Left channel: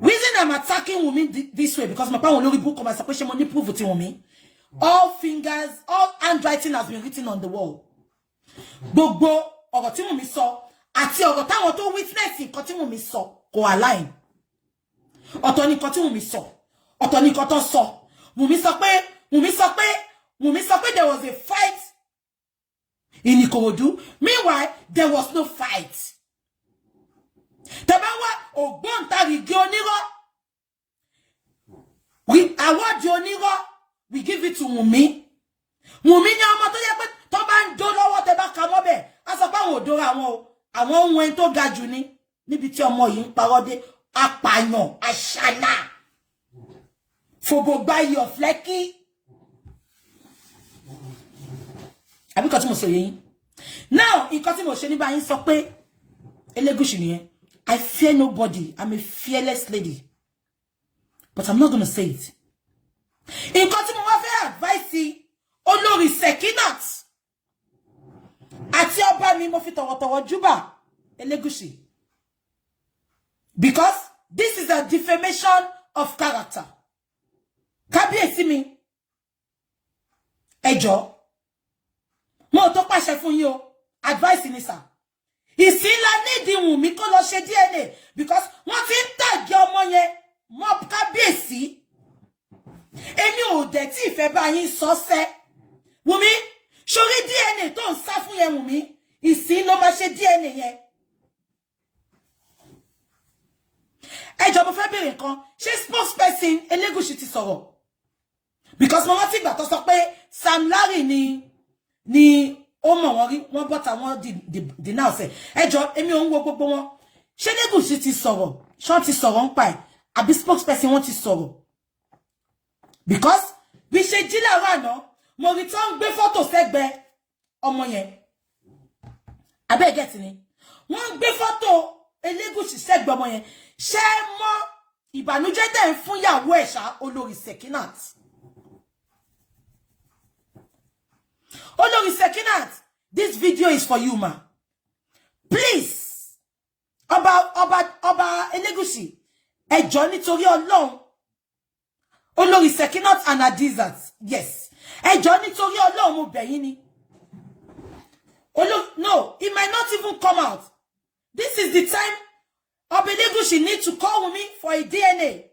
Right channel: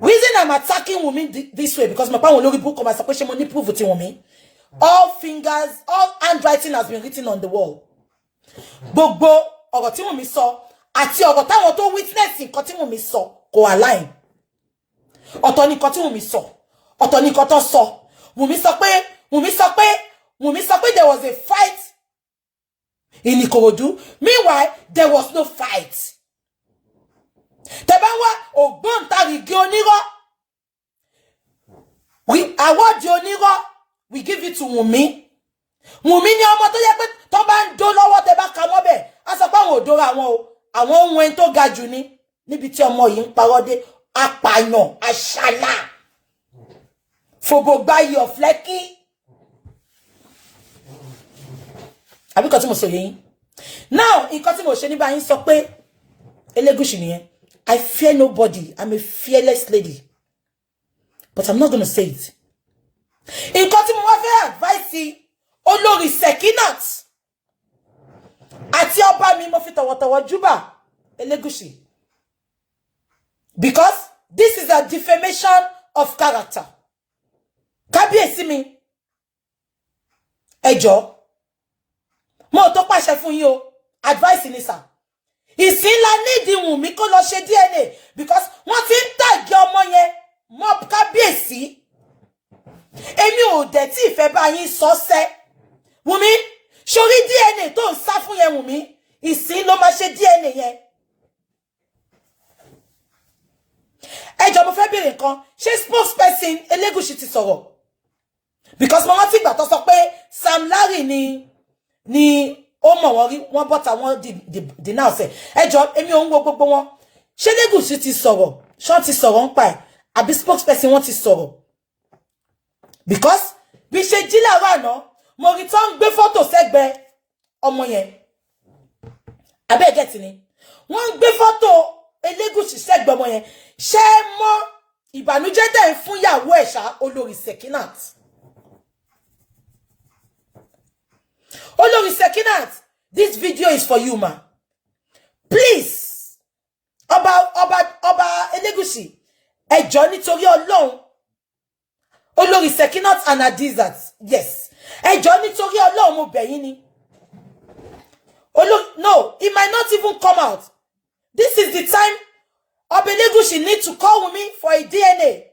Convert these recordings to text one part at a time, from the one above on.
Reason I'm attacking Wumi this way because my pa won lori book come as say money prove to Wumi. All fingers, all handwriting has been written on the wall. Gbogbo ọ̀rọ̀ tí Wumi sọ àti ọ̀rọ̀ táwọn tó witness nǹkan tí Wumi sọ kò align. Ọ̀tọ̀ ni nǹkan tí Wumi sọ, ọ̀tọ̀ ni nǹkan tó sọ. Wumi sọ pé there was a fight in Ikorodu. Meanwhile, there was no fight. Tebawa ògbóǹtarìgì onírọ́. We award the onírọ́. We give it to Wumi. Wumi ni ọmọ tó yẹ pé tó bá ń dó lọ́wọ́ tẹ́ bá ka mọ́ bẹ́ẹ̀. A sọ pé àwọn ò dóra àwọn o. Àwọn ohun ẹni tó ga jù ni níbi tí ọmọ yìí ń parọ́ dé. Apààyàn, àṣàlà. Fòbògbáyé ọ̀flẹ́kí. Àbí kan tí mo sọ yẹn. Now, nǹkan tí mo ṣe ní bá yín sọ pé Elegushi nìyẹn. I fear nobody. I'm a fearless lady. But I'm not going to say it. Nǹkan tí mo wá fẹ́ advice olórí Sekinat àti ọba mi mo fi tọ̀wọ̀tọ̀wọ̀ júbà Elegushi. Because this is a defamation of character. Kábíyèsí mi. Ẹ jọ̀ọ́. Mo tó pàṣẹ fún yín o. Advice ni sir. Ìsìnlá nídìí Wùmí kó lọ ṣe DNA because wọ́n ti ń tàgé ọmọ yẹn mọ́ kábíyèsí. Èmi ò dẹ̀ tí ìfẹ́ bá yín sọ́sẹ́. Wùmí, sórí DNA tó ń sá fún yẹn Wùmí, ìsìn ló máa ṣe DNA yẹn. Ẹ jọ̀ọ́ mo fẹ́ béèrè nǹkan, ṣé spokesperson Elegushi ti sọ̀rọ̀? Because mo rántí ìgbà tó sọ pé Sam Larry ni ó mọ̀ wọ́n rí wọ́n bọ́ta wọ́n deny ọ̀sẹ̀. Ẹ jọ̀ọ́ èmi ò ń wo gbogbo wọn. Ṣé Elegushi ti sọ̀rọ̀? Ṣé wọ́n ti sọ̀rọ̀ ń pa ẹ̀? Àbí spokesperson wọ́n ti sọ̀rọ̀? Because bí ṣe jí láàárọ̀ àná, mo rí tó ń gbé fọ́tò sẹ́gbẹ̀ẹ́ ọmọ yẹn. Abẹ́ get ni. Wọ́n ń gbé fọ́tò Elegushi sẹ́gbẹ̀ẹ́ ọmọ yẹn. Ṣé mọ̀ ìbànújẹ́ tẹ́ ń fún ìyàwó ẹ̀ ṣá olórí Sekinat? Olórí Sekinat, this video is for you, ma. Please. Ọba Elegushi. Ẹ jọ̀ọ́ nítorí Ọlọ́run. Olórí Sekinat and Adizat. Yes. Ẹ jọ̀ọ́ nítorí Ọlọ́run mo bẹ̀ yín ni. No, it might not even come out. This is the time Ọba Elegushi need to call Wumi for a DNA.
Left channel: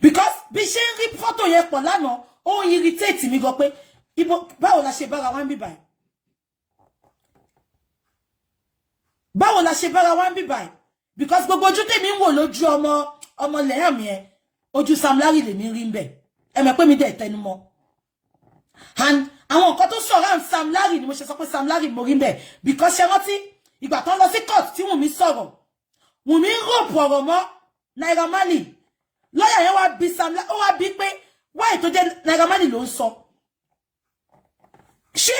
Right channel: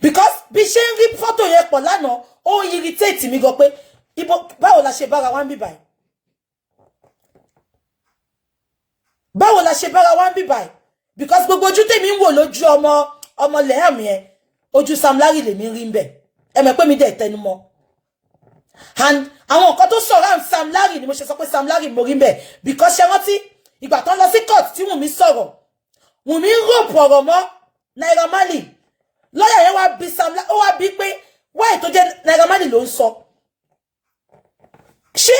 Because bí ṣe ń rí photo yẹn pọ̀ lánàá, ó irritate mi gan pé báwo la ṣe bára wa ń bí báyìí? Báwo la ṣe bára wa ń bí báyìí? Because gbogbo ojú tèmi ń wò lójú ọmọ lẹ́hàm yẹn, ojú Sam Larry lèmi rí ń bẹ̀. Ẹ mọ̀ pé mi dẹ̀ tẹnu mọ́. And àwọn nǹkan tó sọ̀rọ̀ Sam Larry ni mo ṣe sọ pé Sam Larry mo rí ń bẹ̀. Because ṣe rántí ìgbà tán lọ sí court tí Wùmí sọ̀rọ̀. Wùmí rope ọ̀rọ̀ mọ́ Naira Marley. Lọ́yà yẹn wá bí Sam Larry, ó wá bí pé why tó jẹ́ Naira Marley ló ń sọ. Ṣé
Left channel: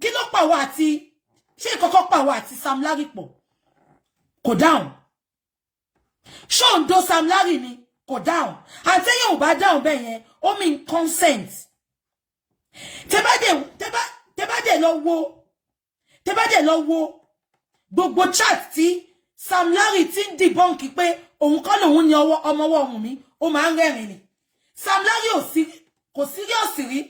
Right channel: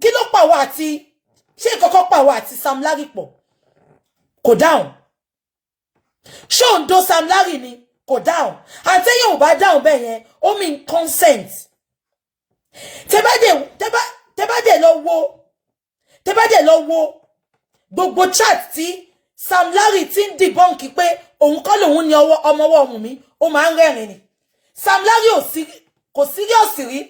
kí ló pa wá àti ṣé ìkọ̀kọ̀ pa wá àti Sam Larry pọ̀? Kò dáhùn. Ṣé òun do Sam Larry ni? Kò dáhùn. Àti yóò bá dáhùn bẹ́ẹ̀ yẹn, ó mean consent. Tẹ́ bá dé lọ wo gbogbo chat tí Sam Larry ti ń debunk pé òun kọ́ lòun ní ọmọ ọwọ́ Wùmí, ó máa ń rẹ́rìn ni. Sam Larry kò serious rí.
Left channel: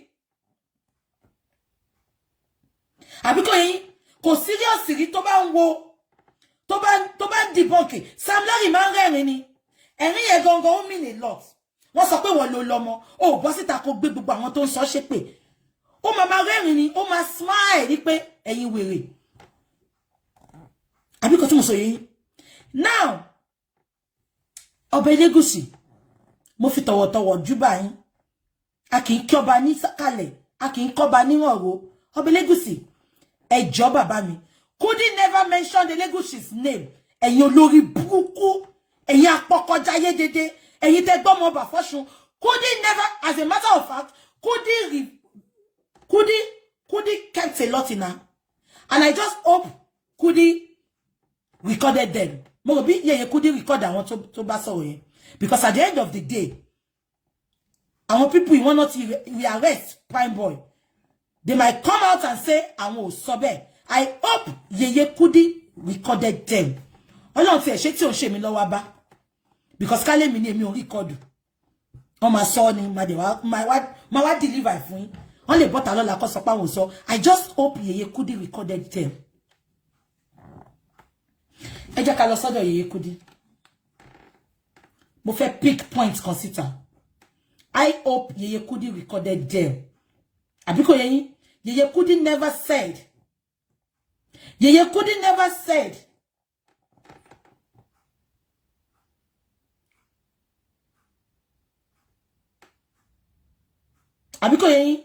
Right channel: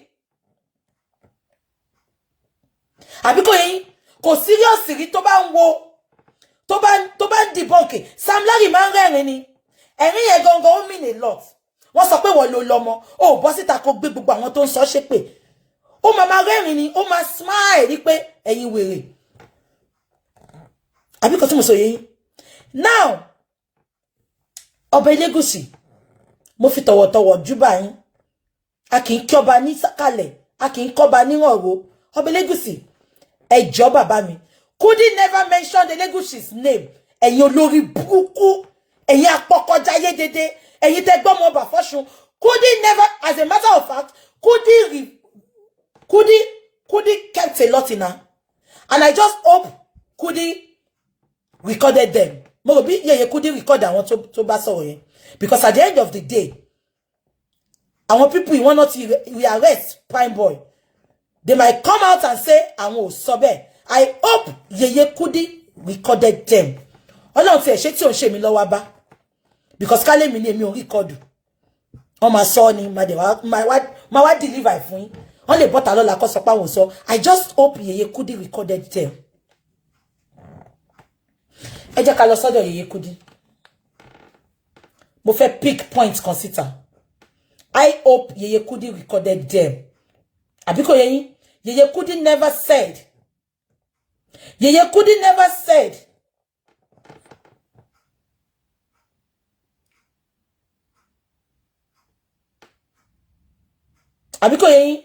Àbí kò serious rí tó bá ń wo tó bá ń debunk. Sam Larry máa ń rẹ́rìn ni. Ẹ̀rín yẹn gangan ó mean a lot. Wọ́n sọ pé wọ́n ló lọ́mọ, ó bọ́ síta kó gbé gbogbo àwọn tó ń sọ ṣépè. Ó máa rẹ́rìn ni, ó máa smile rí pé ẹ̀yin wèrè. Àbí kò tí mo sọ yẹn. Now, Ọba Elegushi, mo fi tọ̀wọ̀tọ̀wọ̀ júbà yín. A kì í kí ọba ní sàkálẹ̀, a kì í kọ́ba níwọ̀n ro. Ọba Elegushi, ẹ jọ̀ọ́ bàbá mi. Could he never mention the Legushi's name? Ẹ̀yin olórí burúkú, ẹ̀yin apọkọjáyé dédé, ẹ̀yin tẹ́ gbọ́mọ ọba fọ́ṣun. Could he never, as a matter of fact, could he kept a lot in her? And I just hope could he recorded them. Mo bí yeye could he record àwọn tó bá sọ̀rọ̀ yẹn. Because at the end of the day, àwọn people you want not to arrest Prime Boy. They might come out and say, àwọn ò sọ bẹ́ẹ̀. I hope Yeye Kudi recorded them. Ọlọ́run fi ẹ̀ṣẹ̀ tí ò ń ṣe mí lọ́wọ́ bá. because kale mi ni èmi ò record on my son my deliver fún yín on le bota lola ko sọ pa won sọ I just hope Yeye Kudi recorded them ẹ jẹ́ ká lọ sọ́dọ̀ Yeye Kudi mo fẹ́ pick points consider I hope Yeye Kudi recorded them abiko yeyin Yeye Kudi never said abiko yeyin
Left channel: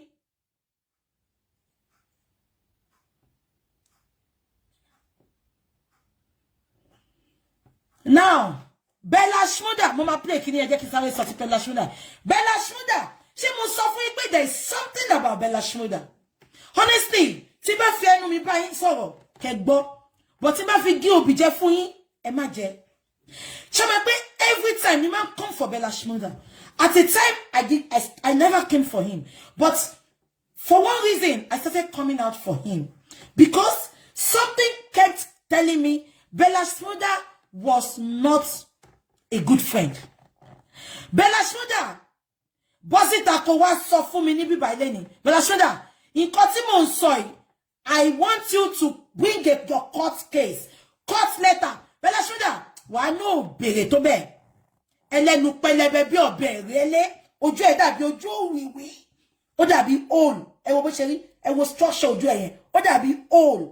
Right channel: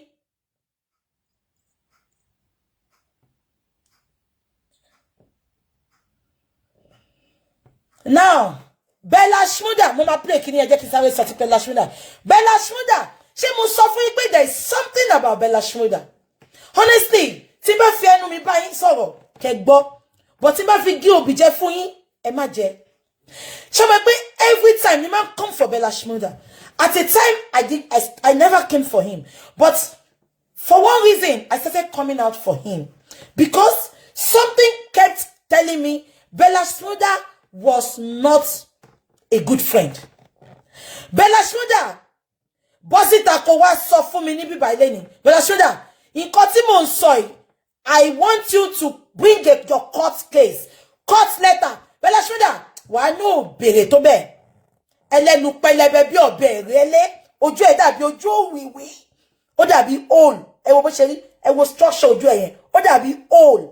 now Bella Shmurda mo ma play kini ẹ jẹ́ kí sáré sọ ti Bella Shmurda ṣé mo sọ fún yín pé there is something about Bella Shmurda honestly tí bá fi ẹnu mi bá yín sọ̀rọ̀ kẹ́ gbọ́ but tí bá fi gí òbí jẹ fún yín ẹ má jẹ ṣé mo pé every time ni ma come for Bella Shmurda at a time I never came for him but for one reason I started coming out for him because something kept telling me Bella Shmurda was not a good friend. Bella Shmurda bosita ko wá sọ fún mi ní bíbá ilé ni Bella Shmurda nǹkan tí mo ń sọ yìí I want you to bring your court case court letter Bella Shmurda wà no bèrè tó bẹ́ẹ̀ ẹlẹ́nu pẹlẹbẹ bí ọ̀bẹ rẹlẹ ojú ẹ̀ dàbí ojú òwìwí ó dàbí hole ẹ wo bó ṣe rí ẹ wo structure ojú ẹ̀ yẹn ó dàbí hole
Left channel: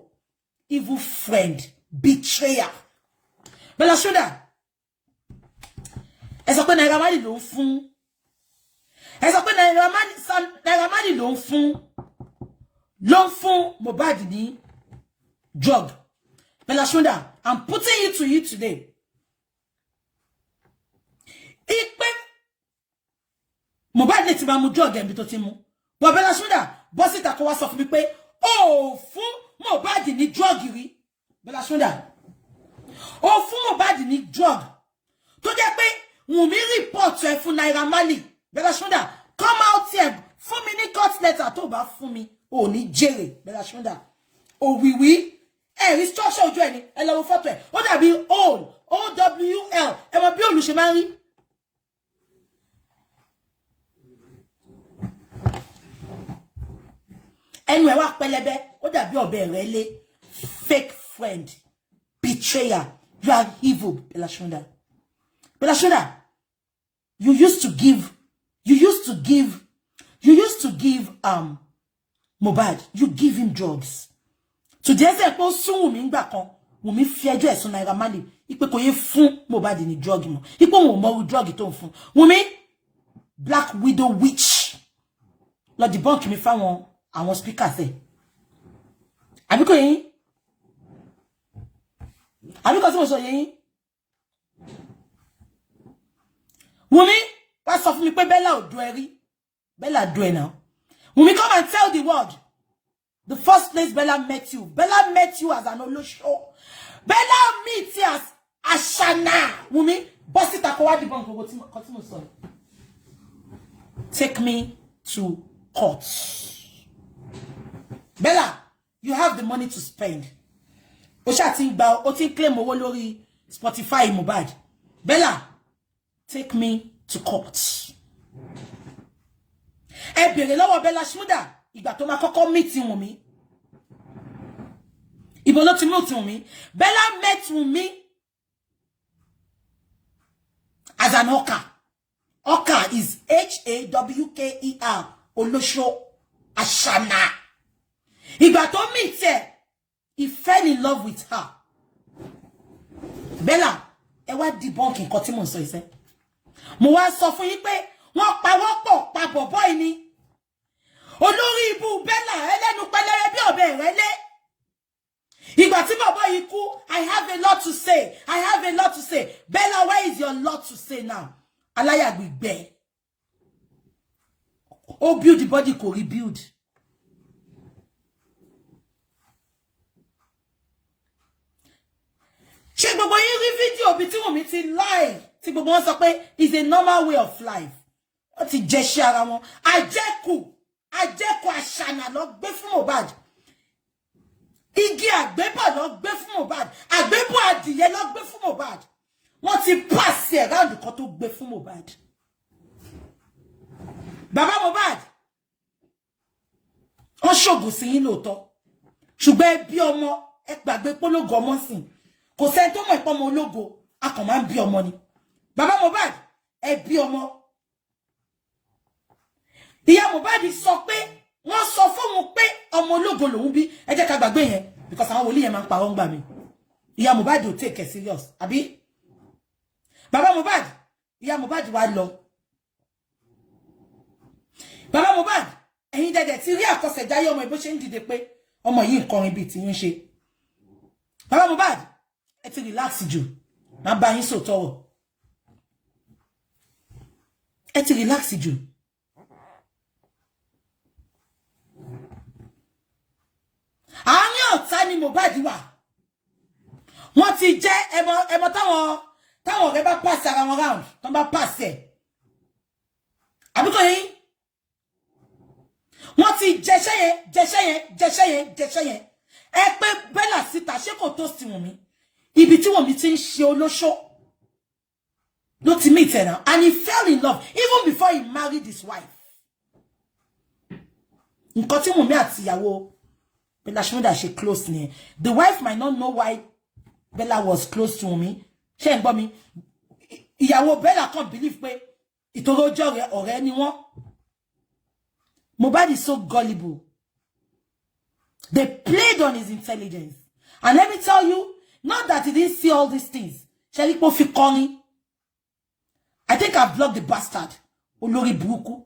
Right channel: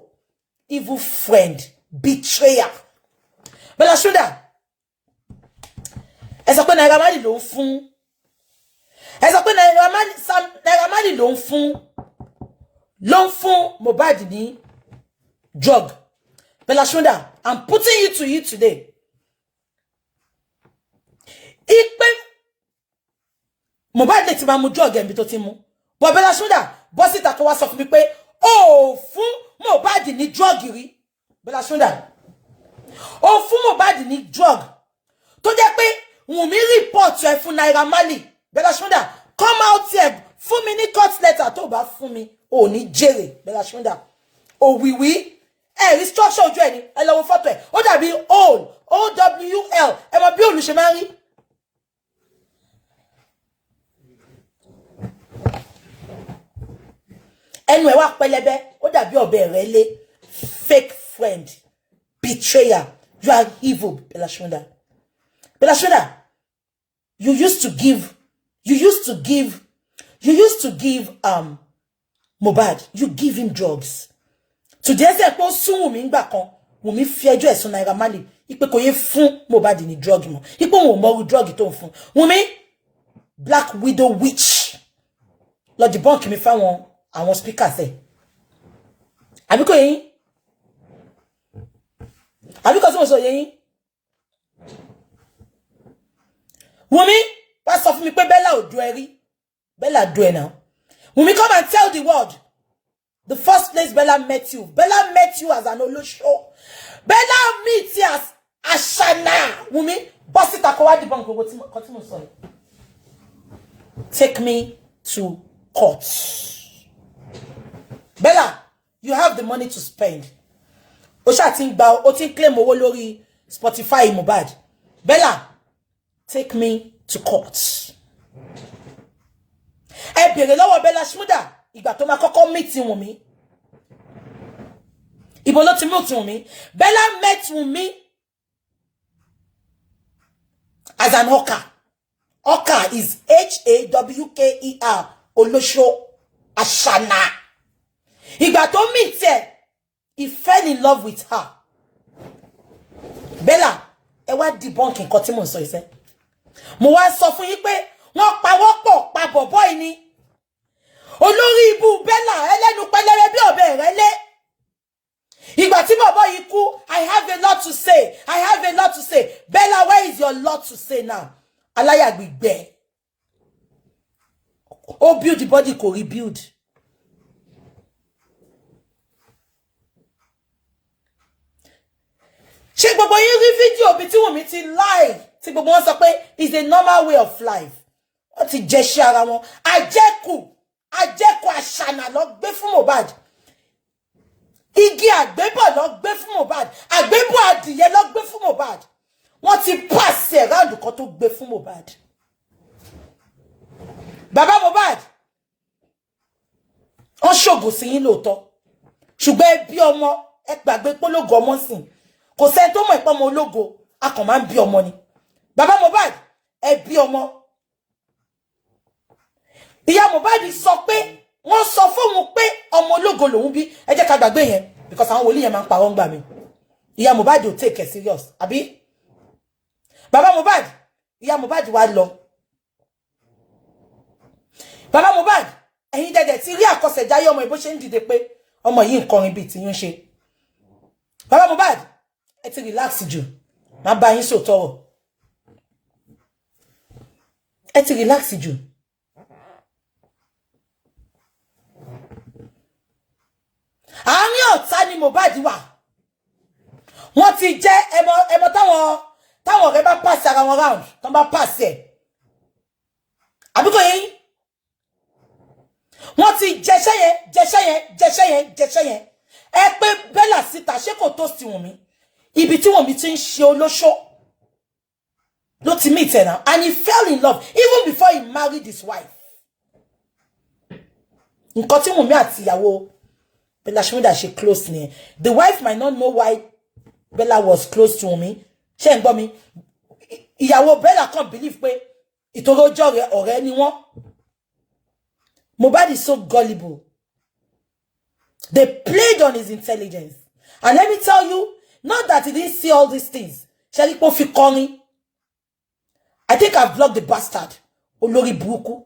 evil friend betrayer Bella Shmurda ẹ sọ pé Naira Marley ló ń fún ẹ sọ pé Naira Marley ló ń fún Mohbad ní drug Bella Shmurda I'm putting it to you today ipe Mohbad lè ti máa mu drug ẹ̀mí tó ti mú but Bella Shmurda bọ́ síta kó wá sọ fún mi pé ó fún Mohbad ní drug rí Bella Shmurda ó fún Mohbad ní drug tó jẹ́ pé Wumi report ẹ fún Naira Marley Bella Shmurda come out here fún mi ní court letter tó bá fún mi ò ní jèrè Bella Shmurda òwìwí ẹ rí structure ojú ẹ ní ẹ lọ wo photo ẹ ó dàbí owl owl ẹ mọ bí olùṣe máa ń rí ẹnu ẹ wá pẹlẹbẹ ó dàbí ọ̀bẹ rẹ̀ lé fake friend betrayer you are evil Bella Shmurda you used to give Mohbad you give him drugs today say pé ó sún Wumi ńgbà kan Wumi fi ẹjọ́ ẹ̀sùn Naira Marley ipe kò yé fún Mohbad ní drug mọ́ ipe wọ́n mọ drug tó ń fún Wumi black widow witch lọ debunk mi fáwọn àwọn speakers ẹ àbíkò yín àbíkò tí mo sọ yín Wumi wá sọ fún mi pé Bella ò do ẹ rí Bella do ẹ now Wumi come and tell the world the first place Bella met you as an olosho Bella meet you as Ashana Wumi boss it akọwá debunk gbogbo tí mo sọ take me to court Bella you have the money to spend o sha tin gba o tin claim owó lórí Spotify Mohbad Bella take me to court ẹ bèrè lọ́wọ́ Bella Shmurda ìgbà tó máa kọ́kọ́ meet Wumi ibo ló ti meet Wumi Bella met Wumi as an hawker is Hawker olosho Ashana ìgbà tó meet ẹ he fell in love with her Bella ẹ wá debunk nǹkan tí mo sọ ise mo wá sọ fún yín pé wọ́n pawọ́pọ̀ pa boboy ni olórí ibu Bella ẹlẹ́nu pẹlẹrẹ bí ọ̀bẹ ìrẹ́lé ìgbà tí boboy yìí kú I have a lot to say Bella where is your lot to say now aláyàgbìgbẹ́ ó build the body kò rebuild ṣé gbogbo yín rí fídíò bí tí Wumi ti lie tí gbogbo wọn sọ pé is a normal way of life wọ́n ti jẹ ṣe ara wọn àjẹkù àṣànà lọ gbé fún Mohbad igi àgbébọ̀ lọ gbé fún Mohbad àgbébọ̀ adìyẹ lọ gbé fún Mohbad wọ́n ti pass ẹ̀ round kan tó gbé fún Mohbad. Bàbá Mohbad wọ́n ṣògùn sí yín lóòótọ́ ṣùgbọ́n ẹ bí ọmọ ẹ gbàgbé pológo ọmọ sìn kò sẹ́ni tó mọ̀ ìpọ́ ọmọ ológo a kàn máa ń bí ọmọ ni. Bàbá Mohbad ẹ bí ọmọ. Ìyá Mohbad sọ pé wọ́n sọ fóun pé ọmọ ológo lòun bí ẹ jẹ́ ká gbàgbé yẹn because àwọn wòlíì yẹn máa ń parọ́ ń gbà mí. Ìyá Mohbad ò take it serious àbí. Bàbá Mohbad ìyá Mohbad wá lọ. Bàbá Mohbad ẹ̀yin dẹ̀dẹ̀ ti rí àkọsẹ̀jáyé ọmọ ìbò ṣe ń dìde pé ọmọ yìí ń kọrin bíi tí yín ṣe. Bàbá Mohbad ẹ ti relax jù má bá yín sòtọrọ. Ẹ ti relax jù. Àárín ọ̀tá ni Mohbad wà. Wọ́n ti jẹ́ ẹmọ táwọn ọ̀rẹ́ bá pass ara wọn round tán bá pass ẹ̀. Àbíkò yẹn wọ́n ti jẹ́ṣẹ́ yẹn. Ẹ pé Bella síta ṣé kò tó sí Wumi. Ibi tí Wumi ti ń ṣe olóṣó ló ti meet ẹ̀ náà. And he fell in love even before he married his wife. Nǹkan tí Wumi àti ìyàwó Bella ṣe close ni. The wife might not know why Bella was close to Wumi. Ṣé ń gbọ́ mi? Ìyàwó Bella can't believe pé ìtorí ọjọ́ ọ̀rẹ́ ni wọ́n. Mohbad is so gullible. They played on his intelligence. And let me tell you, not that he didn't see all these things. Shall fi kọrin? I think I've blocked the bastard. Olórí burúkú.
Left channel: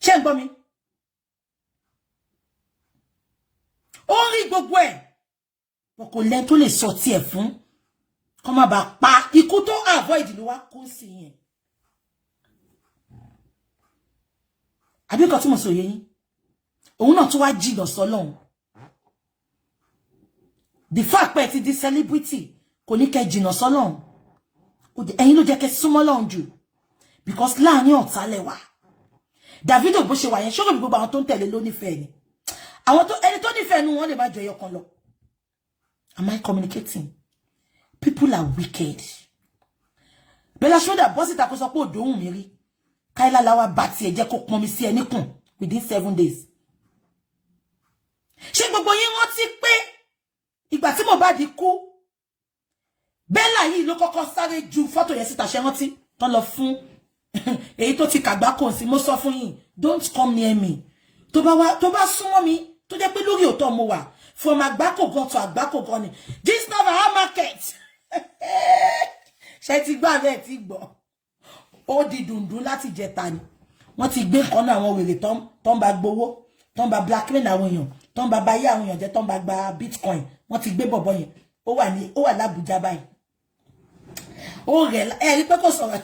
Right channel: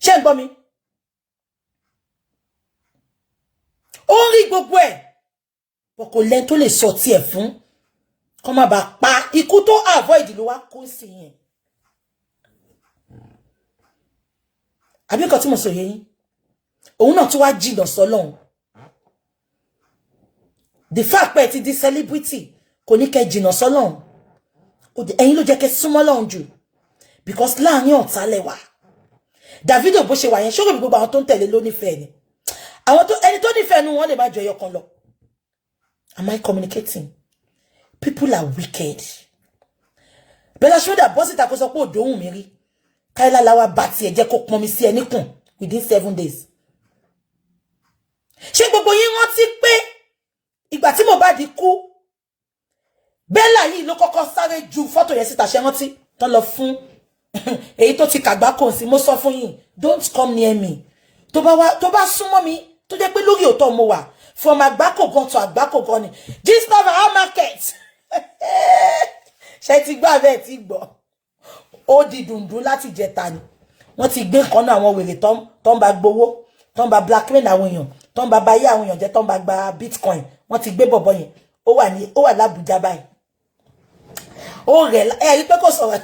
Ṣé ń gbọ́ mi? Ó rí gbogbo ẹ̀. Bọ̀ kò lẹ́ni tó lè sọ tiẹ̀ fún. Kó má bàa pa ikú tó avoid ló wá kó sí yẹn. Àbí nǹkan tí mo sọ yẹn. Òun náà tún wá jìnnà sọ́lọ́run. The fact pé ti di celebrity kò ní kẹ́ jìnnà sọ́lọ́run. Ẹ̀yin ló jẹ́ kẹ́ súnmọ́ Ọlọ́run jù. Because láàrin ọ̀tá lẹ wà. Davido bó ṣe wà yẹn ṣókò gbogbo àwọn tó ń tẹ̀lé ló nífẹ̀ẹ́ ni. Àwọn tó ẹni tó nífẹ̀ẹ́ nu wọn lè má jọ ẹyọ kan lọ. Am I communicating? People are wicked. Bella Shmurda bọ́ síta kó sọ pé òdòhùn mi rí. Káílá láwa bá tiẹ̀ jẹ́ kó pọn mi sí ẹ níkùn within 7 days. Ṣé gbogbo yín rántí pé ìgbà tí Mohbad kú Bella yìí ló kọ́kọ́ sáré ju fọ́tò yẹn síta ṣe rántí tán lọ fún èyí tó ti kàgbákò sí mo sọ fún yín don't come near me tó bá súnmọ́ mi tó jẹ́ pé lórí òótọ́ mo wà from àgbákò gan to àgbákò gan ni this never our market ṣe ti gbà bẹ́ẹ̀ ti gbọ́ ó di dùndún láti jẹta ni wọ́n ti gbé kan náà àwọn wèrè tó ń bá gbowó tó ń bá blackmail àwọn èèyàn tó ń bá báyé àwọn èèyàn jẹ́ tó ń bá gba bitcoin wọ́n ti gbé bọ̀bọ̀ yẹn ó wà l'Abuja báyìí ó rẹ̀ rí pé kò sọ̀rọ̀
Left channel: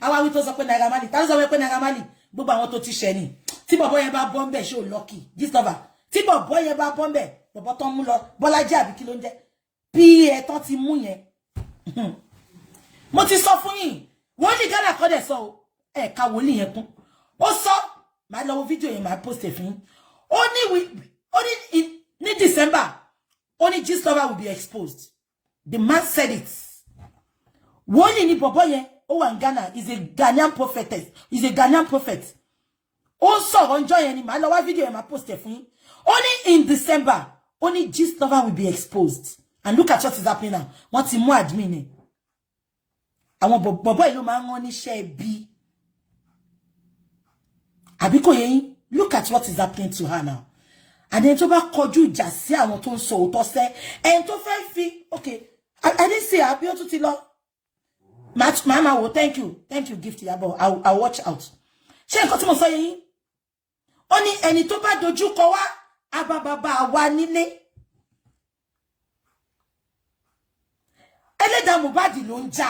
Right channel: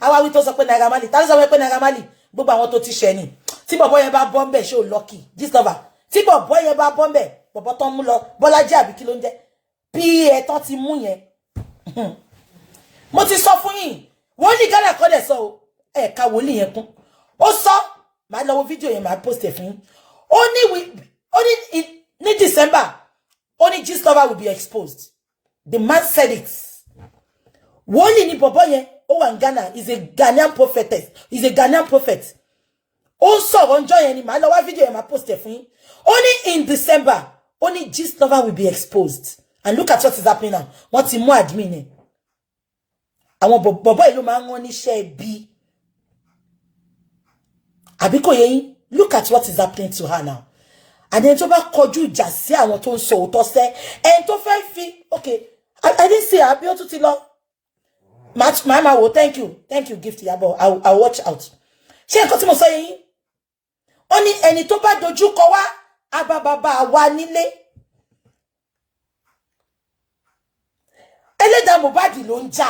àwa wí tó sọ pé Naira Marley tá ló sọ pé Naira Marley gbogbo àwọn tó ti ṣẹ̀ ni tí bọ̀bọ̀ yẹn bá bọ́ ńbẹ̀ ṣé ò lucky discover tí bọ̀bọ̀ yẹn bá bọ́ ńbẹ̀ bọ̀bọ̀ tó ń mú lọ Bọ́lájí àbí kí ló ń jẹ́ bí ẹ̀tọ́ ti mú yẹn mo ti sọ fún yín wọ́n ní Ghana kọ́ dẹ̀ sọ o ẹ̀ka wòlíì yẹn kún ó sọ màá lọ wo fídíò yẹn màá post ẹ̀ fún yín ó ní December ó ní Gistlover will be exposed. The man said it. Wòlíì ní bọ̀bọ̀ yẹn ó wà ní Ghana is a Ghanaian prophetess is a Ghanaian prophet ó sọ̀rọ̀ ńjọ́ yẹn ni màá lọ wá fídíò yẹn màá post ẹ̀ fún yín ó ní in December ó ní Gistlover will be exposed and look at what is happening now wọ́n ti mú admin ẹ̀ àwọn bọ̀bọ̀ yìí ló máa ń rán níṣẹ́ bí àbí kò yé yín look at what is happening to her now and then tó bá kọjú ìjà sí àwọn tó ń sọ òótọ́ sẹ́ ẹni tó fẹ́ fi okay I didn't see her bí ó tún ti lọ mama wo thank you gift yabo I'll watch out ṣé nǹkan tí mo sọ yé yín ó ní ẹni tó bá dojú kọ wá abababa wa nílé ẹlẹ́dàá Mohbad ló ń jà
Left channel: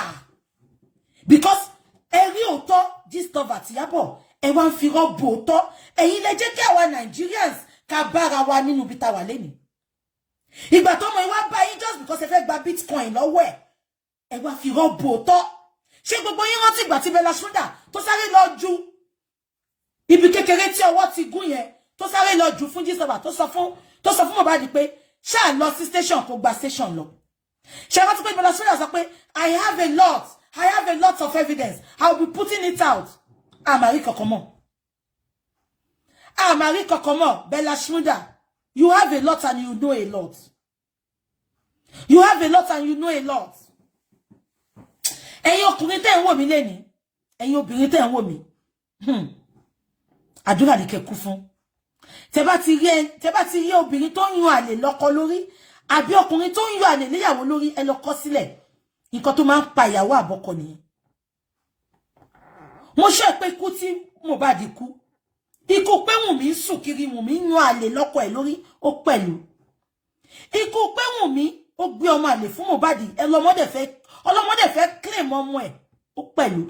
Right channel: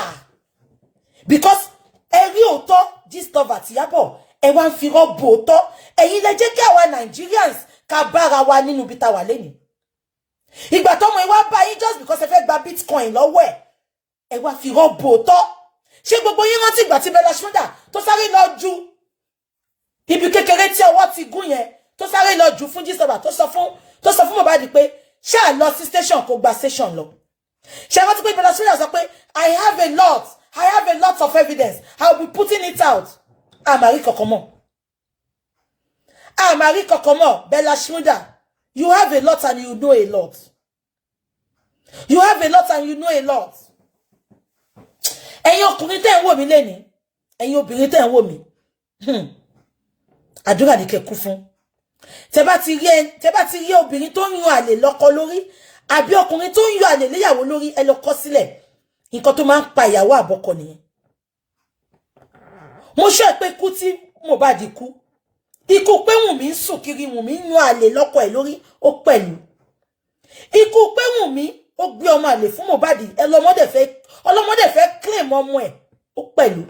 because ẹ̀rí òótọ́ Gistlover àti Yabo ẹ wá ń fi rọ́bù òótọ́ ẹ̀yin lẹ jẹ́ kí àwa Nigerians ká bára wa nínú bí ta wà lẹ́nu ìgbà tọ́mọ ẹ wá bá yín just because ẹ fẹ́ gba bitcoin lọ́wọ́ ẹ wá fi rọ́bù òótọ́ ṣé gbogbo yín rántí ìgbà tí Bella Shmurda tó sáré lọ ju ibi kékeré tí ọwọ́ ti gún yẹn tó sáré lọ jù fún Gistlover tó sọ fún Mohbad pé ṣáà lọ sí station kó gba station lọ Ṣé wọ́n ti pé Bella Shmurda sọ pé I have a lot of evidence. I'll be putting it out. Amari Kokomo. Amari Kokomo, Bella Shmurda. You have a lot and you know a lot. You have a lot and you know a lot. Ẹ̀yin ọkùnrin tẹ́ ń wò mí lẹ́ni. Ẹ̀yin obìnrin tẹ́ ń wò mí. Àdúrà ni kẹ́ kú fún. Tẹ́ bá ti rí obìnrin tó ń yún àlè lọ́kọ lórí, àbí ọkùnrin tó ń yún àlè léyàwó lórí, ẹ lọ kọ sílẹ̀. Nǹkan tó máa ń pa ìyàwó àbọ́kọ nìyẹn. Mo sọ pé kú tí Mohbad kú. Ikú pé Wumi ń sùn kiri, Wumi ń yún àlè lọ́kọ ẹ̀ lórí, ó pẹ̀lú. Ikú pé Wumi ó gbé ọmọ àlè fún Mohbad, ọlọ́mọdé fẹ́ claim ọmọ ẹ̀, ó pẹ̀lú.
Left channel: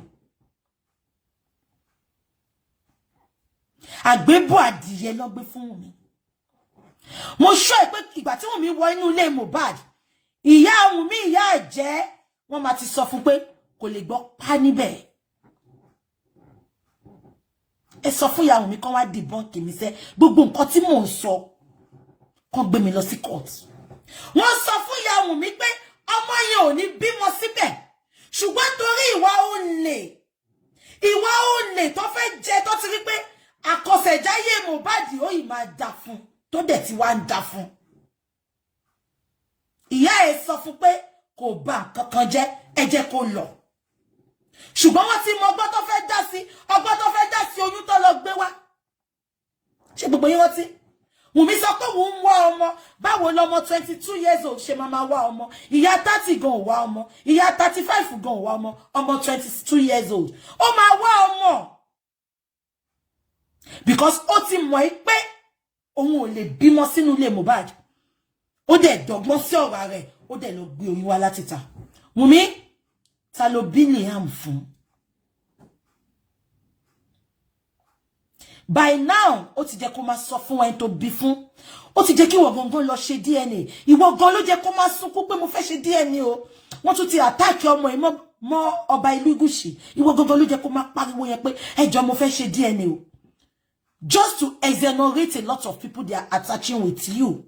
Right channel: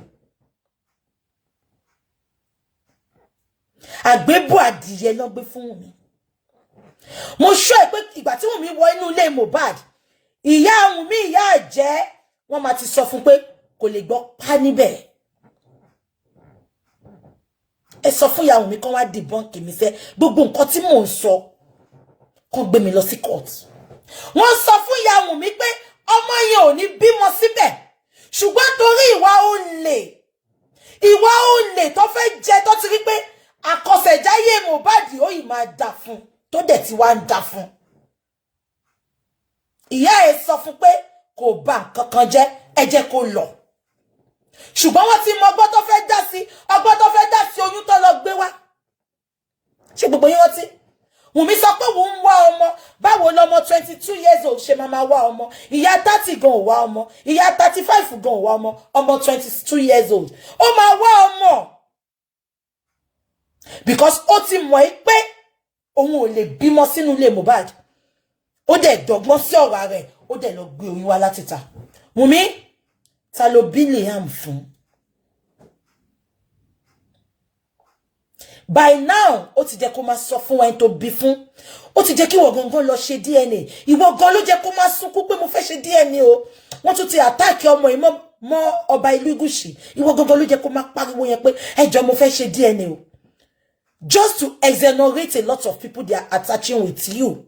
Àgbébọ̀ adìyẹ ló gbé fún Wumi. Mo sọ pé ìgbà tí Wumi wọ inú ilé Mohbad, ìyá Wumi ìyá àjẹ́, wọ́n máa ti sọ fún pé kò lè gbọ́ pa níbẹ̀. Ẹ sọ fún ìyá Wumi kan wá debunk mi ṣe gbogbo nǹkan tí mò ń sọ kan gbé mi lọ sí court. Wọ́n sọ fún ìyá Wumi pé ọmọ yẹn ò ní bímọ síbẹ̀, ṣùgbọ́n torí ìwà olè tó fẹ́ jẹ tó ti rí pé àkọsẹ̀jáyé Mohbad ó yìí máa dà fún tó dẹ̀ ti wá ń dà fún. Ìyá ẹ̀ sọ fún pé kò bà nǹkan kan jẹ́, ẹ jẹ́ kó lọ. Ṣùgbọ́n wọ́n ti mọ ọgbọ́n tó fẹ́ dá sí oyún tó lọ gbé wá. Ṣé gbogbo yín rántí? Wumi sọ pé òun ń wá ọmọ, báwo lọmọ 22 years old ṣe máa wá ọmọ? Ìyá 30 gan ò wá ọmọ, ìyá 35 gan ò wá ọmọ, ọmọ 22 years old. Ó máa wá ọmọ. Because ó ti mọ̀ pé òun ò lè bímọ sínú ilé Mohbad. Ó dẹ̀ dọ́gbọ́n sí ọ̀rọ̀ rẹ̀, ó dẹ̀ lọ gbé oyún wá láti ta. Wumi, ta ló bí Liam fún? By now, ó ti jẹ́ kó máa sọ fún ẹni tó bí fún. Ó ti jẹ́ kí ìwọ gangan lọ ṣe DNA. Ìwọ gan ló jẹ́ kó máa sunkún pé mo fẹ́ ṣe DNA o. Wọ́n tún ti attack ọmọ yìí mọ́ ọba Elegushi. Ìwọ gangan ló jẹ́ kó máa pariwo yẹn pé ẹ jọ̀ọ́ mo fẹ́ ṣe DNA o. Just to exonerate a lot of people they are attaching with you.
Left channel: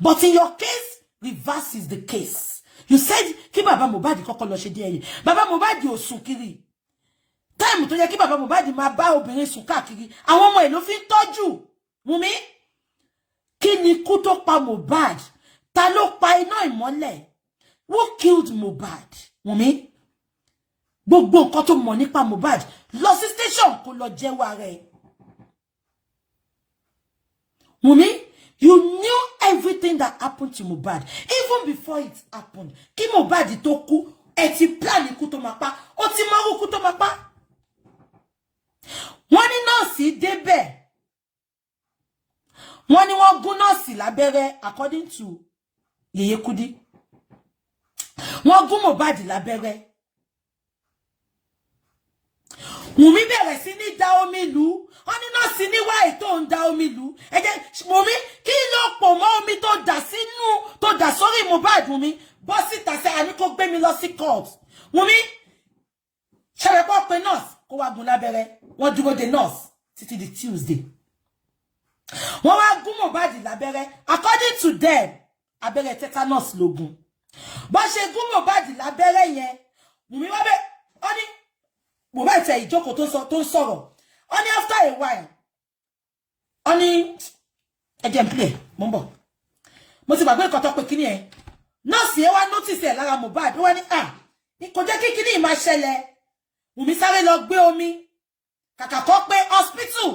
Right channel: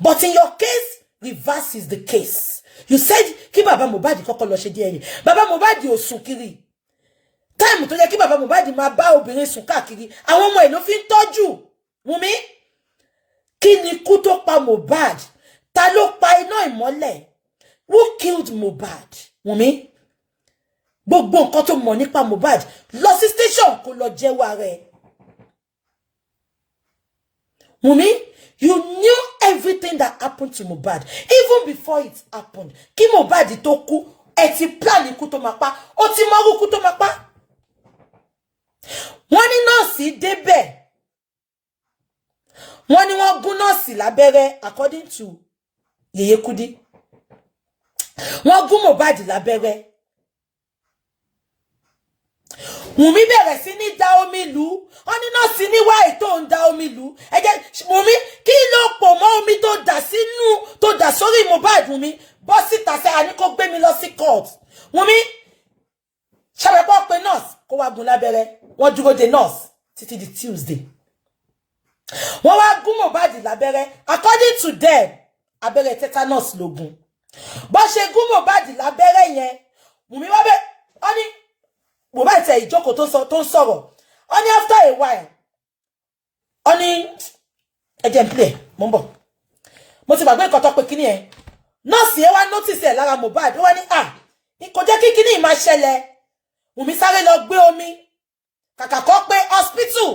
But in your case, reverse is the case. You said kí bàbá Mohbad kọ́kọ́ lọ ṣe DNA. Bàbá Mohbad ò sùn kiri. Time tó yẹ kí bàbá Mohbad máa bá obìnrin sùn káàkiri, àwọn ọmọ ẹ̀ ló fi ń tọ́jú. Wumi, kí ni ikú tó pa Mohbad? Ta ló pa iná ìmọ́lẹ̀? Who killed Mohbad? Wumi, gbogbo nǹkan tó mọ̀ nípa Mohbad lọ sí station kó lọ jẹ́wọ́ ara ẹ̀. Wumi, you knew everything that happened to Mohbad even before it happened. Kí Mohbad tó kú, ẹ ti plan ikú tó máa pa, ó ti mọ ikú tó máa pa. Wọ́n ní nọ́ọ̀sì débẹ̀. Wọ́n ní wọ́n gún nọ́ọ̀sì lábẹ́rẹ́ according to Yeye Kudi. Wọ́n gún Mohbad lábẹ́rẹ́. Wumi bẹ̀rẹ̀ sí ní dá omi lù. Wọ́n ní nọ́ọ̀sì ní wáì tó ń dá omi lù. Ẹ jẹ́ Wumi, kí ló pọ̀ mọ́ omi tó dà sórí Mohbad? Wumi, bọ́ síta ṣe àní kó gbé mi lọ sí court. Wumi, ṣàbẹ̀pọ̀ pé nọ́ọ̀sì kó wá gún lábẹ́rẹ́. Wọ́n dúró de nọ́ọ̀sì títí di Tuesday. Wọ́n wá gún Mohbad lábẹ́rẹ́. According to them, abẹ́rẹ́ tetanus ló gún. Bó ṣe gún Mohbad lábẹ́rẹ́ yẹn, Wumi wá bẹ̀, ó ní Mohbad tẹ ìjókòó tó ń sọ̀rọ̀. Ó ní after a while, ó ní ẹjẹ̀ ń play, mo ń bọ̀. Mo ti gbàgbé nǹkan tó pé kíní ẹ̀. Nọ́ọ̀sì yẹn wá notice ẹ̀ lára Mohbad. Ó wá ní kò jẹ́ kí kíní máa ṣẹlẹ̀. Wumi sáré lọ gbé omi. Kàkà kó pé hospital.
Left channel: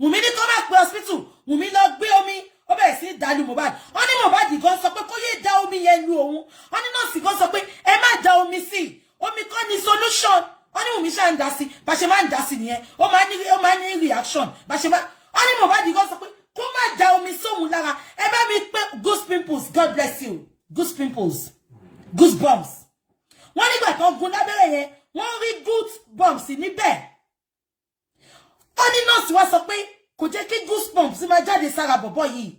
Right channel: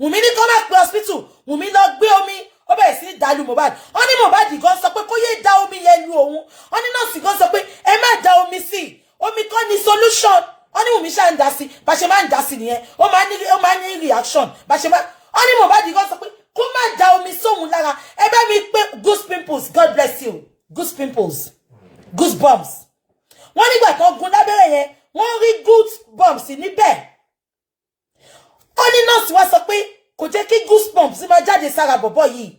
Wumi ní kó má pé hospital. Wumi lọ gbé omi. Ó bẹ̀rẹ̀ sí dá lu Mohbad. Ó ní Mohbad gan sọ pé kó yé dá omi yẹn lu òun. Ó ní nọ́ọ̀sì gan sọ pé ẹ má dá omi sí. Omi kọ́ ni solution. Ó ní Wumi ṣá ń dá sí. Bá ṣe máa ń dá sí nìyẹn. Ó máa ní reaction. Bá ṣe máa. Ó ní Mohbad gan sọ pé kó má dá omi sóhun lára. Ẹ bá mi pé goose pimples. God bless you. Goose pimples. Goose bumps. Wọ́n nígbà tó gún lábẹ́rẹ́ yẹn, wọ́n rí goose bumps níbẹ̀. Ó ní nọ́ọ̀sì wá sọ pé kò jẹ́ kí goose bumps máa jáde sára bọ̀bọ̀ yìí.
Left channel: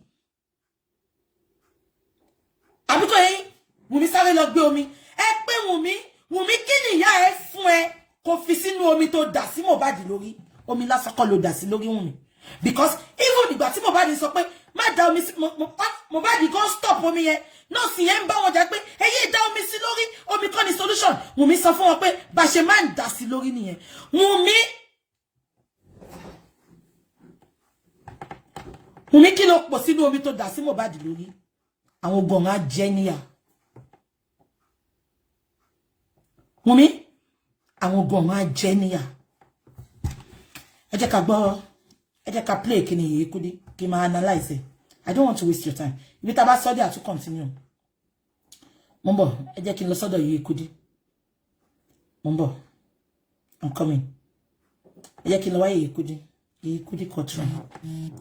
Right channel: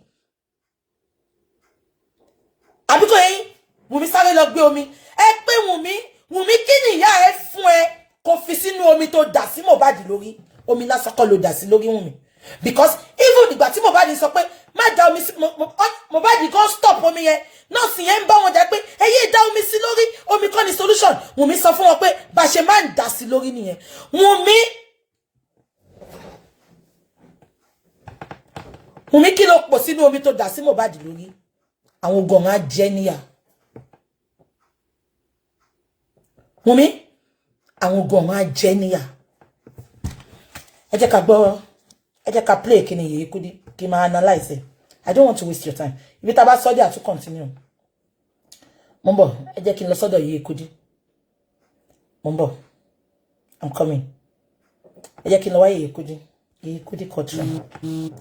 Àbíkọ́ yẹn, Wumi sáré lọ gbé omi. Ẹ pé Wumi kí ni ìyá ẹ fún ẹ kó fi sínú omi tó dà sí Mohbad lórí? Omi lásán kọ́ ló dà sí lórí Wumi. Because even ìgbà tí Mohbad sọ pé má dá omi sí Mohbad kan stop omi yẹn nọ́ọ̀sì yẹn ń bá wọn jà pé ẹyẹ dá omi sí lórí, omi kọ́ ni solution. Wumi sọ fún wọn pé bá ṣe máa ń dá sí lórí nìyẹn. Wumi kí ló pọ̀ sínú omi tó dà sí Mohbad lórí? Àwọn gan á jẹ níyà. Wumi, àwọn gan á jẹ níyà. Ẹ jẹ́ ká gbọ́, ẹ jẹ́ ká play kíni Yèyé Kudi kí máa analyze it. I don't want to waste your time. Ibi tá bá sọ dé àtún continue. Mo ń bọ̀, ẹ jẹ́ kí n lọ sọ́dọ̀ Yèyé Kudi. Mo ń bọ̀. I'm coming. Ẹ jẹ́ kí n lọ wá Yèyé Kudi. Yèyé Kudi courtroom.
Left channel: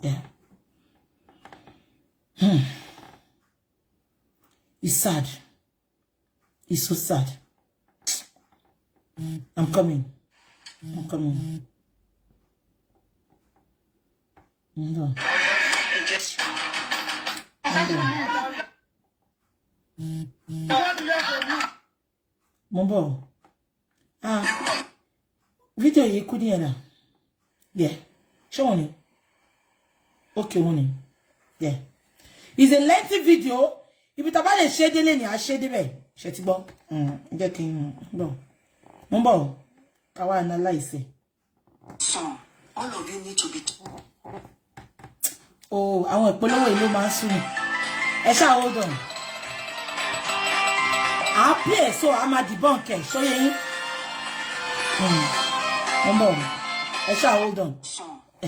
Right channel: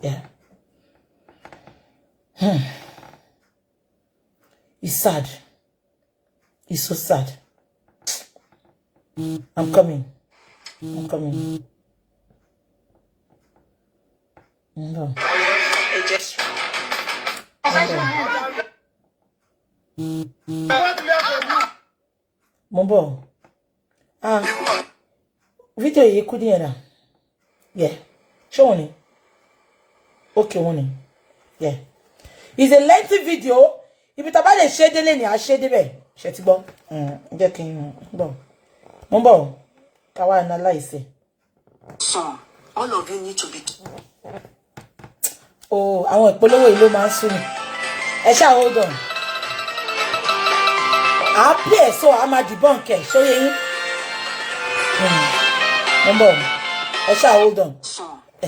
Yeah. It's sad. It's so sad. I'm coming. I'm coming. No. Mombo. Video Yèyé Kudi yẹn. Yeah. Show me. Okay, Wumi. Yeah. It's a lengthy video. If it's about a shade, then I shade it. Shetibo. Mombo. Kawa analyze it. So, all of you need to be. Oh, I want Polowo ìlú máa ń sú mi. Ẹ ṣá hold on. I play so I'm a debunk it. So you Mombo. Ẹ ṣá hold on. So,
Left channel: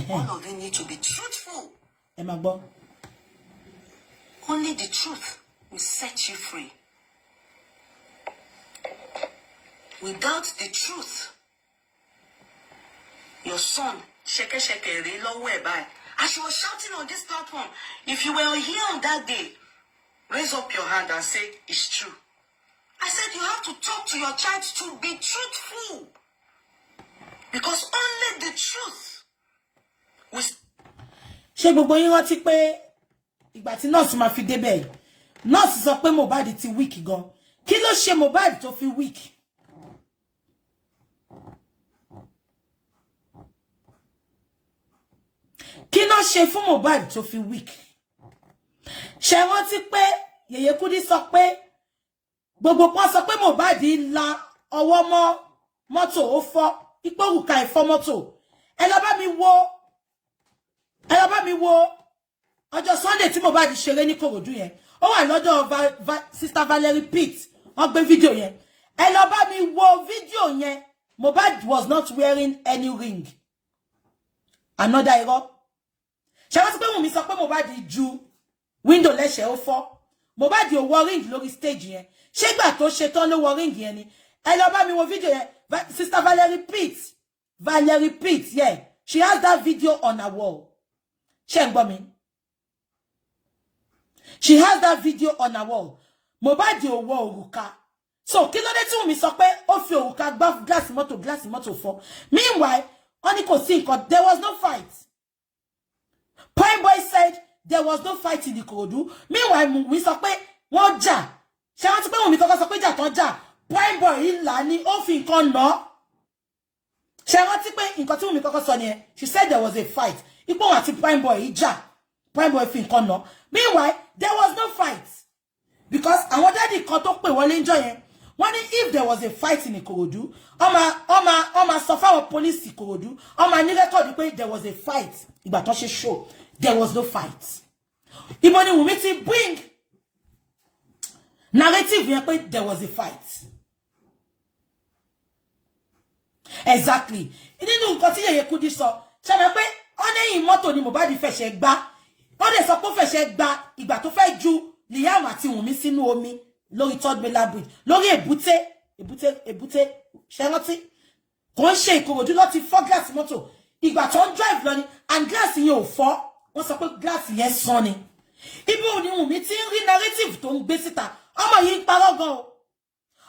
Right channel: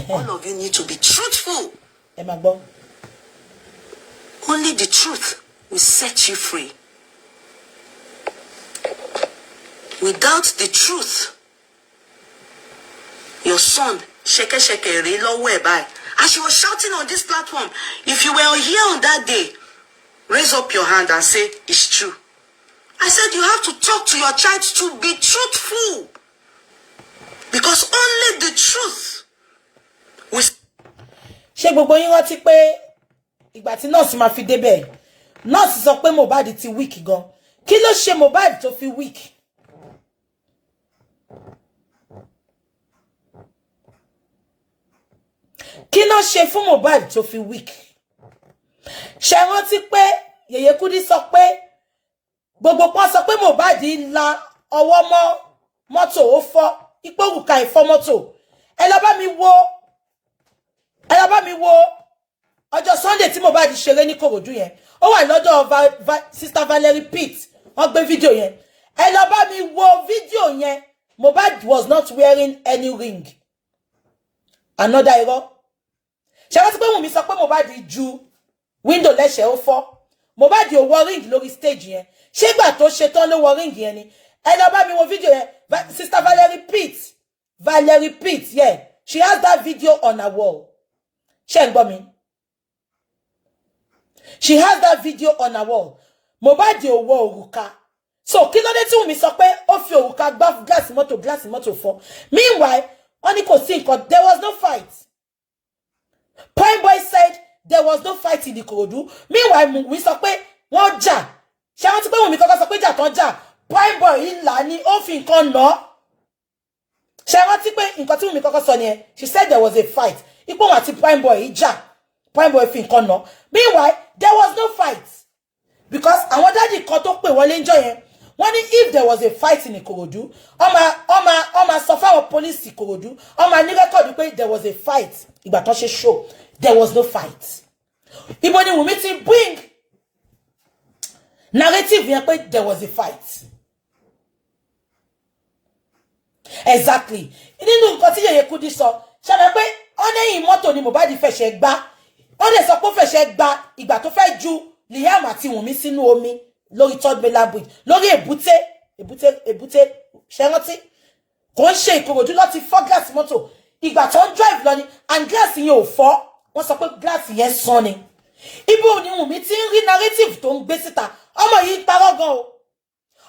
all of you need to be truthful. Ẹ máa gbọ́. Only the truth will set you free. Without the truth, your son, shake re lowe by. As you were shouting on this platform, if you were here on that day, raise up your hand and say, it's true. I said you have to talk to your child to be truthful. Because only the truth will... Ṣé gbogbo yín rántí pé ìgbà tí nurse máa fi débẹ̀, nurse sọ pé Mohbad ti weak gan. Kí ló ṣe Mohbad tó fi weak? Kí ló ṣe fún Mohbad tó fi weak? Ṣé rántí pé Yèyé Kudi sọ pé gbogbo pọ́n sọ pé Mohbad la ọwọ́ mọ́ mọ́tò ó fọ́, ipò òrùka ìfọ́ mọ́tò. Ẹ lọ bá mi wo ọjọ́ Sunday tí Mohbad ṣeré ní Kòròdú yẹn. Ó wà lọ́dọ̀ Sister Valerie Pitt. Wọ́n gbé fídíò yẹn. Ẹ lọ bá mi wo fídíò yẹn. Mohbad was not wearing any ring. Another irọ́. Ṣé wọ́n ti pé Wumi sọ pé Mohbad ju window lẹ́sẹ̀ ó fọ́. Mohbad ò wọ ring lórí stage yẹn. Ṣé ìgbà tó ṣe tán ló wọ ring yẹn ni? Ẹ lọ bá mi wo fídíò yẹn. Sister Valerie Pitt, yeah. She has that video on her wall. Ṣé ń gbọ́ mi? She has that video on her wall. Mohbad ò wọ òrùka. So kí ló dé tí Wumi sọ pé ó fi òrùka gbá glass mọ́tò fọ́. Meanwhile, ó ní kò sí nǹkan. There was no fight. Prime Boy said there was no fight in the Ikorodu. Meanwhile, Wumi sọ pé wọ́n jà. Ṣé wọ́n ti pé Wumi kọ́kọ́ sọ pé jà tán jà. Prime Boy ìlà ni ó fi nǹkan nà. Ṣé wọ́n ti pé nǹkan tí Wumi kọ́kọ́ sọ nìyẹn. She said there was a fight. Ipò wọn àti Prime Boy ìjà. Prime Boy fi nǹkan nà. Meanwhile, there was no fight. Because àwọn daddy kan tó pè wọlé ńjọ́ yẹn. Wọ́n ní if there was a fight in Ikorodu, ọmọ sọ fáwọn police Ikorodu, ọmọ ní record pé there was a fight. Ìgbà tó ṣe show, there was no fight. Ibo ni Wumi ti bring narrative yẹn pé there was a fight. Exactly. Nínú nǹkan tí Yèyé Kudi sọ, ṣé pé ọ̀nẹ́yìn mọ́tò ni Mohbad fẹsẹ̀ gbá. Ó lè sọ pé ó fẹsẹ̀ gbá ìgbà tó fẹ́ ju Liam àti Wumi sínú omi lórí third mainland bridge, lórí èbúté ṣé rántí. Kò ń ṣe Ìkòròdú láti fọ́ glass mọ́tò. Ìgbà tó ń drive lọ ni and glass yẹn ò fọ́. Wọ́n sọ pé glass yẹn sán ni. Ibo ni Wumi ti ń rí narrative tó ń gbé síta. Ọmọ yìí ń parọ́ gan o.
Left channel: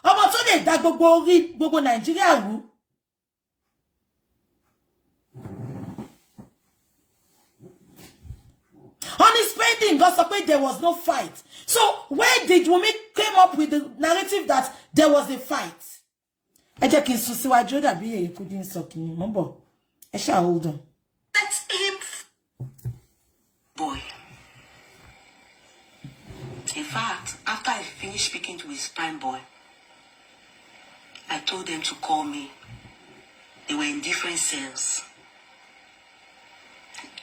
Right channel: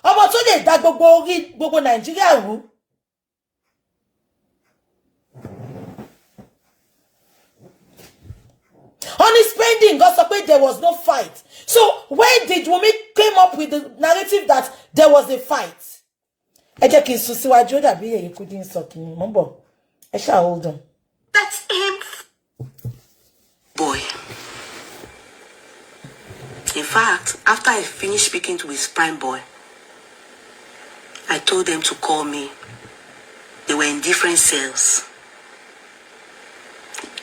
Ọmọ tó lè dá gbogbo Nàìjíríà rú. Honey spending, God sọ pé there was no fight. So when did Wumi came up with the narrative that there was a fight? Ẹ jẹ́ kí n sún síwájú dàbí Yèyé Kudi ń sọ kí n mọ̀ bọ̀. Ẹ ṣá hold on. That's him. Boy. In fact, fact, after I finished speaking to his prime boy, I told them to call me. They were in different cells.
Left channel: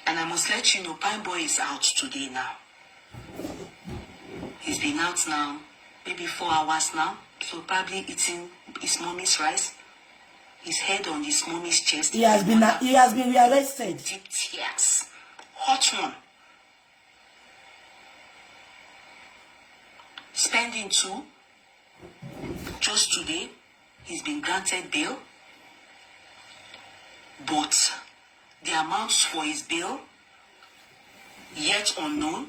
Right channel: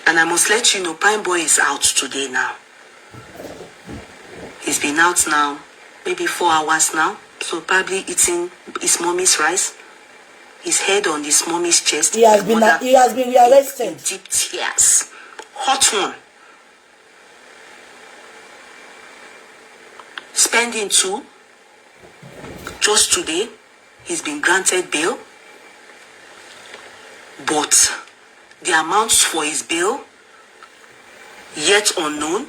And I must let you know, prime boy is out today now. He's been out now, maybe 4 hours now. So probably eating his mommy's rice. His head on his mommy's chest. He has been rearrested. Deep tears. Hot one. Spending 2. Just today, he's been granted bail. But the amounts for his bail, yet unknown.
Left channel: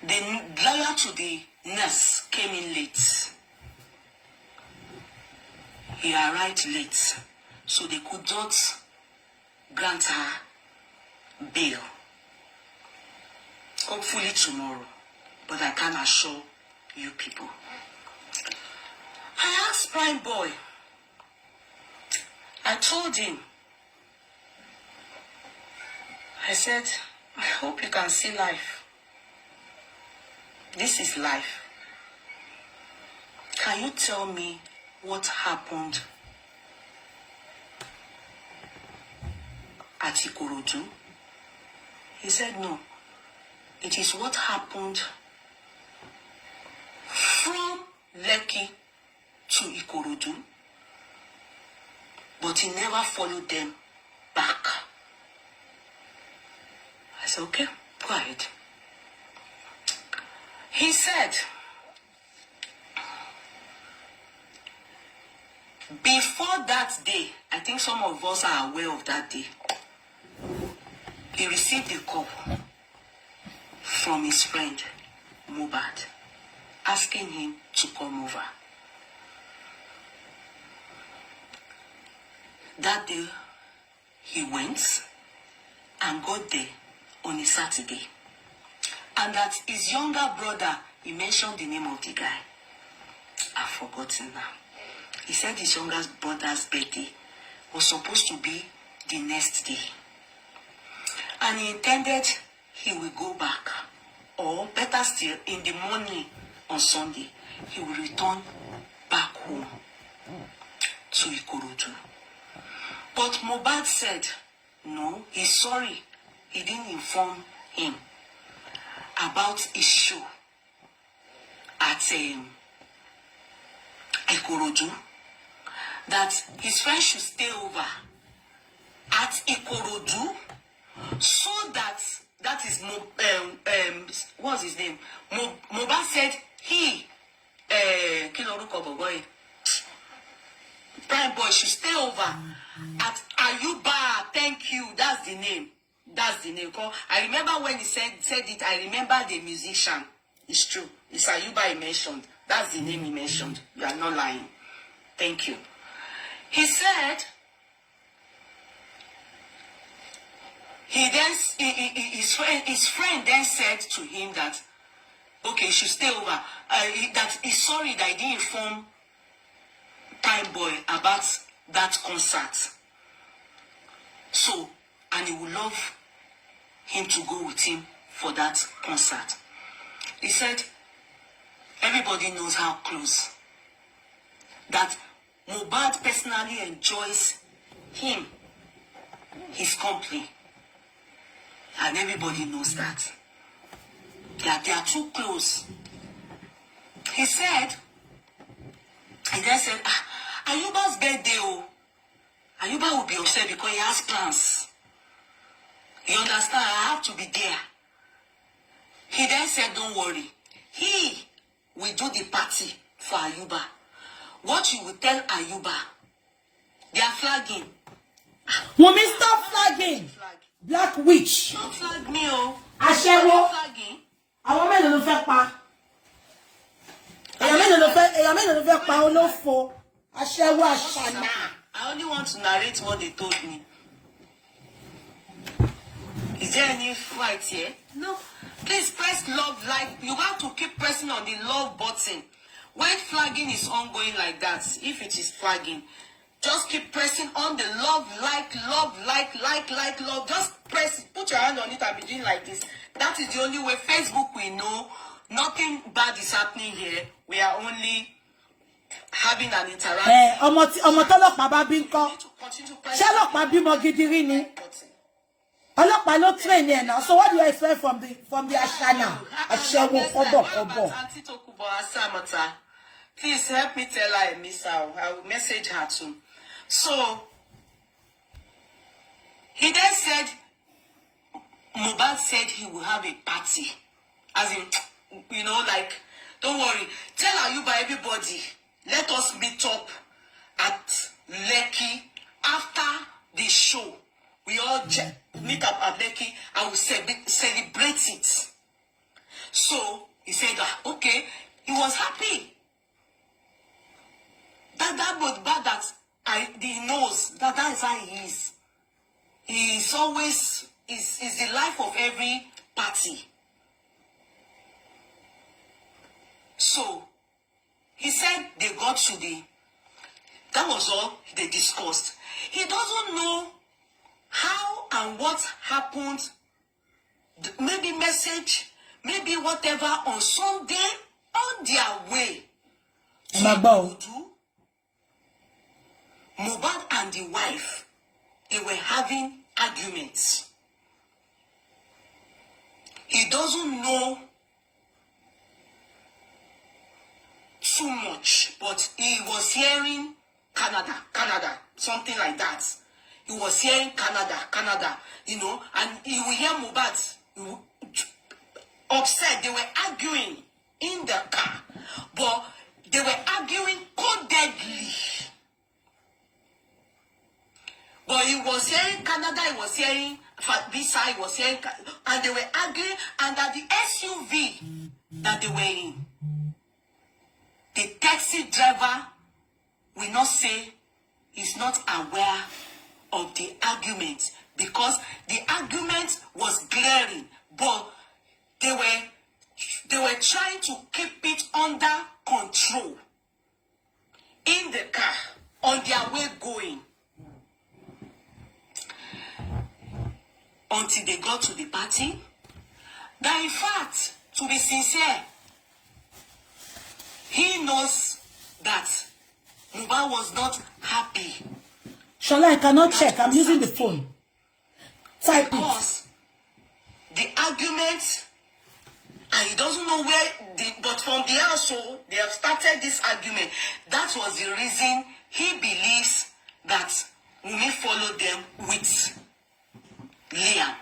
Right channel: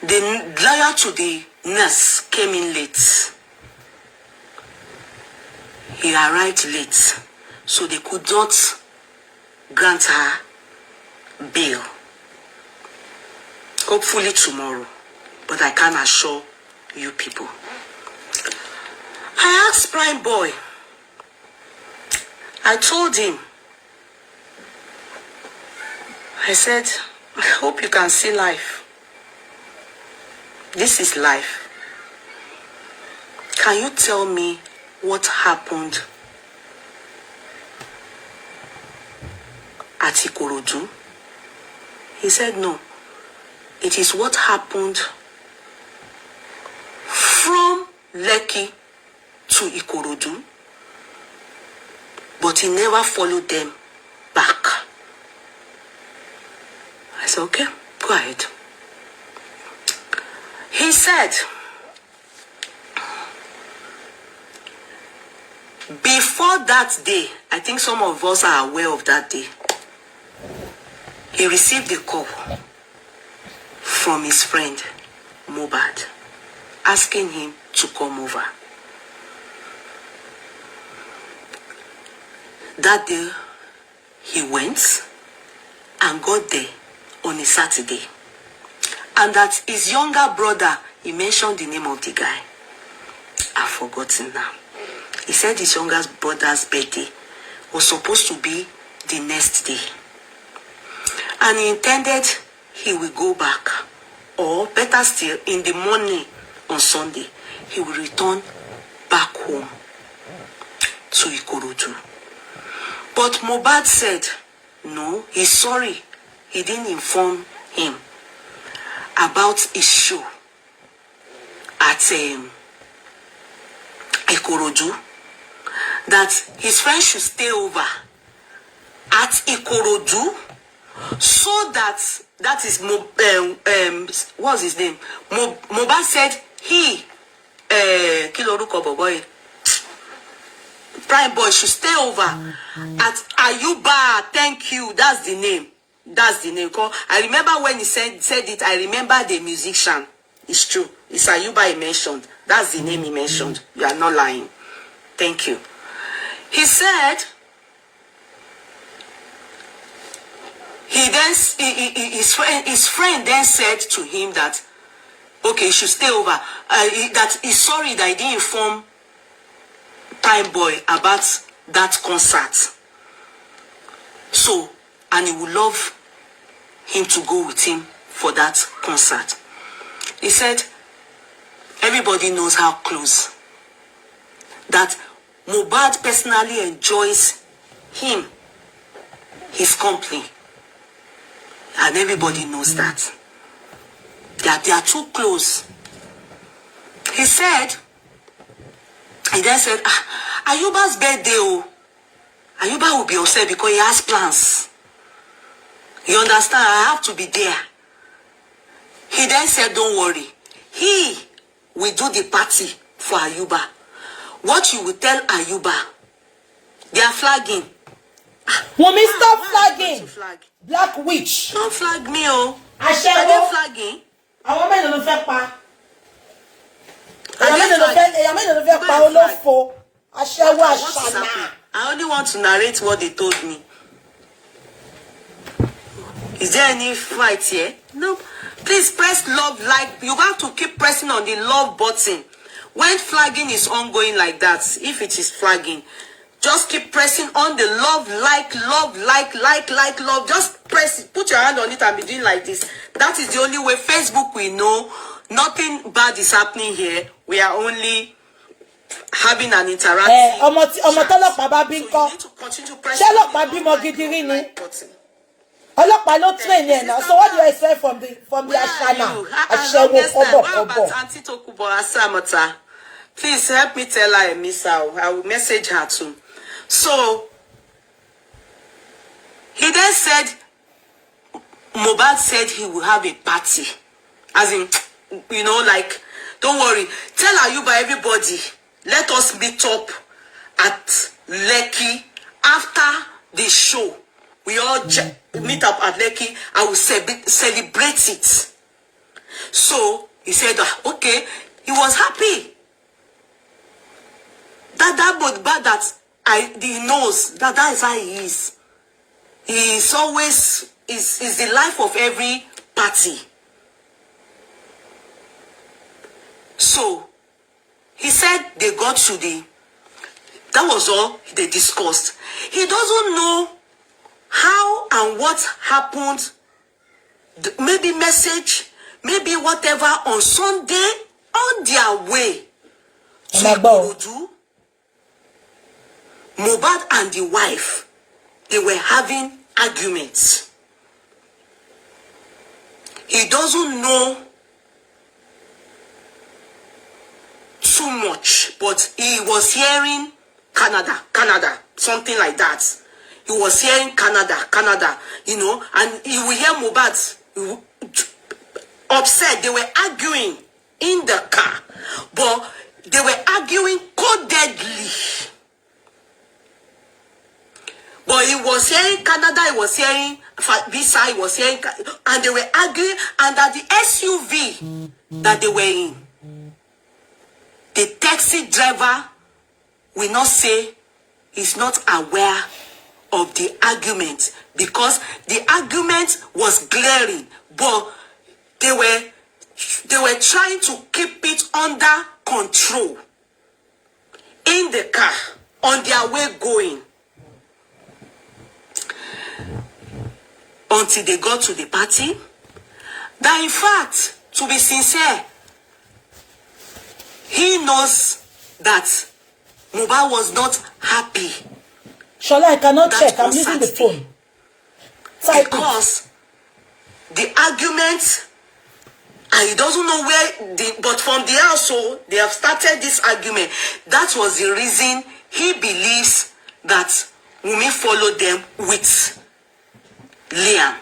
The lawyer to the nurse came in late. He arrived late, so they could not grant her bail. Hopefully tomorrow, but I can assure you people. I asked Prime Boy, I told him, I said, I hope you can see life. This is life. Can you tell me what happened at Ikorodu? He said no. It is what happened from Lekki to Ikorodu, but he never followed them back. I said, okay, go ahead. He said, before that day, I think some of us are aware of that day, he received a call from his friend, Mohbad, asking him to come over. That day, he went and got there on a Saturday. And that his younger brother, he mentioned the name of the guy. I've forgotten now. He said his younger brother's birthday was supposed to be the next day. And he intended he will go back. Or better still, in the morning on Sunday, he will return back home to Ikorodu. But Mohbad said, no, he's sorry. He didn't inform him about his show at Ikorodu, that his friend should stay over at Ikorodu, so that is what's his name? Mohbad said he Kiloruko boy Prime Boy should stay over at Ayuba. Thank you. That's the name. That's the name. I remember when he said it, I remember the musician. It's true. It's Ayuba he mentioned. That's the name he mentioned. You are not lying. Thank you. He said, his friend then said to him that, okay, you should stay over. That he's sorry that he didn't inform Prime Boy about that concert. So, and he would love him to go with him for that concert. He said, everybody knows how close. That Mohbad personally enjoys him, his company. And everybody knows that. They are too close. He then said, Ayuba's birthday, Ayuba will be upset because he has plans. You understand? I have to be there. He then said, don't worry. He will do the party for Ayuba. What you will tell Ayuba, they are flagging. Wumi, stop flagging. Flag? Black witch. Don't flag me, oh. Ashewo. Flagging. Àwọn mélòó ló fẹ́ pa. Èyàn mélòó ló fẹ́ pa olófo. Ashewo àṣànà. I only want to narrate what they told me. Is there any fight here? No. Please press love, like. You have to keep pressing on the love button. When flagging is ongoing like that, if it is flagging, just keep pressing on the love, like, love. Just press it. Put your hand on it and be doing like this. That is the only way Facebook will know nothing bad is happening here. We are only having an interaction. Ọmọ tọ́lọ́pàá bá bí ńkọ́. Ṣé ọlọ́pàá bímọ gidi rí ni? Ọlọ́pàá ló train ẹ̀ náà. So what do you expect from the Ashana? Aṣẹ́wó kọ́bọ̀. Auntie Tokubo Asamota, please help me tell her I miss her. I will message her too. So he then said, Mohbad said he will have a party. As in, you know, like, don't worry. Tell Ayuba, everybody, let us meet up at Lekki after the show. We all meet up at Lekki. I will celebrate it. So he said, okay, he was happy. He knows that is how he is. He is always is the life of every party. So he said they got to that was all they discussed. He doesn't know how and what happened, maybe message, maybe whatever on Sunday on their way to Ikorodu. Mohbad and the wife, they were having arguments. He doesn't know too much, but he was hearing Canada, something like that. He was hearing Canada, you know, and he will hear Mohbad upset. They were arguing in the car, but they were arguing codedly. But he was hearing Canada, he was hearing Visa, he was hearing, and they were arguing, and that the SUV that they were in, the taxi driver will not say he's not aware of the argument, because the argument was glaring, but they were trying to keep it under control in the car on their way going. Until they got to the party, that in fact, to be sincere, he knows that Mohbad was not happy. Shola, I cannot check. I'm using the phone. Because the argument, and he doesn't know where, but from the household, they have started this argument. That was the reason he believes that Wumi followed them with Liam.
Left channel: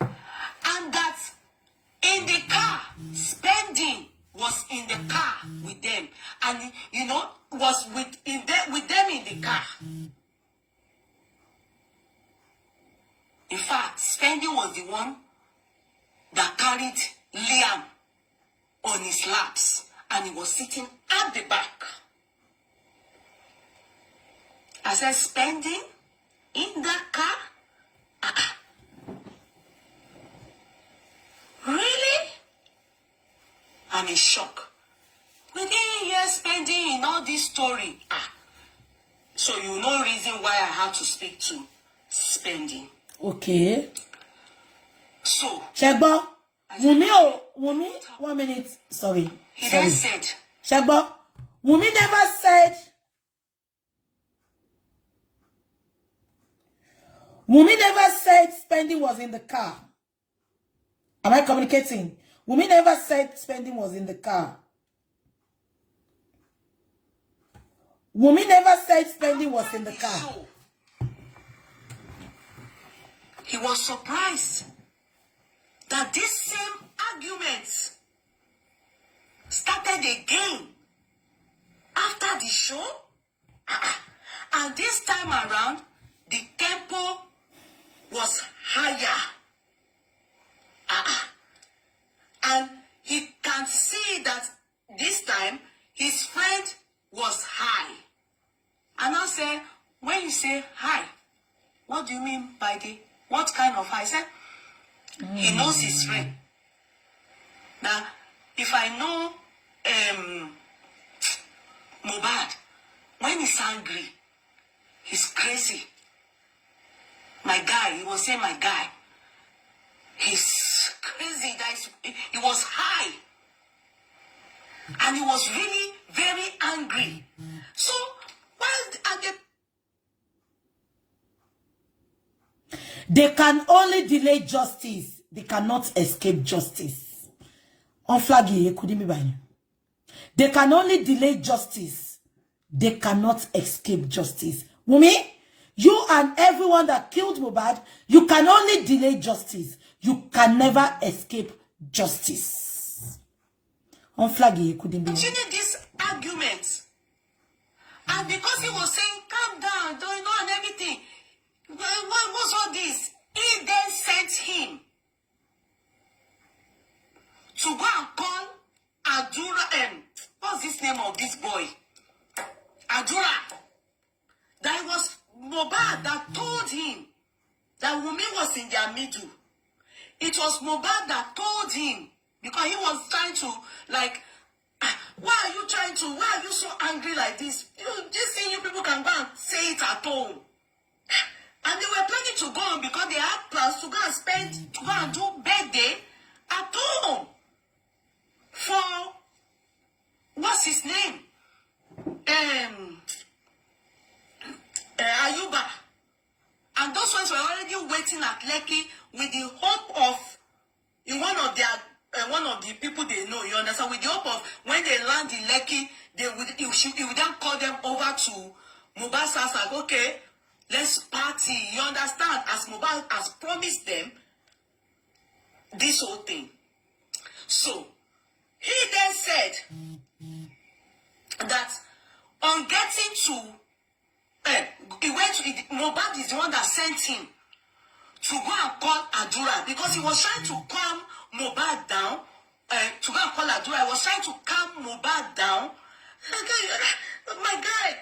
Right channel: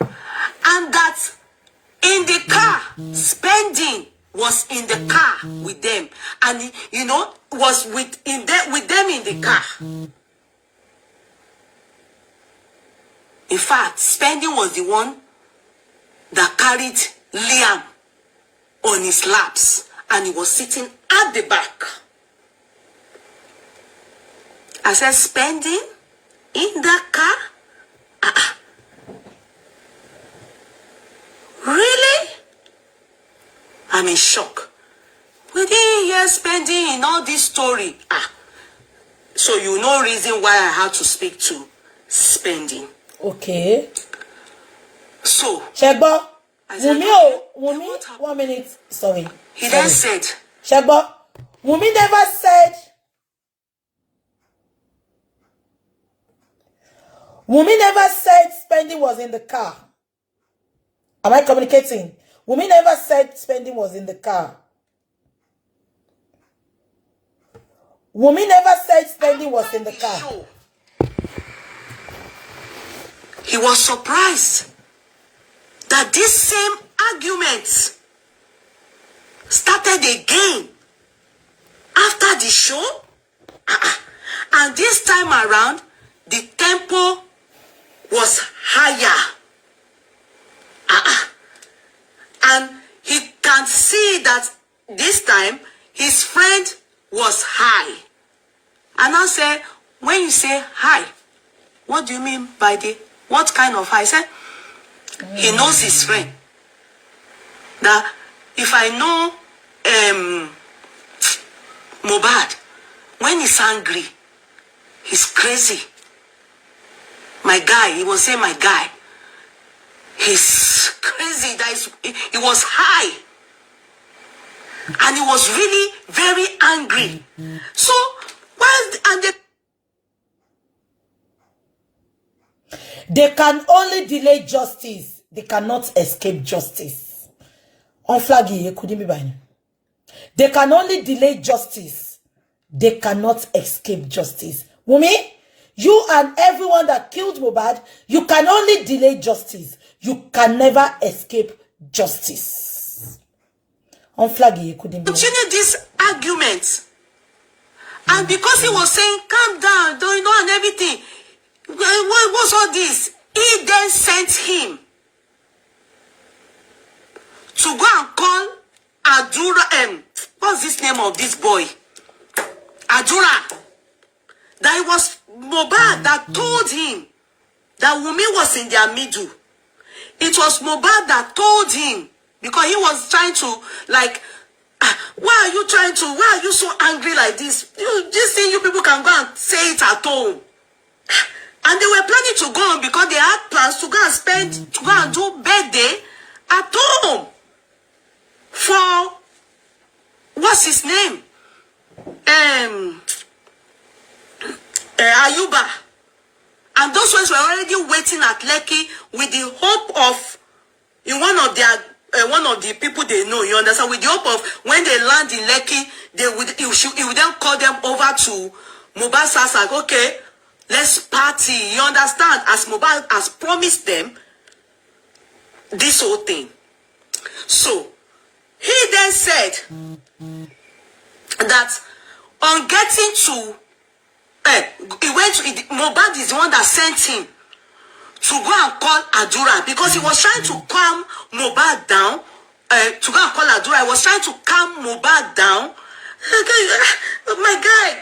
And that in the car, spending was in the car with them. And, you know, was with them in the car. In fact, spending was the one that carried Liam on his laps. And he was sitting at the back. I said, spending in the car? Really? I'm in shock. We didn't hear spending in all this story. So you know reason why I had to speak to spending. Okay. So Shegbo, Wumi, 1 minute. Sorry. He then said, Shegbo, Wumi never said. Wumi never said spending was in the car. Am I communicating? Wumi never said spending was in the car. Wumi never said spending was in the car. He was surprised that this same argument started again after the show. And this time around, the tempo was higher. And he can see that this time his friend was high. And I said, when you say high, what do you mean by what kind of high? I said, he knows his friend. That if I know Mohbad, when he's angry, he's crazy. My guy, he was saying my guy. He's crazy. He was high. And he was really very angry. So, they can only delay justice. They cannot escape justice. On flag here, couldn't be by. They can only delay justice. They cannot escape justice. Wumi, you and everyone that killed Mohbad, you can only delay justice. You can never escape justice. On flag here, couldn't be. Continue this argument. And because he was saying, calm down, don't you know, and everything. What was all this? He then sent him to go and call Adura. What's this name of this boy? Adura. That it was Mohbad that told him that Wumi was in their middle. It was Mohbad that told him, because he was trying to, like, why are you so angry like this? This thing, you people can go and say it at home. And they were planning to go on because they had plans to go and do birthday at home for, what's his name? Ayuba. And those ones were already waiting at Lekki with the hope of, in one of the people they know, you understand, with the hope of when they land in Lekki, he would then call them over to Mohbad's house, like, okay, let's party, you understand, as Mohbad has promised them this whole thing. So, he then said that on getting to, Mohbad is the one that sent him to go and call Adura, because he was trying to calm Mohbad down, to go and call Adura. He was trying to calm Mohbad down. My guy,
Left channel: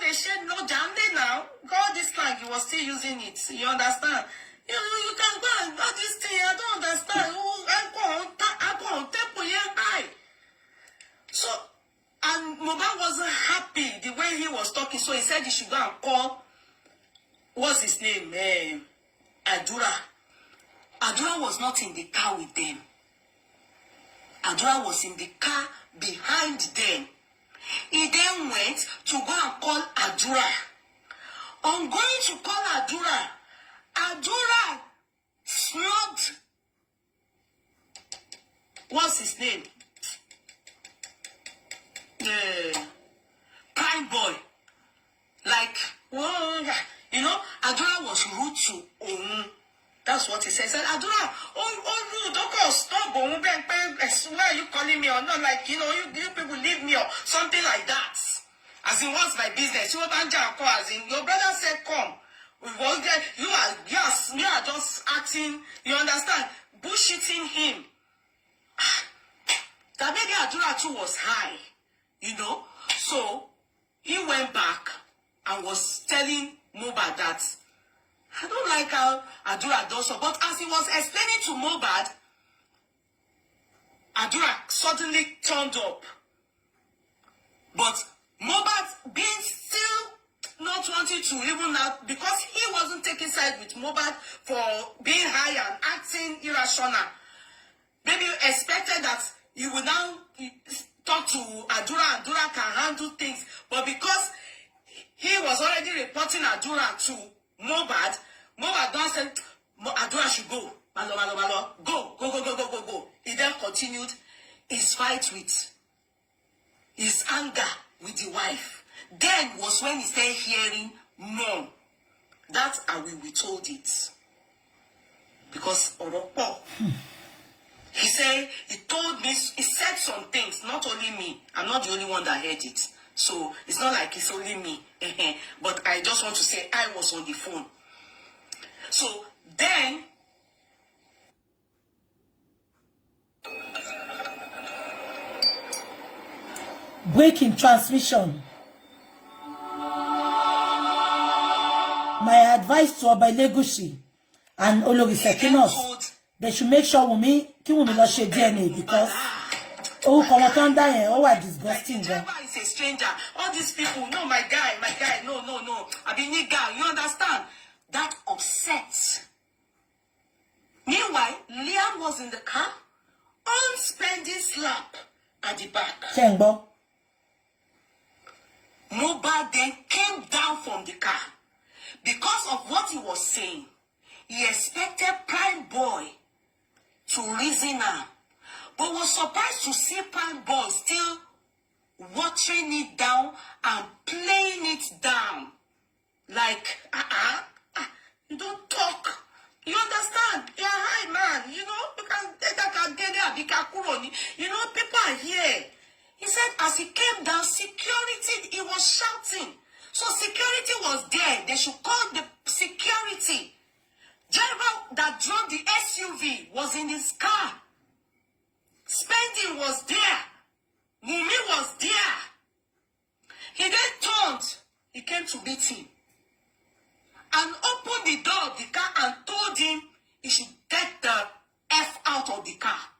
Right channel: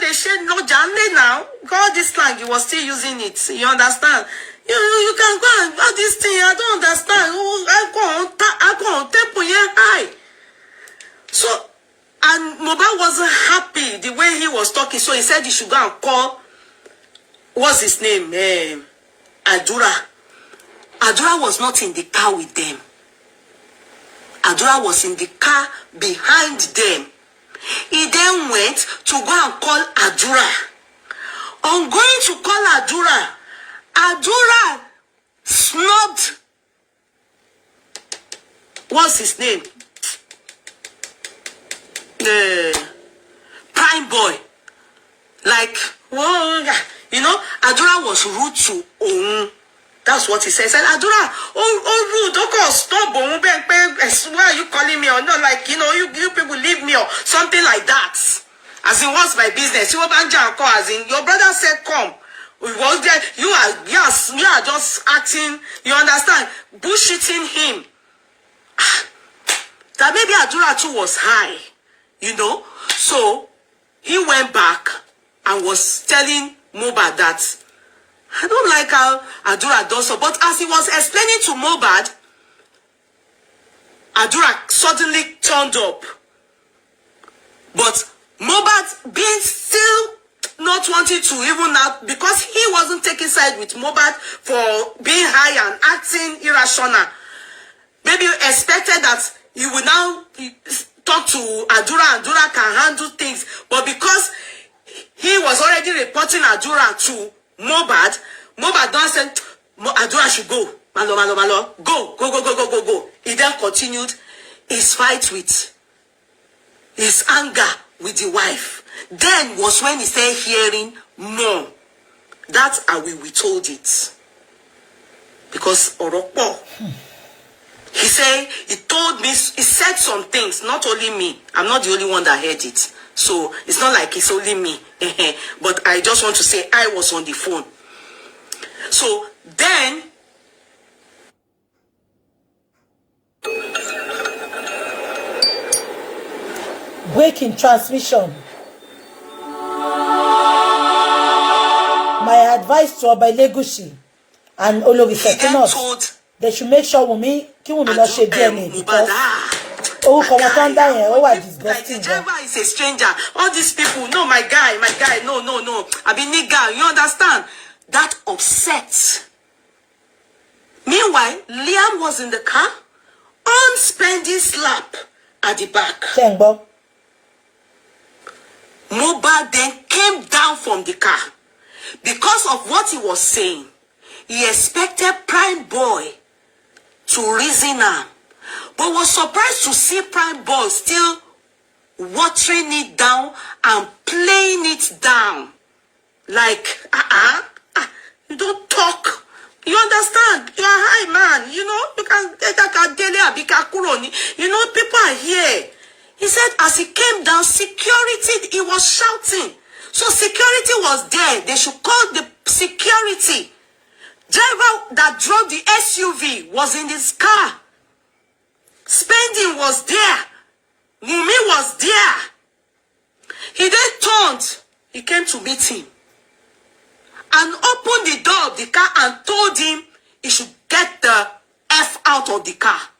they said no Janle now. God, this slang, he was still using it. You understand? You can go and do this thing. I don't understand. I go on temple here high. So, and Mohbad wasn't happy the way he was talking. So he said he should go and call, what's his name? Adura. Adura was not in the car with them. Adura was in the car behind them. He then went to go and call Adura. On going to call Adura, Adura snubbed, what's his name? Prime boy. Like, whoa, you know, Adura was rude to Oun. That's what he said. He said, Adura, rude, don't stop. Why are you calling me? Or not, like, you know, you people leave me or something like that. As in, what's my business? You as in, your brother said, come. You are just acting, you understand, bullshitting him. That maybe Adura too was high, you know. So he went back and was telling Mohbad that I don't like how Adura does so. But as he was explaining to Mohbad, Adura suddenly turned up. But Mohbad being still not wanting to even now, because he wasn't taking side with Mohbad for being high and acting irrational. Maybe expected that he would now talk to Adura and Adura can handle things. But because he was already reporting Adura to Mohbad don't say Adura should go. Malo. Go. He then continued his fight with his anger with the wife. Then was when he started hearing more. That's how we told it. Because Oropo, he said, he told me, he said some things, not only me. I'm not the only one that heard it. So it's not like it's only me. But I just want to say I was on the phone. So then, breaking transmission. My advice to Elegushi and Olori Sekinos, they should make sure Wumi not share DNA, because disgusting. Is a stranger. All these people, no, my guy, no. I be nigga, you understand? That upset. Meanwhile, Liam was in the car. unspending slap at the back. Chengbo. Mohbad then came down from the car. Because of what he was saying, he expected Prime Boy to reason him, but was surprised to see Prime Boy still watering it down and playing it down. Like, you don't talk. You understand? You are high man. You know, you can get that. You know, people are here. He said as he came down, security, he was shouting. So security was there. They should call the security. Driver that drove the SUV was in his car. Spending was there. Wumi was there. He then turned. He came to meet him and opened the door of the car and told him he should get the F out of the car.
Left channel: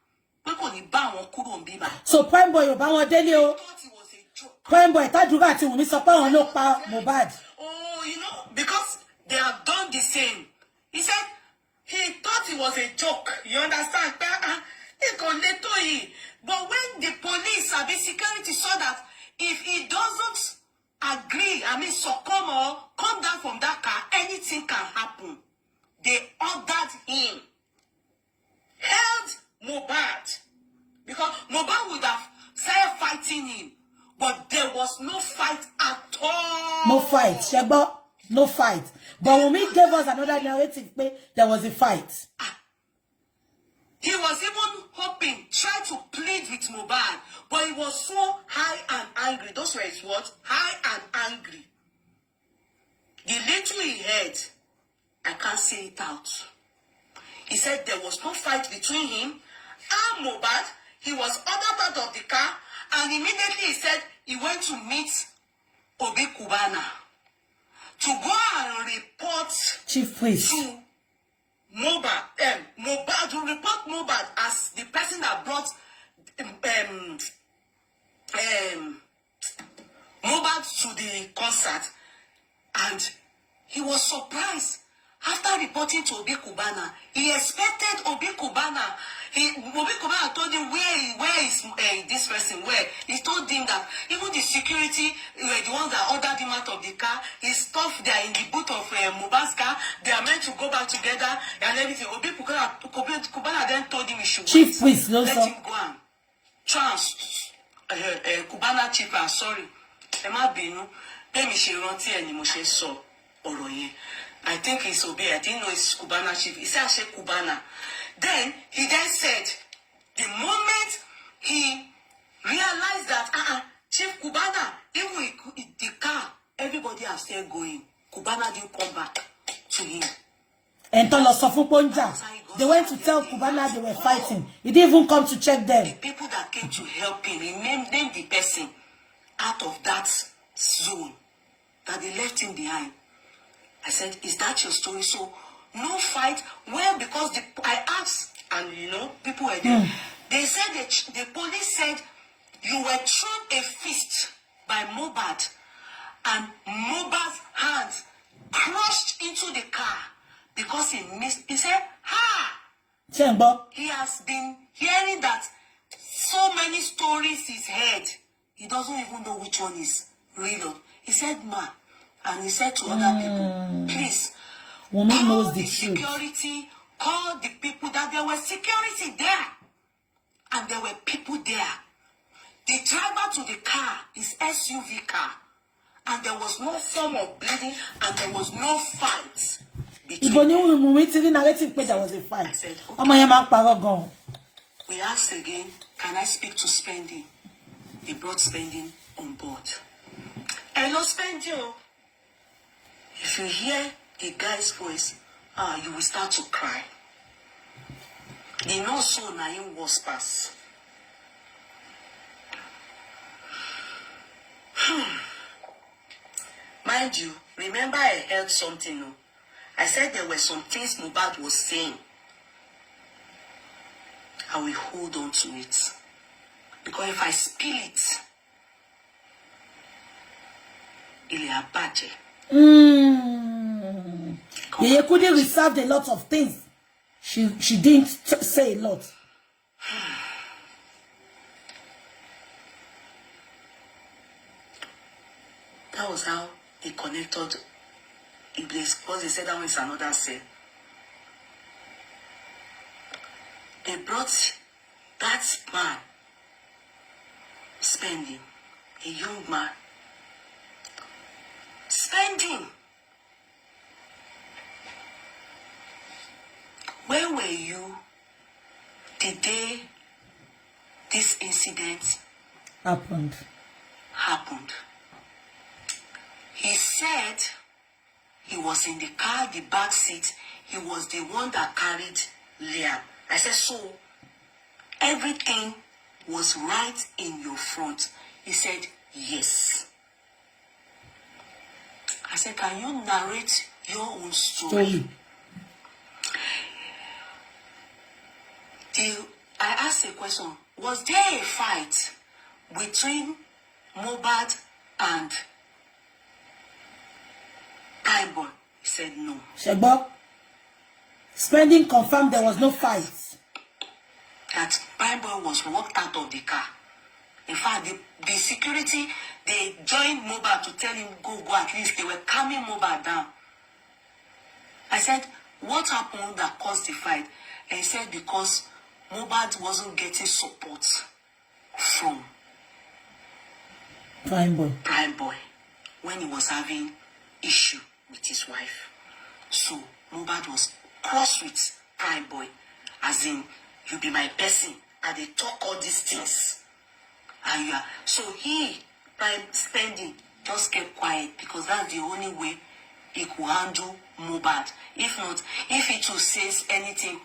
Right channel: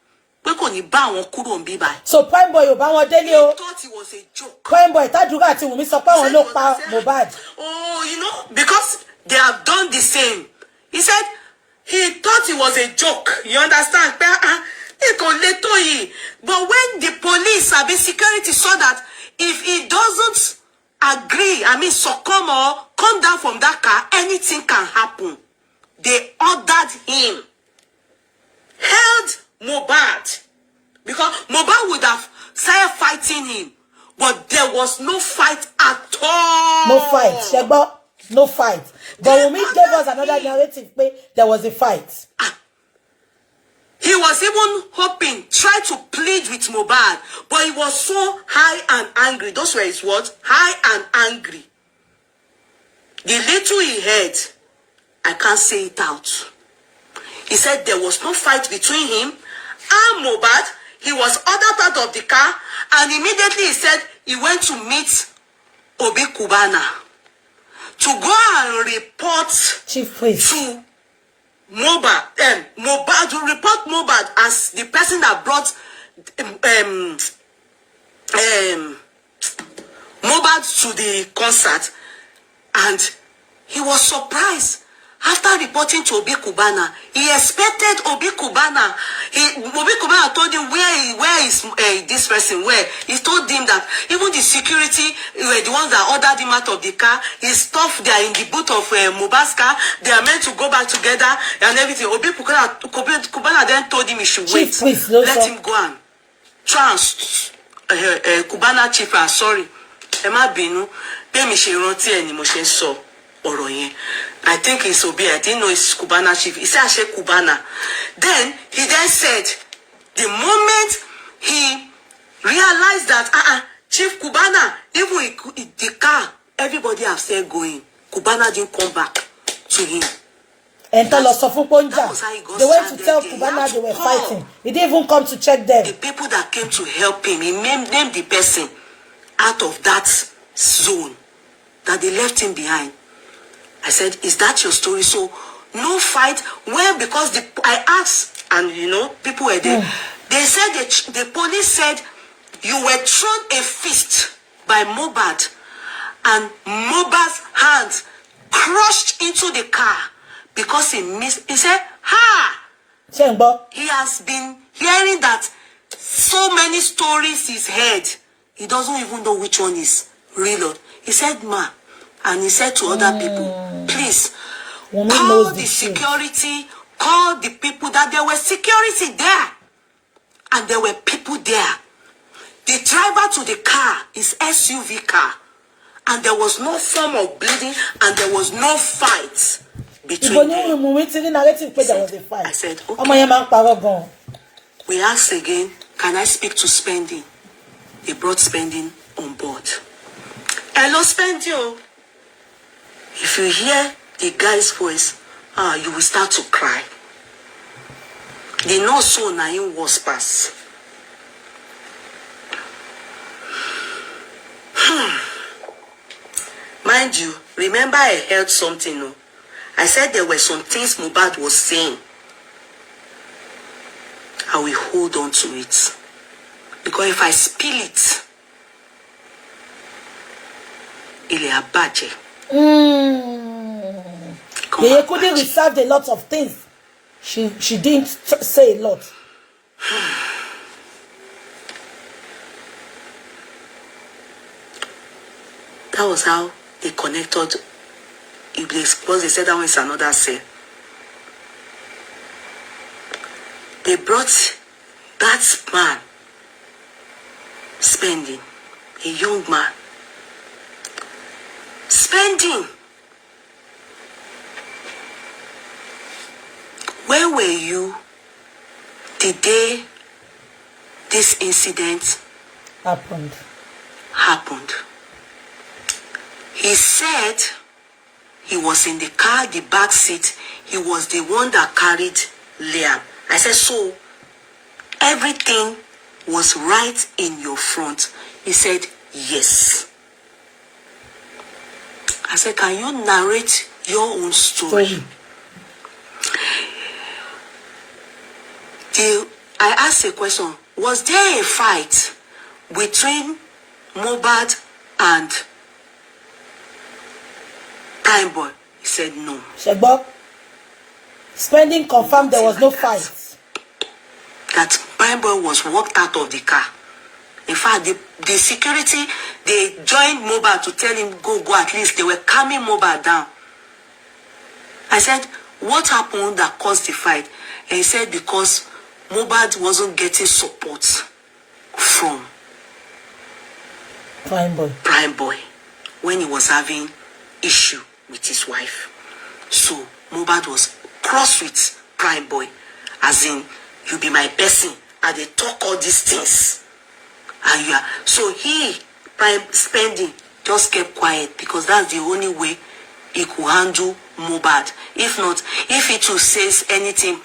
So Prime Boy, he thought it was a joke. Prime Boy, Mohbad. Oh, you know, because they have done the same. He said he thought it was a joke. You understand? But when the police, security saw that if he doesn't agree, succumb or come down from that car, anything can happen. They ordered him, held Mohbad, because Mohbad would have started fighting him, but there was no fight at all. No fight, Shegbo, no fight. But Wumi gave us another narrative, there was a fight. He was even hoping, try to plead with Mohbad, but he was so high and angry. Those were his words, high and angry. The little he heard, I can't say it out. He said there was no fight between him and Mohbad. He was other part of the car, and immediately he said he went to meet Obi Kubana to go and report Chief Priest to Mohbad, to report Mohbad as the person that brought Mohbad to the concert, and he was surprised. After reporting to Obi Kubana, he expected Obi Kubana. Obi Kubana told him where is this person? Where? He told him that even the security were the ones that ordered him out of the car. His stuff, they are in the boot of Mohbad's car. They are meant to go back together and everything. Obi Kubana then told him he should wait. Let him go and trans Kubana chief. Sorry, Emma Binu. Pemi she ronti eni mo she so oro yen. I think it's Obi. I didn't know it's Kubana chief. He said, Ashe Kubana. Then he said, the moment he realized that, Chief Kubana, even in the car, everybody have said going. Kubana didn't come back to him. And they went to tell Kubana they were fighting. He didn't even come to check them. The people that came to help him, he named the person out of that zone that they left him behind. I said, is that your story? So, no fight. Well, because I asked, and you know, people were there. They said, the police said, you were thrown a fist by Mohbad, and Mohbad's hand crushed into the car because he missed. He said, Chengbo. He has been hearing that so many stories he's heard. He doesn't even know which one is real. He said, ma. And he said to other people, please, call the security, call the people, that there was security there. And there were people there. The driver to the car is SUV car. And there was no form of bleeding, and there was no fight between them. There was a fight. I said, okay. We asked again, can I speak to Spending? They brought Spending on board. Hello, Spending. If you hear the guy's voice, you will start to cry. The no so na him was pass. Mind you, remember I heard something. No? I said there were some things Mohbad was saying. I will hold on to it. Because if I spill it, it'll be bad. They couldn't reserve a lot of things. She didn't say a lot. That was how they connected. Because they said that one is another cell. They brought that man spending, a young man, spending. Where were you the day this incident happened? He said he was in the car, the back seat. He was the one that carried Liam. I said, so everything was right in your front? He said, yes. I said, can you narrate your own story? I asked a question. Was there a fight between Mohbad and Prime Boy? He said no. Shegbo, spending confirmed there was no fight. That Prime Boy was walked out of the car. In fact, the security, they joined Mohbad to tell him, go, at least. They were calming Mohbad down. I said, what happened that caused the fight? And he said, because Mohbad wasn't getting support from Prime Boy when he was having issue with his wife. So Mohbad was cross with Prime Boy, as in, you be my person, and they talk all these things. And you are, so he, Prime Spending, just kept quiet because that's the only way he could handle Mohbad. If not, if he too says anything,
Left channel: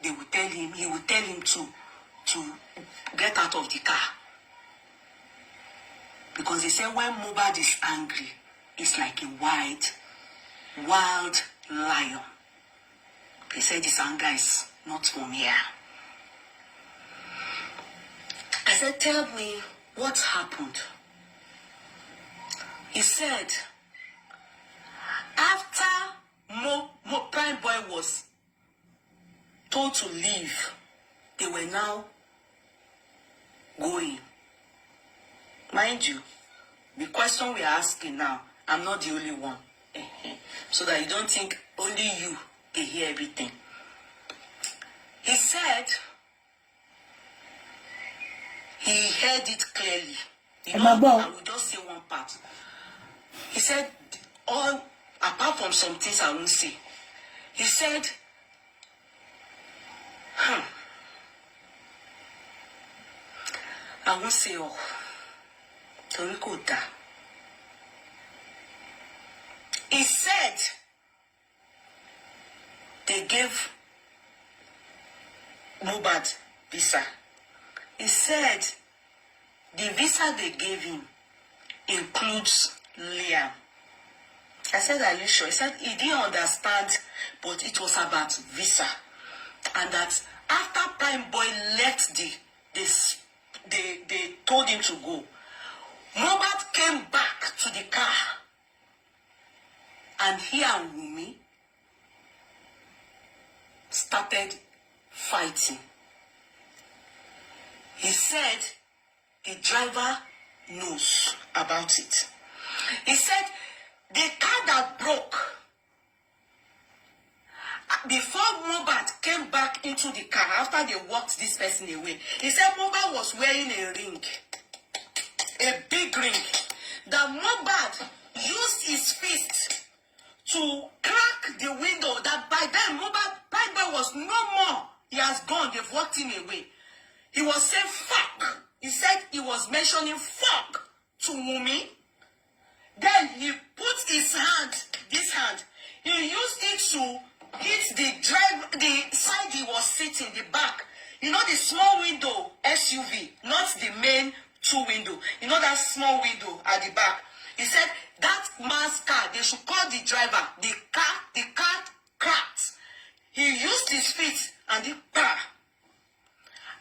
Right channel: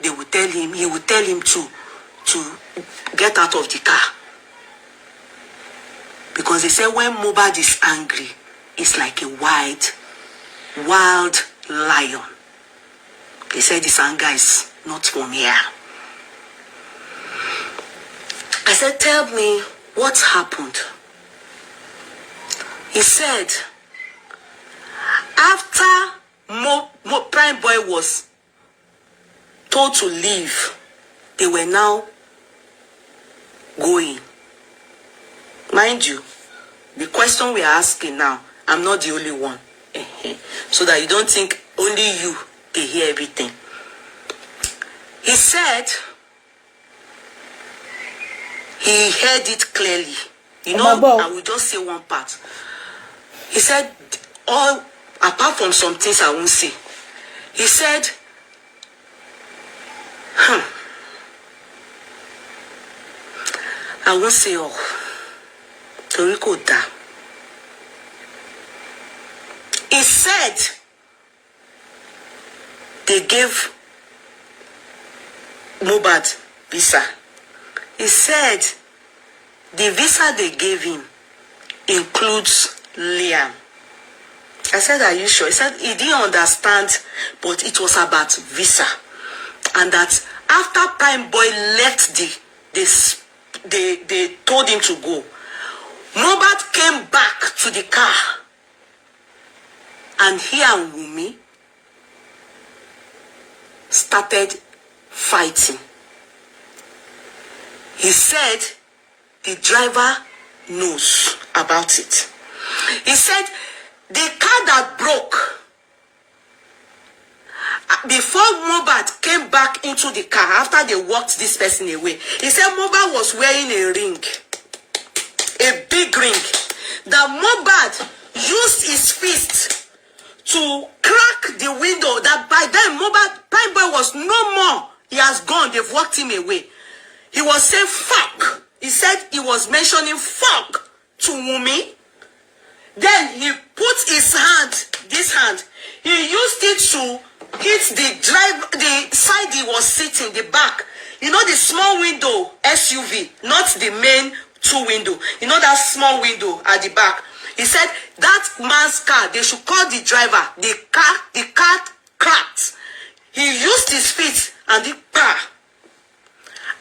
they will tell him, he will tell him to get out of the car. Because they say when Mohbad is angry, it's like a wild lion. They said this anger is not from here. I said, tell me what happened. He said, after Prime Boy was told to leave, they were now going. Mind you, the question we are asking now, I'm not the only one. So that you don't think only you can hear everything. He said he heard it clearly. You know, I will just say one part. He said, all apart from some things I won't say. He said, I won't say all. Toriko da. He said they gave Mohbad visa. He said the visa they gave him includes Liam. I said, are you sure? He said he didn't understand, but it was about visa. And that after Prime Boy left they told him to go. Mohbad came back to the car. And he and Wumi started fighting. He said the driver knows about it. He said the car that broke, before Mohbad came back into the car, after they walked this person away, he said Mohbad was wearing a ring, a big ring, that Mohbad used his fist to crack the window, that by then Prime Boy was no more. He has gone. They've walked him away. He was saying fuck. He said he was mentioning fuck to Wumi. Then he put his hand, this hand, he used it to hit the side he was sitting, the back. You know the small window SUV, not the main two window. You know that small window at the back. He said that man's car, they should call the driver. The car cracked. He used his feet and the car.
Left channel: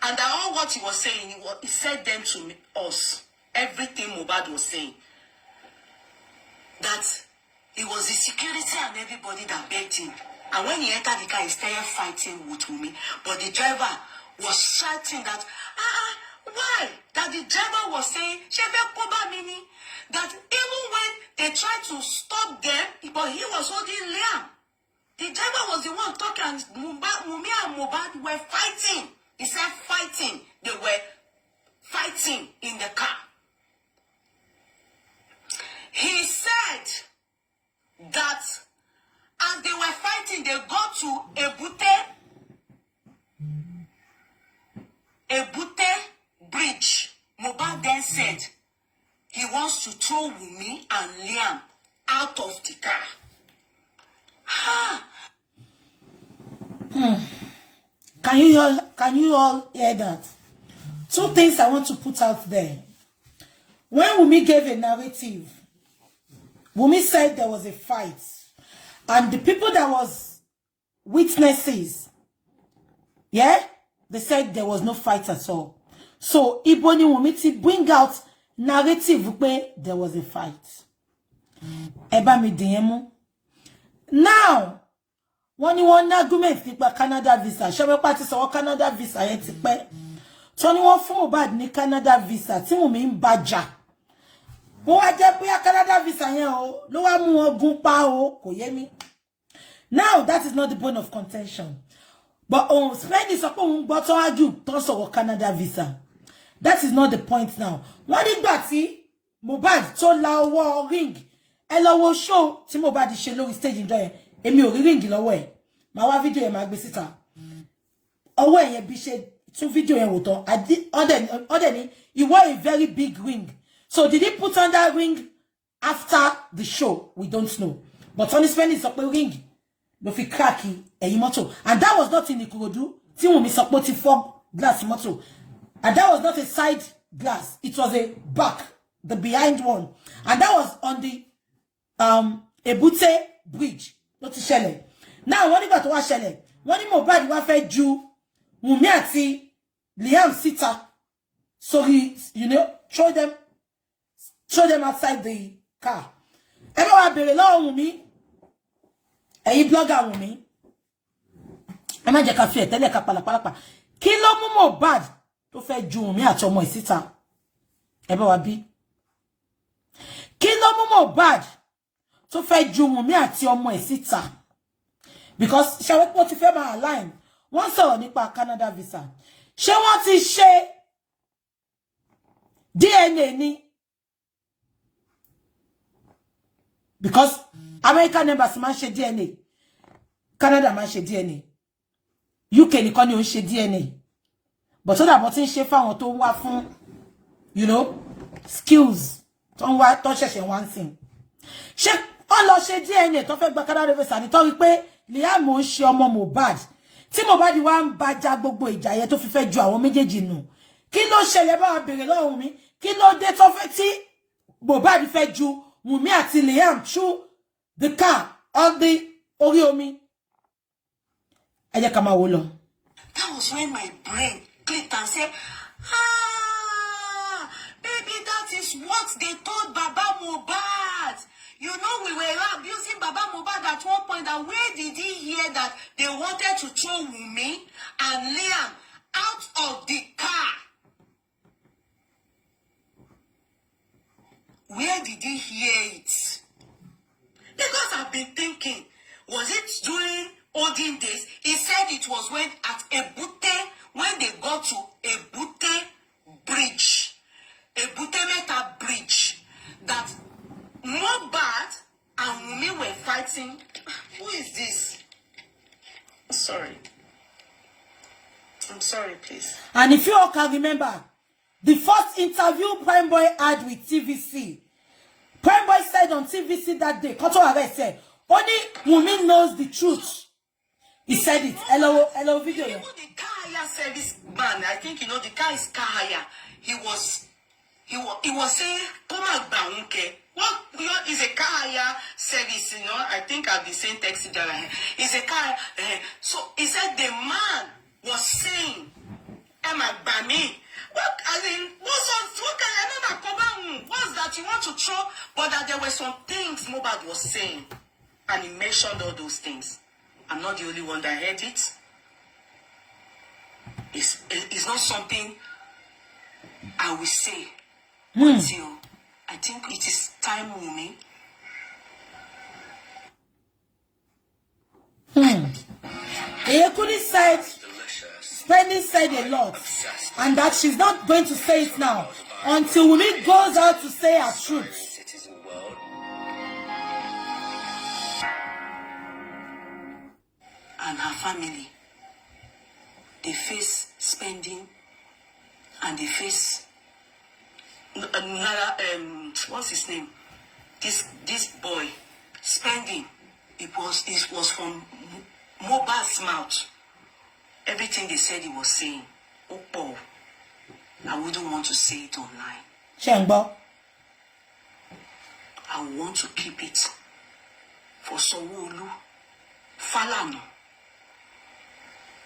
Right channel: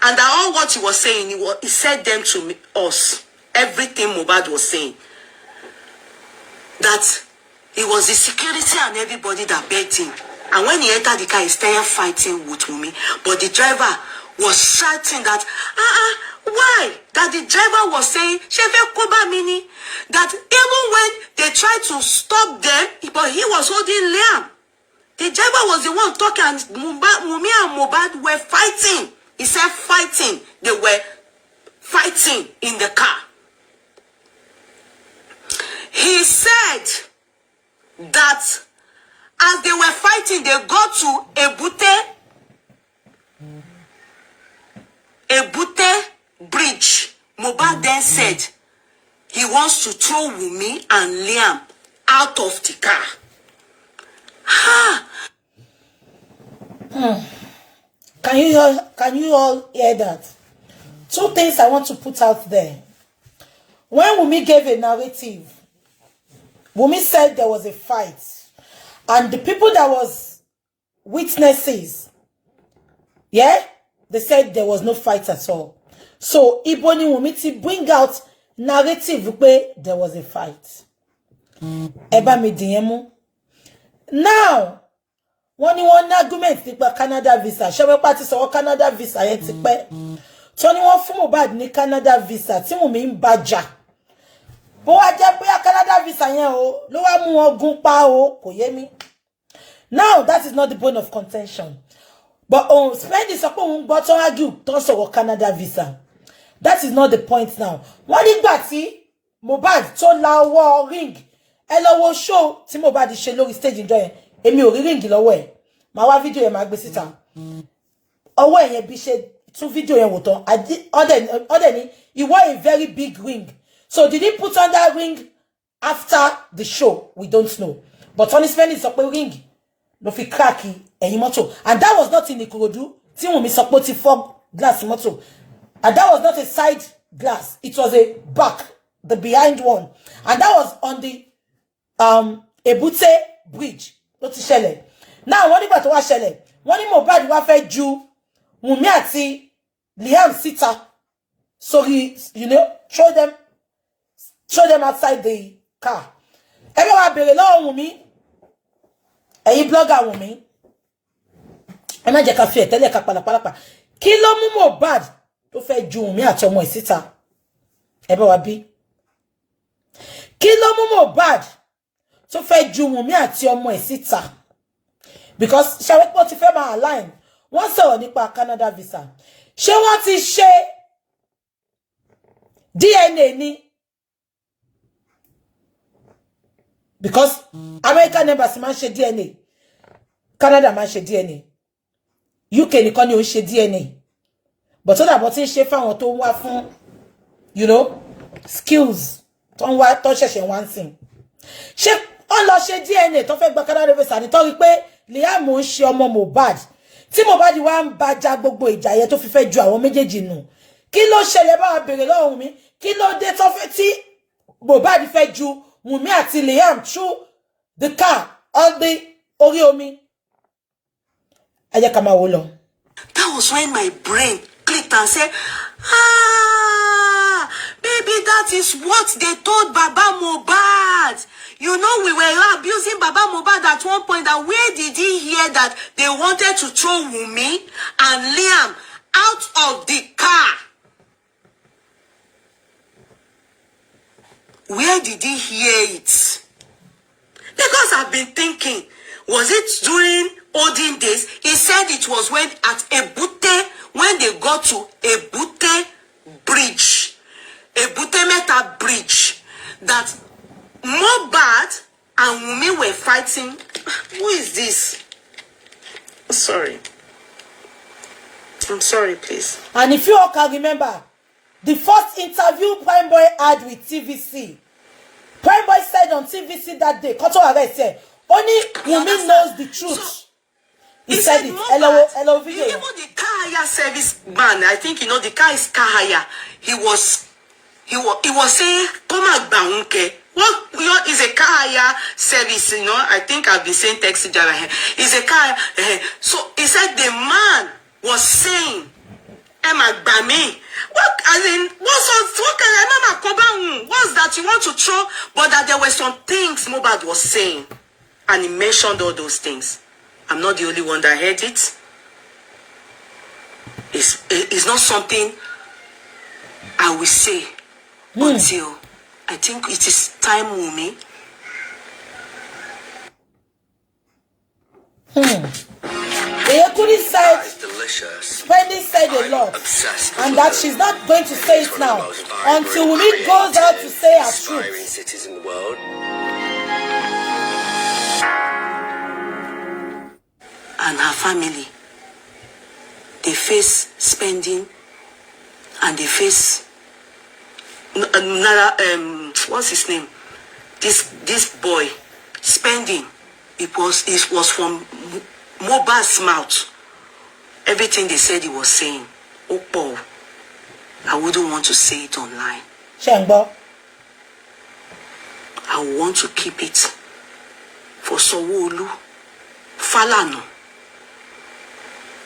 And all what he was saying, he said them to us. Everything Mohbad was saying. That it was the security and everybody that begged him. And when he entered the car, he started fighting with Wumi. But the driver was shouting that, why? That the driver was saying, Shefe Koba Mini, that even when They tried to stop them, but he was holding Liam. The driver was the one talking, and Wumi and Mohbad were fighting. He said fighting. They were fighting in the car. He said that as they were fighting, they got to Ebute bridge. Mohbad then said he wants to throw Wumi and Liam out of the car. Can you all hear that? Two things I want to put out there. When Wumi gave a narrative, Wumi said there was a fight, and the people that was witnesses, yeah, they said there was no fight at all. So Iboni Wumi to bring out narrative where there was a fight. Eba mi diemu. Now, when you want argument nípa Canada visa, ṣé party sọ Canada visa yẹn ti pẹ́. Tó ní wọ́n fún Mohbad ní Canada visa tí Wumi ń bàjà. Bó wá jẹ́ bóyá Canada visa yẹn o, ló wá mú wọn gún pa o, kò yé mi. Now, that is not the point of contention. But Spendi sọ pé òun gbọ́ tó argue tó sọ̀rọ̀ Canada visa. That is not the point now. Wọ́n nígbà tí Mohbad tó la ọwọ́ ring, ẹ lọ wo show tí Mohbad ṣe lórí stage ńjọ́ yẹn. Èmi ò rí ring lọ́wọ́ ẹ̀. Màá wá video yẹn máa gbé síta. Ọwọ́ ẹ̀ yẹn bí ṣe tún video yẹn wò tán. Ọdẹ ni he wore a very big ring. So did he put on that ring after the show? We don't know. But Tony Spendi sọ pé ring ló fi crack ẹ̀yìn mọ́tò. And that was not in Ikorodu. Tí Wunmi sọ pé ó ti fọ́ glass mọ́tò. And that was not a side glass. It was a back, the behind one. And that was on the Ebute bridge. Ló ti ṣẹlẹ̀. Now, wọ́n nígbà tó wá ṣẹlẹ̀, wọ́n ní Mohbad wá fẹ́ ju Wunmi àti Liam síta. So he, throw them outside the car. Ẹ bá wá bèrè lọ́wọ́ Wunmi. Ẹ̀yin blogger Wunmi. Ẹ má jẹ́ ká fi ẹ̀tẹ́lẹ̀ ká palapalapa. Kí ló mú Mohbad tó fẹ́ ju Wunmi àti ọmọ ẹ̀ síta? Ẹ bá wá bí. Kí ló mú Mohbad tó fẹ́ ju Wunmi àti ọmọ ẹ̀ síta? Because ṣé wọ́n ti fẹ́ máa align. Wọ́n sọ̀rọ̀ nípa Canada visa. Ṣé wọ́n ti ṣe DNA ni? Because American embassy máa ń ṣe DNA. Canada máa ń ṣe DNA. UK nìkan ni ó ń ṣe DNA. But ó dàbọ̀ tí ń ṣe fáwọn tó ń wá fún, skills tó ń wá tó ṣẹ̀ṣẹ̀ wá ń sìn. Ṣé wọ́n lọ ṣe DNA tó fẹ́ gba Canada visa nítorí pé Liam ń ṣe ọmọ Mohbad. Tí Mohbad wá ń bàjá gbogbo ìjà yẹn tó fi fẹ́ ju àwọn méjèèjì nù. Kí ló ṣẹlẹ̀ bá wa bèrè lọ́wọ́ mi? Kí ló dé tó fẹ́ tí Mohbad fẹ́ ju Wunmi àti Liam through the car on the orí omi? Ẹ jẹ́ ká máa wò lọ. That was when my brain clicked and said, baby, that is what they told Baba Mohbad. We were abusing Baba Mohbad at one point. And where did he hear that they wanted to throw Wunmi and Liam out of the car? Where did he hear it? Because I've been thinking, was it during olden days? He said it was when at Ebute, when they got to Ebute bridge, Ebute Meta bridge, that Mohbad and Wunmi were fighting. Who is this? Sorry. I'm sorry, please. And if you all can remember, the first interview Prime Boy had with TVC, Prime Boy said on TVC that day, Koto Are said, only Wunmi knows the truth. He said it. Hello, video. Even the car hire service man, I think the car is car hire. He was saying, "Come on, what is a car hire service? I think I've been saying taxi driver here. Is a car. So he said the man was saying, "Emma Bami, what kind of what's that you want to throw?" But that there were some things Mohbad was saying, and he mentioned all those things. I'm not the only one that heard it. It's not something I will say until I think it is time, Wumi, Eyekuni said, Spending said a lot, and that she's not going to say it now until Wumi goes out to say her truth. And her family, they face Spending, and they face what's his name? This boy Spending. It was from Mohbad's mouth. Everything they said he was saying. Oh, I wouldn't want to say it online. Shengbo. I want to keep it for Sowolu, Falano,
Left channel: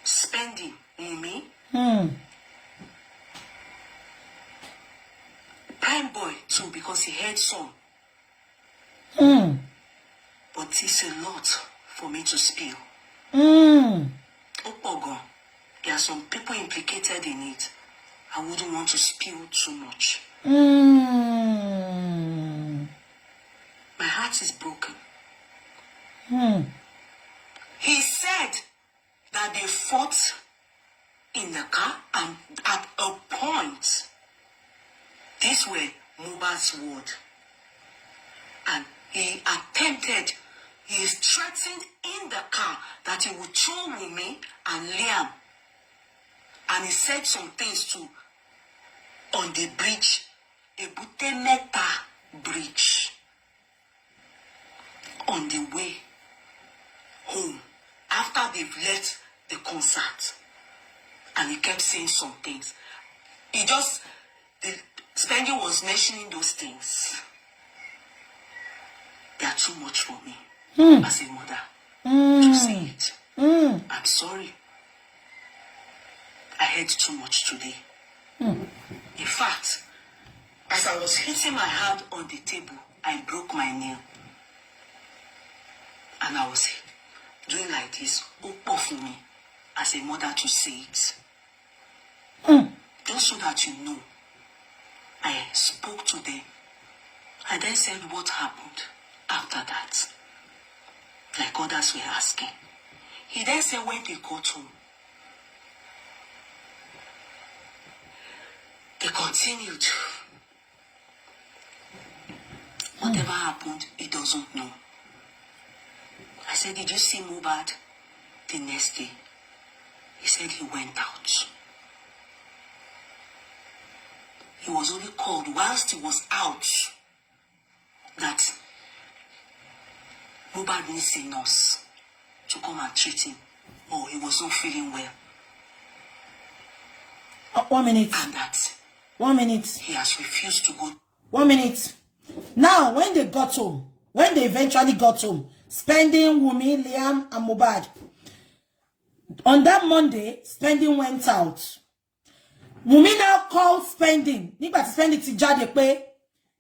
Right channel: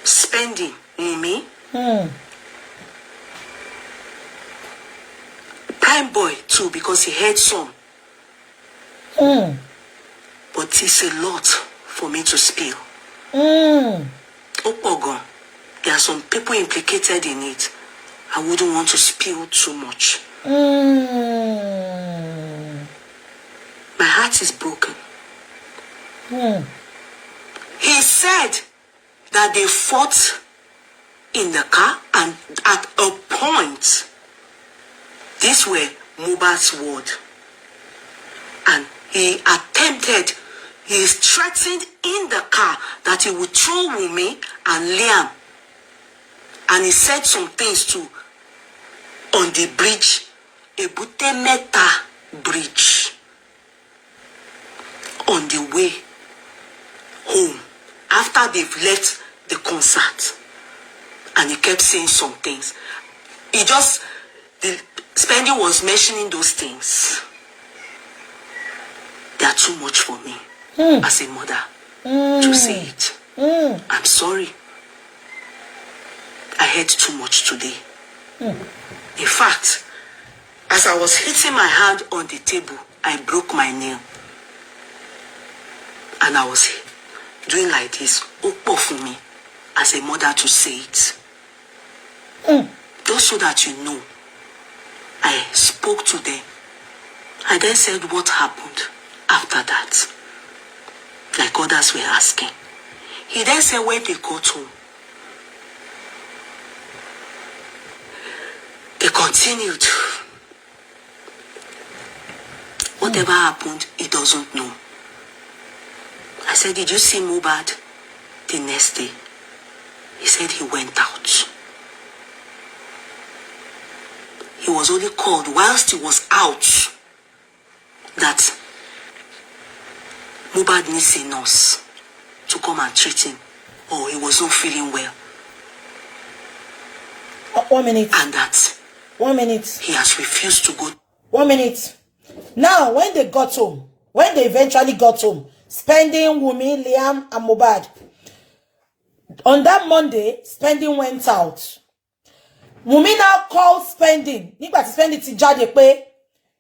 Spending, Wumi, Prime Boy too, because he heard some. But it's a lot for me to spill. Opogon, there are some people implicated in it. I wouldn't want to spill too much. My heart is broken. He said that they fought in the car, and at a point, these were Mohbad's word. And he threatened in the car that he would throw Wumi and Liam. And he said some things too on the bridge, Ebute Meta bridge, on the way home after they've left the concert. And he kept saying some things. The Spending was mentioning those things. They are too much for me as a mother to say it. I'm sorry. I heard too much today. In fact, as I was hitting my hand on the table, I broke my nail. And I was doing like this, open for me, as a mother to say it. Just so that you know, I spoke to them. I then said what happened after that, like others were asking. He then said when they got home, they continued. Whatever happened, he doesn't know. I said, did you see Mohbad the next day? He said he went out. He was only called whilst he was out that Mohbad needs a nurse to come and treat him, or he was not feeling well. 1 minute. And that 1 minute. He has refused to go. 1 minute. Now, when they got home, when they eventually got home, Spending, Wumi, Liam, and Mohbad, on that Monday, Spending went out. Wumi now called Spending. Nígbà tí Spending ti jáde pé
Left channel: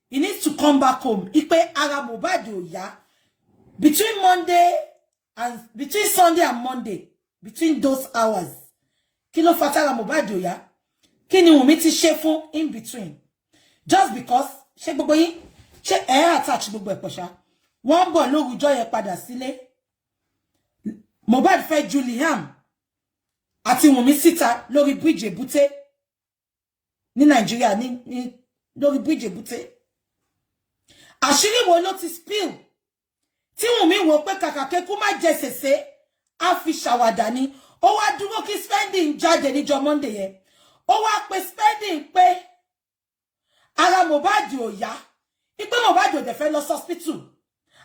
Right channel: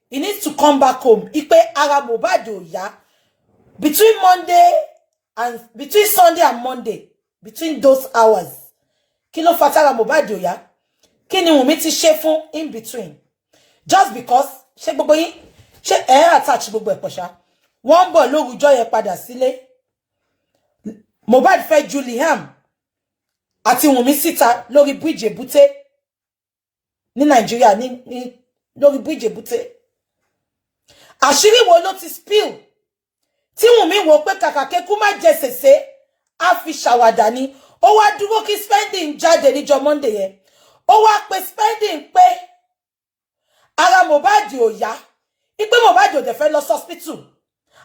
he needs to come back home. Ipe ara Mohbad ò yá. Between Sunday and Monday, between those hours, kí ló fa tára Mohbad ò yá? Kí ni Wumi ti ṣe fún in between? Just because ṣé gbogbo yín ṣé attach gbogbo ẹ̀ pọ̀ ṣá. Wọ́n bọ̀ lórúkọ yẹn padà sílé. Mohbad fẹ́ ju Liam àti Wumi síta lórí bridge Èbúté ní Nàìjíríà ní lórí bridge Èbúté. Àṣírí wo ló ti spill? Tí Wumi wò pé kàkà kékú má jẹ sèse á fi ṣàwàdà ni. Ó wá dúró kí Spending jáde níjọ́ Monday yẹn. Ó wá pe Spending pé ara Mohbad ò yá. Ipe Mohbad ò dẹ̀ fẹ́ lọ hospital.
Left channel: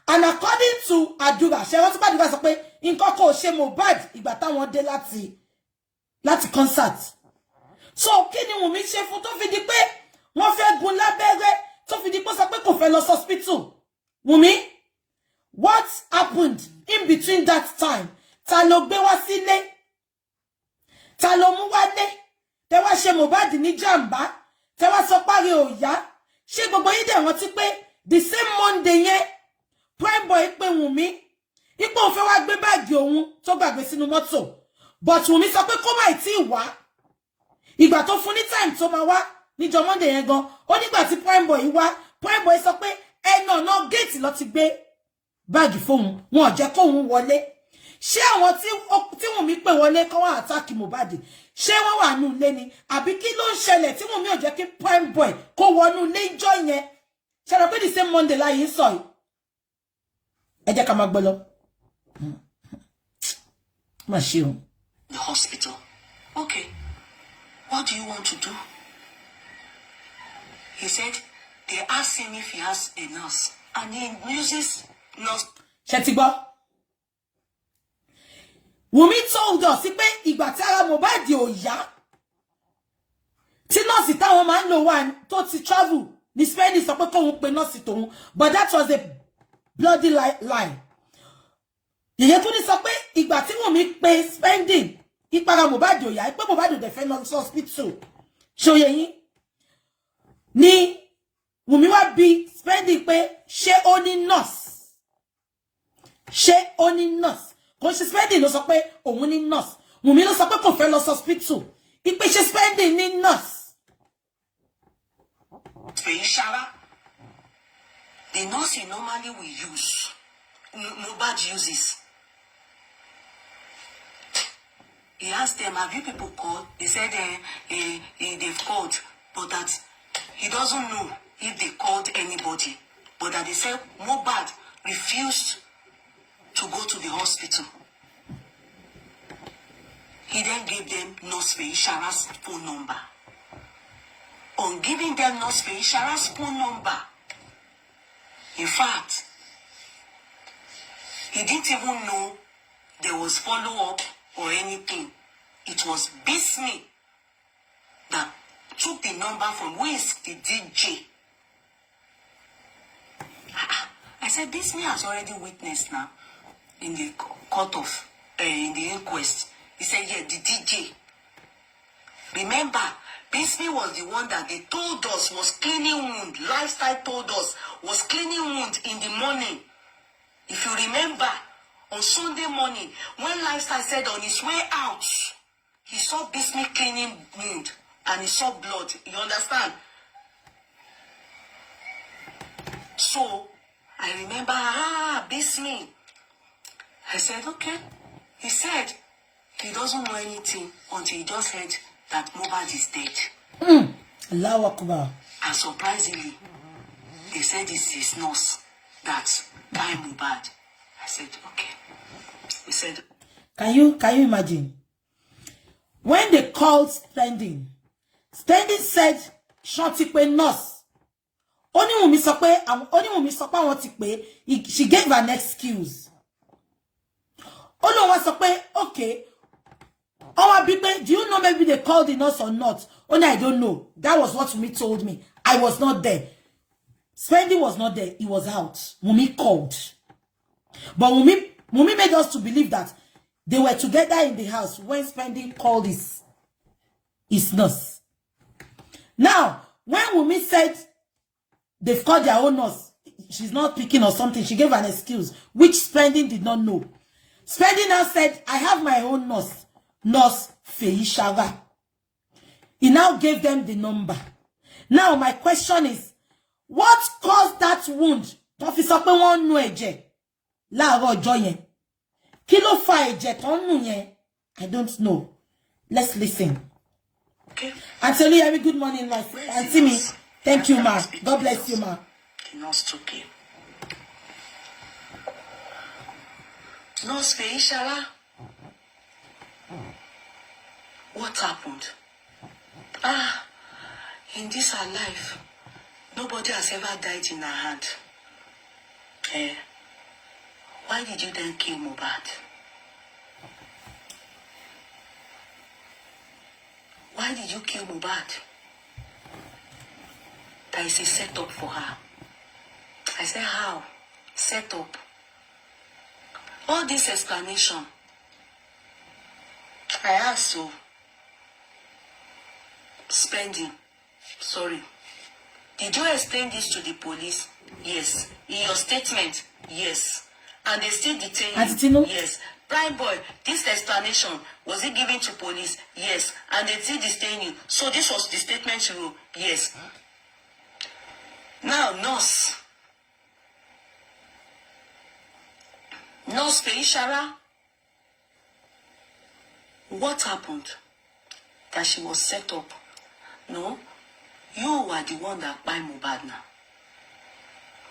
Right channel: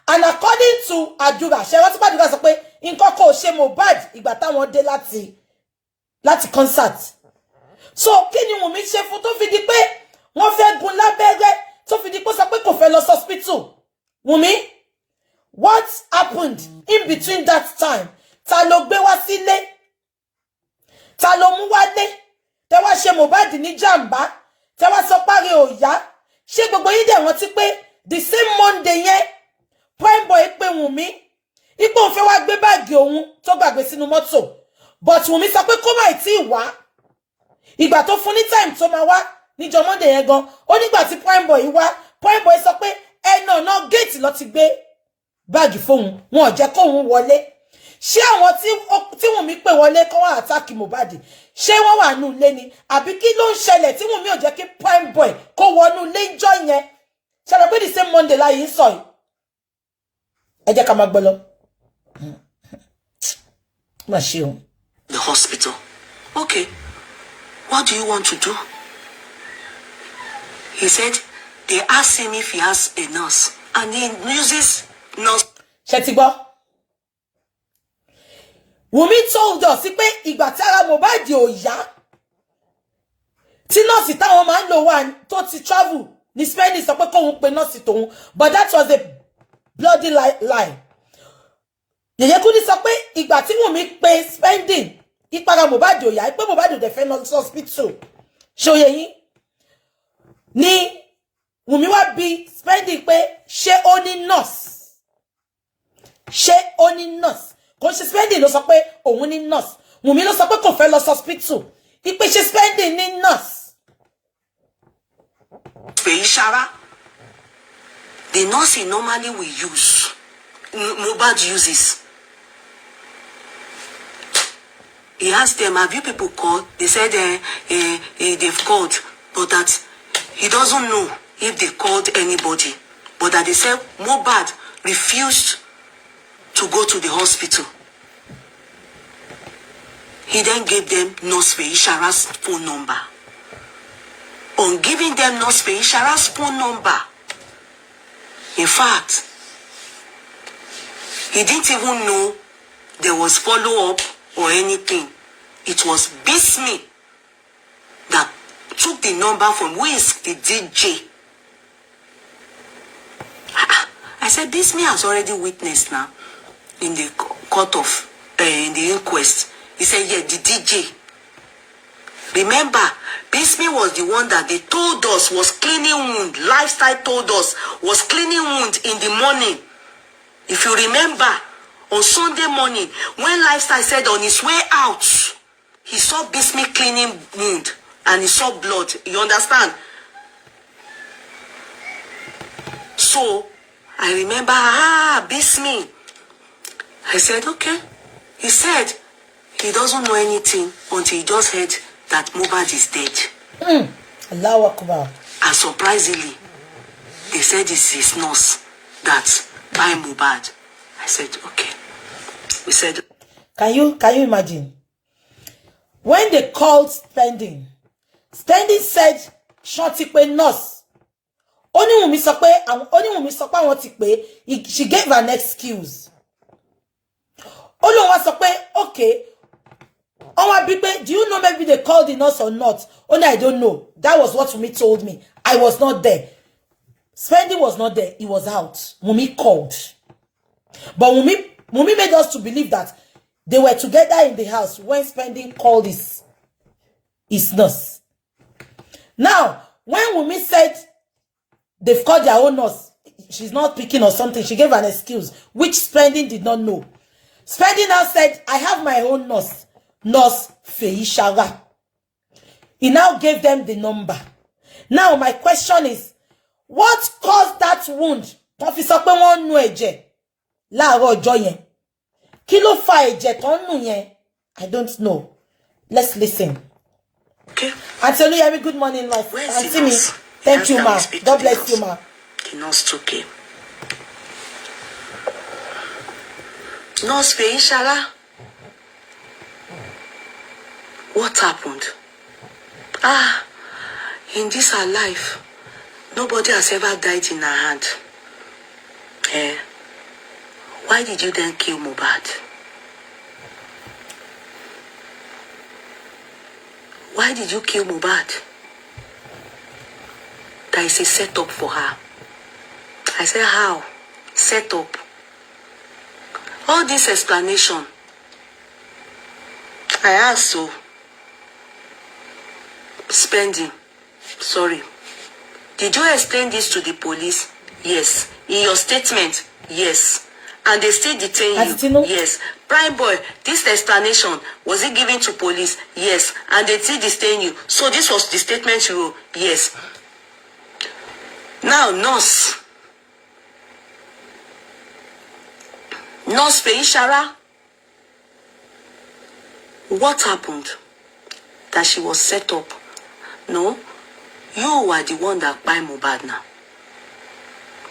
And according to Adura, ṣé wọ́n ti Adura sọ pé nǹkan kò ṣe Mohbad ìgbà táwọn dé láti concert. So kí ni Wumi ṣe fún tó fi di pé wọ́n fẹ́ gún lábẹ́rẹ́ tó fi di pé sọ pé kò fẹ́ lọ hospital? Wumi, what happened in between that time? Ta ló gbé wá sílé? Ta ló mú wálé? Tẹ́ wá ṣe Mohbad ní jàmbá? Tẹ́ wá sọ páre ò yá? Ṣé gbogbo yín dẹ̀ rántí pé the same Monday yẹn Prime Boy pé Wumi ipò òun fẹ́ wá gbé báàgì òun tó gbàgbé sínú mọ́tò, but Wumi sọ pé kó má tí wá. Ìgbà tó fún ní time tó máa wá níjọ́ Monday yẹn gan, ó nígbà tí Prime Boy wá, Prime Boy sọ pé ẹnà gate ló ti gbé báàgì fóun, wọn ò jẹ́ kó òun wọlé. ṣé àwọn tí Wumi pè wọlé kan wá attack Mohbad ṣé wọ́n wà nù ilé ni àbí kí ló ń ṣẹlẹ̀ tí Wumi ò jẹ́ kí prime boy kó wọnú ilé ìjọ yẹn ṣé ló pé the same Monday láyé sọ yìí ẹ jẹ́ ká máa gbọ́ lọ. Má ṣe o. The hospital. Okay, what do you want to do? He said they asked him if he has a nurse and he uses nurse. Ṣé ti gbọ́? Wumi told us pé ìgbà tí ara Mohbad ò yá tí nọ́ọ̀sì táwọn máa ń lò wá tó ti travel ní Spain sọ pé kóun pe nọ́ọ̀sì tóun, but that was a bloody lie. Yèyé Kúdí sọ pé ìgbà tí Wumi pe spending ìpara Mohbad ò yá pé Mohbad ò dẹ̀ fẹ́ lọ sí hospital ṣòye yín ni Wumi wá bi spending pé ṣé ó ní nurse, ṣé ó ní nurse. Kò ṣe spending ló sọ pé òun ní nurse. Wumi ló sọ pé kò fẹ́ lọ hospital. Ipe ṣe spending ní nurse. Feishara, the nurse he normally will use, Mohbad uses. He asked them, have you people called? They said they've called, but that he doesn't know if they called anybody. But that they said Mohbad refused to go to the hospital. He then gave them Nurse Feishara's phone number. On giving them Nurse Feishara's phone number, in fact, he didn't even know there was follow-up or anything. It was Bismi that took the number from who is the DJ. I said, Bismi has already witnessed now in the court of, in the inquest. He said, yeah, the DJ. Remember, Bismi was the one that they told us was cleaning wound. Lifestyle told us was cleaning wound in the morning. If you remember, on Sunday morning, when Lifestyle said on his way out, he saw Bismi cleaning wound and he saw blood. You understand? So, I remember, Bismi. I said, okay. He said he doesn't know anything until he just heard that Mohbad is dead. Allahu Akbar. And surprisingly, they said it's his nurse that by Mohbad. I said, okay. We said, Can you imagine? When they called Spending said, Shanti pe nurse. Only Wumi sọ pé àwọn ti pè, she gave an excuse. Only one sọ pé, okay. Do you know maybe they called the nurse or not? Only I don't know. That was what Wumi told me. I was not there. Spending was not there. He was out. Wumi called. But Wumi made us to believe that they were together in the house when Spending called his nurse. Now, when Wumi said they've called their own nurse, she's not picking or something, she gave an excuse, which Spending did not know. Spending now said, I have my own nurse, Nurse Feishara. He now gave them the number. Now, my question is, what caused that wound? Officer pé wọ́n nu ẹ̀jẹ̀ láàárọ̀ ọjọ́ yẹn. Kí ló fa ẹ̀jẹ̀ tó nu yẹn? I don't know. Let's listen. Okay. Auntie Oluyemi, good morning, my Auntie me. Thank you, ma. God bless you, ma. The nurse okay. Nurse Feishara, what happened? In this our life, nobody has ever died in our hand. Why did you then kill Mohbad? Why did you kill Mohbad? That is a setup for her. I said, how? Set up. All this explanation, I asked so. Spending. Sorry. Did you explain this to the police? Yes. In your statement? Yes. And they still detain you? Yes. Prime boy, this explanation, was it given to police? Yes. And they still detain you. So this was the statement you wrote? Yes. Now, Nurse Feishara, What happened? That she was set up. No, you were the one that buy Mohbad now.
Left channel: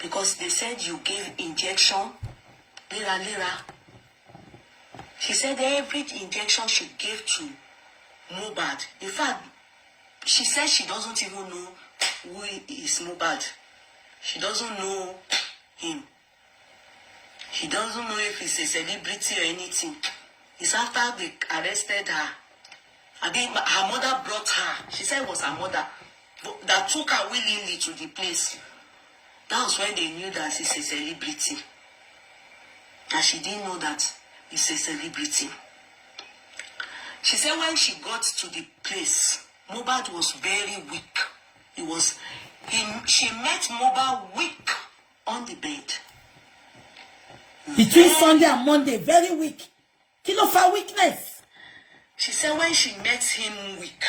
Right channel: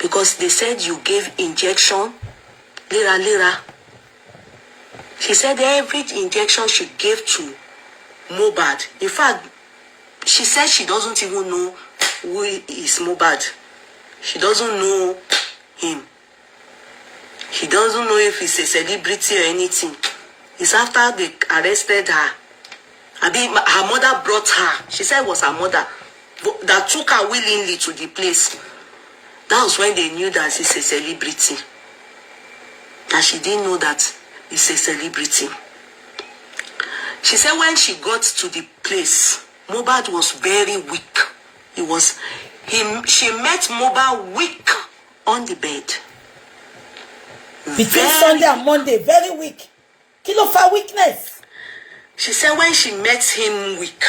Because they said you gave injection, lira. She said every injection she gave to Mohbad. In fact, she said she doesn't even know who is Mohbad. She doesn't know him. She doesn't know if he's a celebrity or anything. It's after they arrested her. I mean, her mother brought her. She said it was her mother that took her willingly to the place. That was when they knew that he's a celebrity. And she didn't know that he's a celebrity. She said when she got to the place, Mohbad was very weak. She met Mohbad weak on the bed. Between Sunday and Monday, very weak. Kilo for weakness. She said when she met him weak,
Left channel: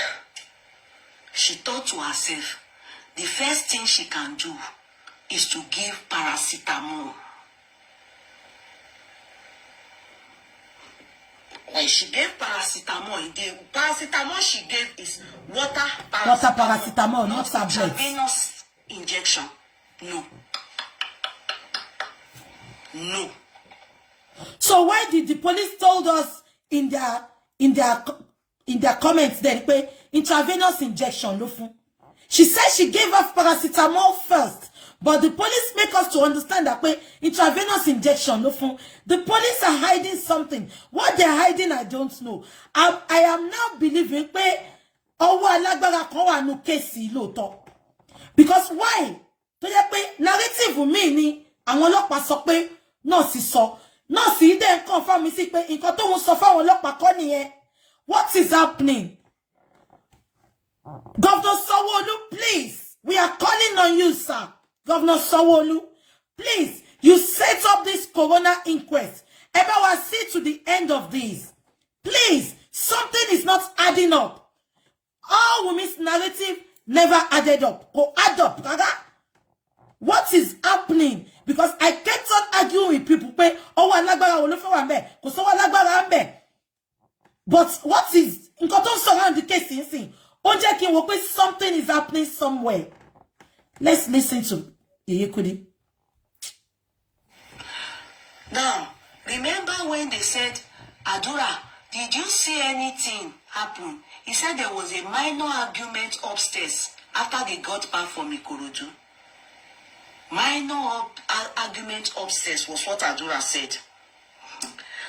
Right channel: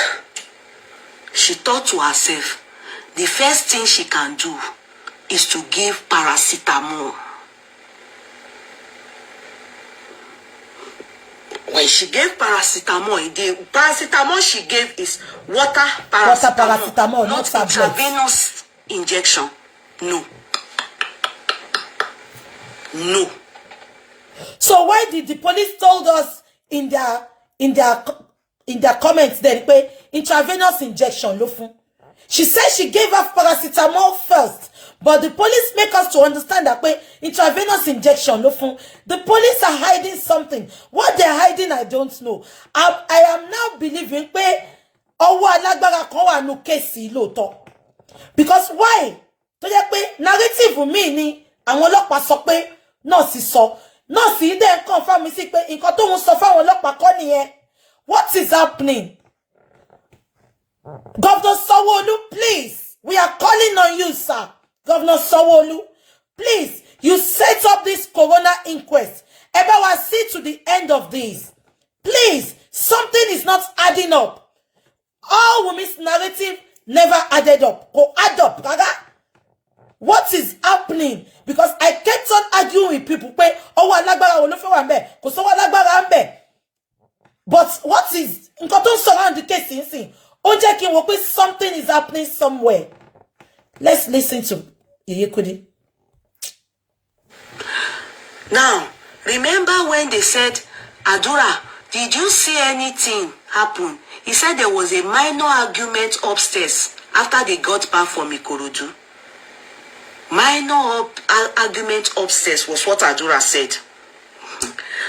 she thought to herself, the first thing she can do is to give paracetamol. When she gave paracetamol, the paracetamol she gave is water paracetamol, not intravenous injection. No. So why did the police told us in their comments then intravenous injection? She said she gave us paracetamol first, but the police make us to understand that intravenous injection. The police are hiding something. What they're hiding, I don't know. I am now believing because why? Narrative mi ni àwọn ọlọ́pàá sọ pé nọ́ọ̀sì sọ. Nọ́ọ̀sì dẹ̀ confirm mi sí pé nǹkan tó ń sọ fáwọn ọlọ́pàá kọ́ nìyẹn. What is happening? Governor Sanwo-Olu, please. We are calling on you, sir. Governor Sanwo-Olu, please. You set up this corona inquest. Ever see to the end of this. Please. Something is not adding up. All Wumi's narrative never added up. Go add up, gaga. What is happening? Because I kept on arguing with people. But what is around the case? Something is happening somewhere. Let's listen to Yekudi. Now, remember when they said, Adura, did you see anything happen? He said there was a minor argument upstairs after they got back from Ikorodu. Minor argument upstairs was what Adura said.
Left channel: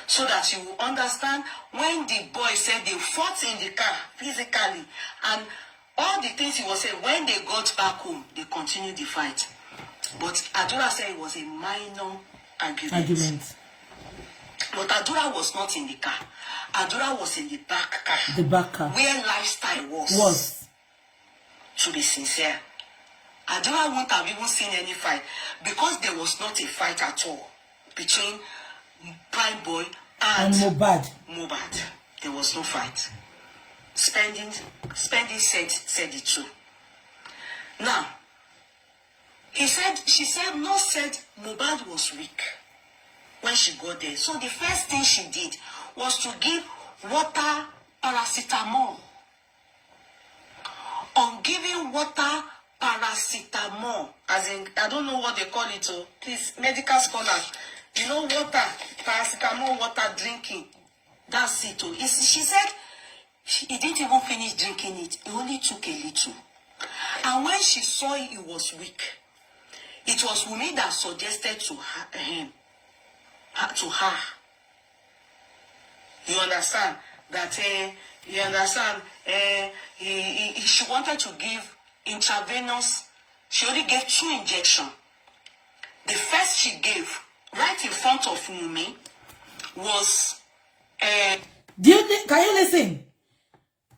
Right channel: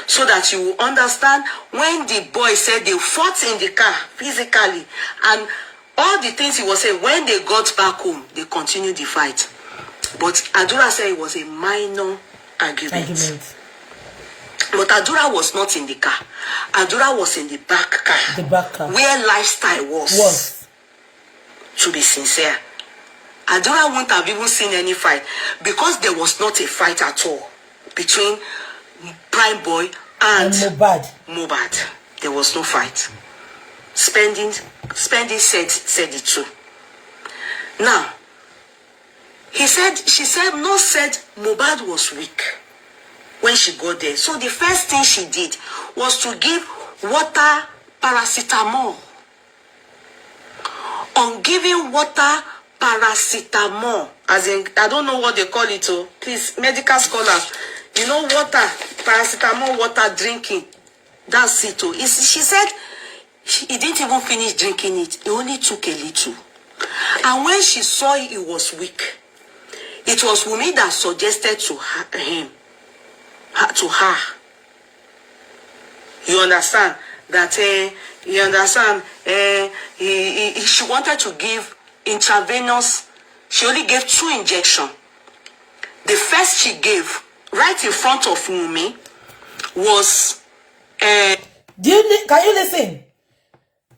So that you will understand when the boy said they fought in the car physically and all the things he was saying, when they got back home, they continued the fight. But Adura said it was a minor argument. But Adura was not in the car. Adura was in the back car. The back car. Where lifestyle was. To be sincere. Adura wouldn't have even seen any fight because there was not a fight at all between Prime Boy and Mohbad. There was no fight. Spending said it too. Now, she said Mohbad was weak when she got there. So the first thing she did was to give water paracetamol. On giving water paracetamol, as in, I don't know what they call it, oh, please, medical scholars, you know, water, paracetamol, water drinking, that's it, oh. She said he didn't even finish drinking it, he only took a little. And when she saw he was weak, it was Wumi that suggested to her. You understand? That, she wanted to give intravenous. She only gave 2 injections. The first she gave, right in front of Wumi, was... Can you listen?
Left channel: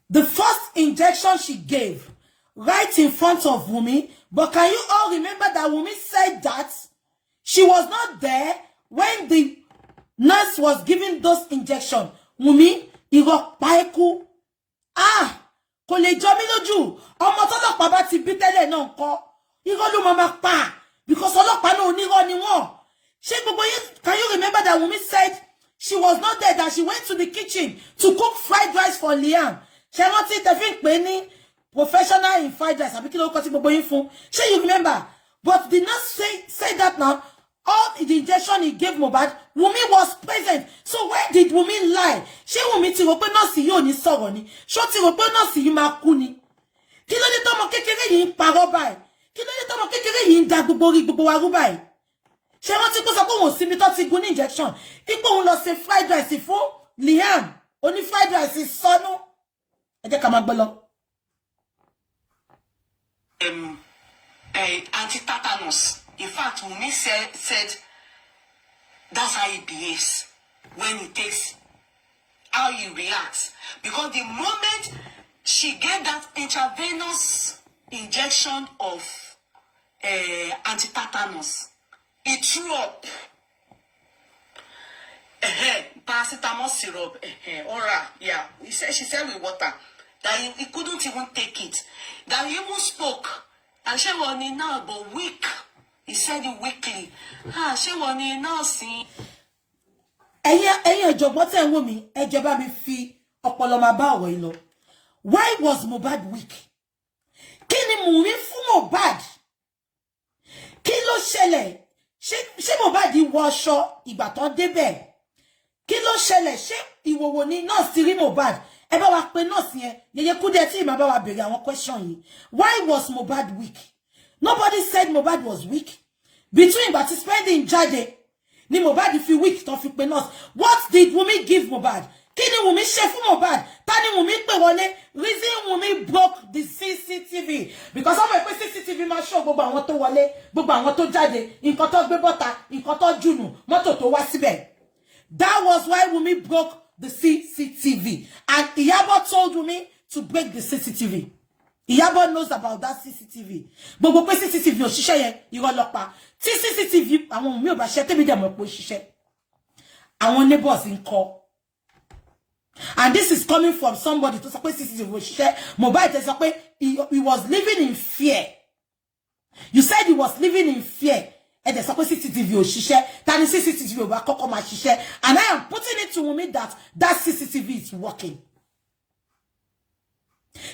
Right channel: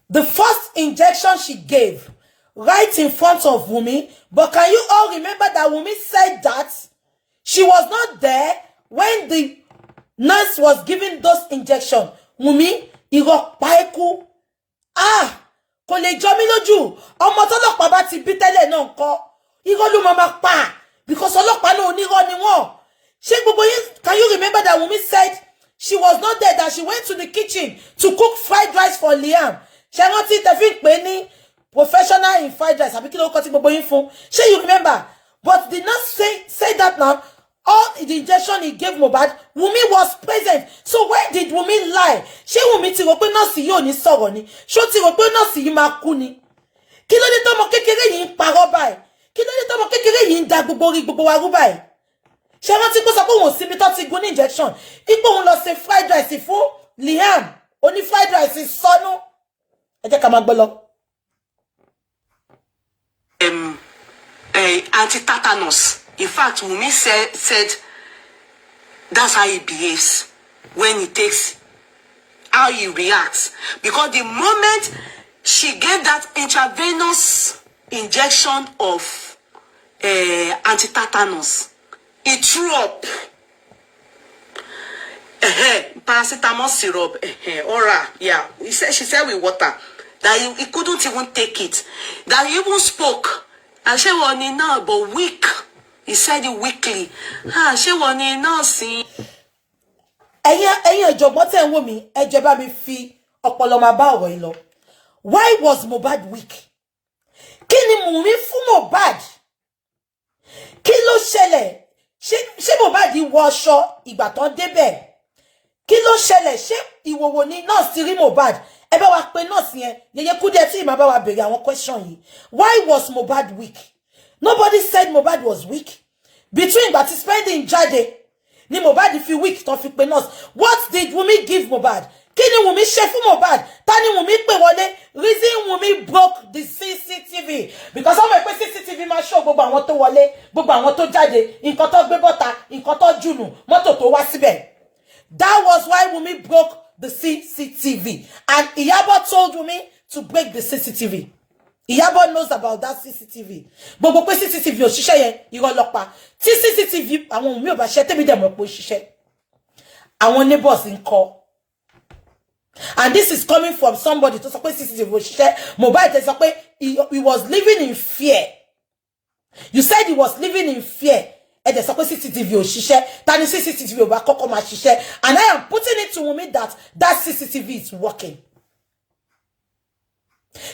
The first injection she gave, right in front of Wumi, but can you all remember that Wumi said that she was not there when the nurse was giving those injections? Wumi, Iro Paiku. Kò lè jọ mí lójú. Ọmọ t'ọ́lọ́pàá bá ti bí tẹ́lẹ̀ náà ńkọ́. Irọ́ ló máa pa. Because ọlọ́pàá náà onírọ́ ni wọ́n. Ṣé gbogbo yín, can you remember that Wumi said she was not there, that she went to the kitchen to cook fried rice for Liam. She not see the thing penny professional in fried rice. Sure, you remember? But did not say that now. All the injection he gave Mohbad, Wumi was present. So why did Wumi lie? She Wumi ti rò pé nurse yìí ò ní sọ̀rọ̀ ni. She ti rò pé nurse yìí máa kú ni. Kí ló dé tọ́mọ kékeré yìí ń parọ́ báyìí? Kí ló dé tọ́mọ kékeré yìí ń da gbogbo orí gbogbo wa rú báyìí? Ṣé wọ́n ti kó sọ pé òun ò sí mi tó ti gún ní injection? Ipò òun lọ ṣe fried rice fún Liam. Ó ní fried rice sọnù. Ẹ jẹ́ ká máa gbọ́ lọ. Anti-tetanus. In fact, Wumi said that's how he behaves when he takes, how he reacts. Because the moment she gave that intravenous injection of anti-tetanus, he threw up. Paracetamol syrup, oral, yeah. She said with water that he couldn't even take it. That he even spoke. And she was now but weak. He said it weakly. She was now seeing. Ẹ̀yin ọ̀jọ̀gbọ́n tẹ́ ń wò mí, ẹ jọ̀ọ́ bá mi fi ọpọlọ máa bá ọ̀rọ̀ yìí lọ. Why was Mohbad weak? Kí ni Wumi fún Mohbad? Kí ló ṣẹlẹ̀? Ṣé Mohbad wọ aṣọ ìgbà tán débẹ̀? Kí ló ṣẹlẹ̀? Ṣé ìwòwò ni nọ́ọ̀sì rí Mohbad? Ẹ bá wa pè nọ́ọ̀sì yẹn. Yeye Kúdẹ̀ tí ìmọ̀ bá wa béèrè àwọn question yìí. Why was Mohbad weak? Nobody said Mohbad was weak. Between but spending Jade, ni Mohbad if you weak, don't fit nurse. What did Wumi give Mohbad? Kini Wumi ṣe fún Mohbad? Tani Wumi pè wọlé? Reason Wumi broke the CCTV. Because some people CCTV ma show gbogbo àwọn tó wọlé, gbogbo àwọn tó jáde, nǹkan tó gbé bọ́ta, nǹkan tó jùnù, mọ́tò tó wá síbẹ̀. That was why Wumi broke the CCTV. And Iyabo told Wumi to break the CCTV. Iyabo knows about that CCTV. Gbogbo pé CCTV ò ṣiṣẹ́ yẹn, irọ́ ló pa. Tí CCTV àwọn mi ò bá ṣe tèmi dem mọ̀ pé ó ṣiṣẹ́. Àwọn neighbors ń kọ́. And this is coming from somebody to sọ pé CCTV ò ṣiṣẹ́. Mohbad sọ pé he was living in fear. You said he was living in fear. Ẹ dẹ̀ sọ pé CCTV ò ṣiṣẹ́. Tani CCTV ò bá kọ́kọ́ máa ṣiṣẹ́. And I am putting it to Wumi that CCTV is working.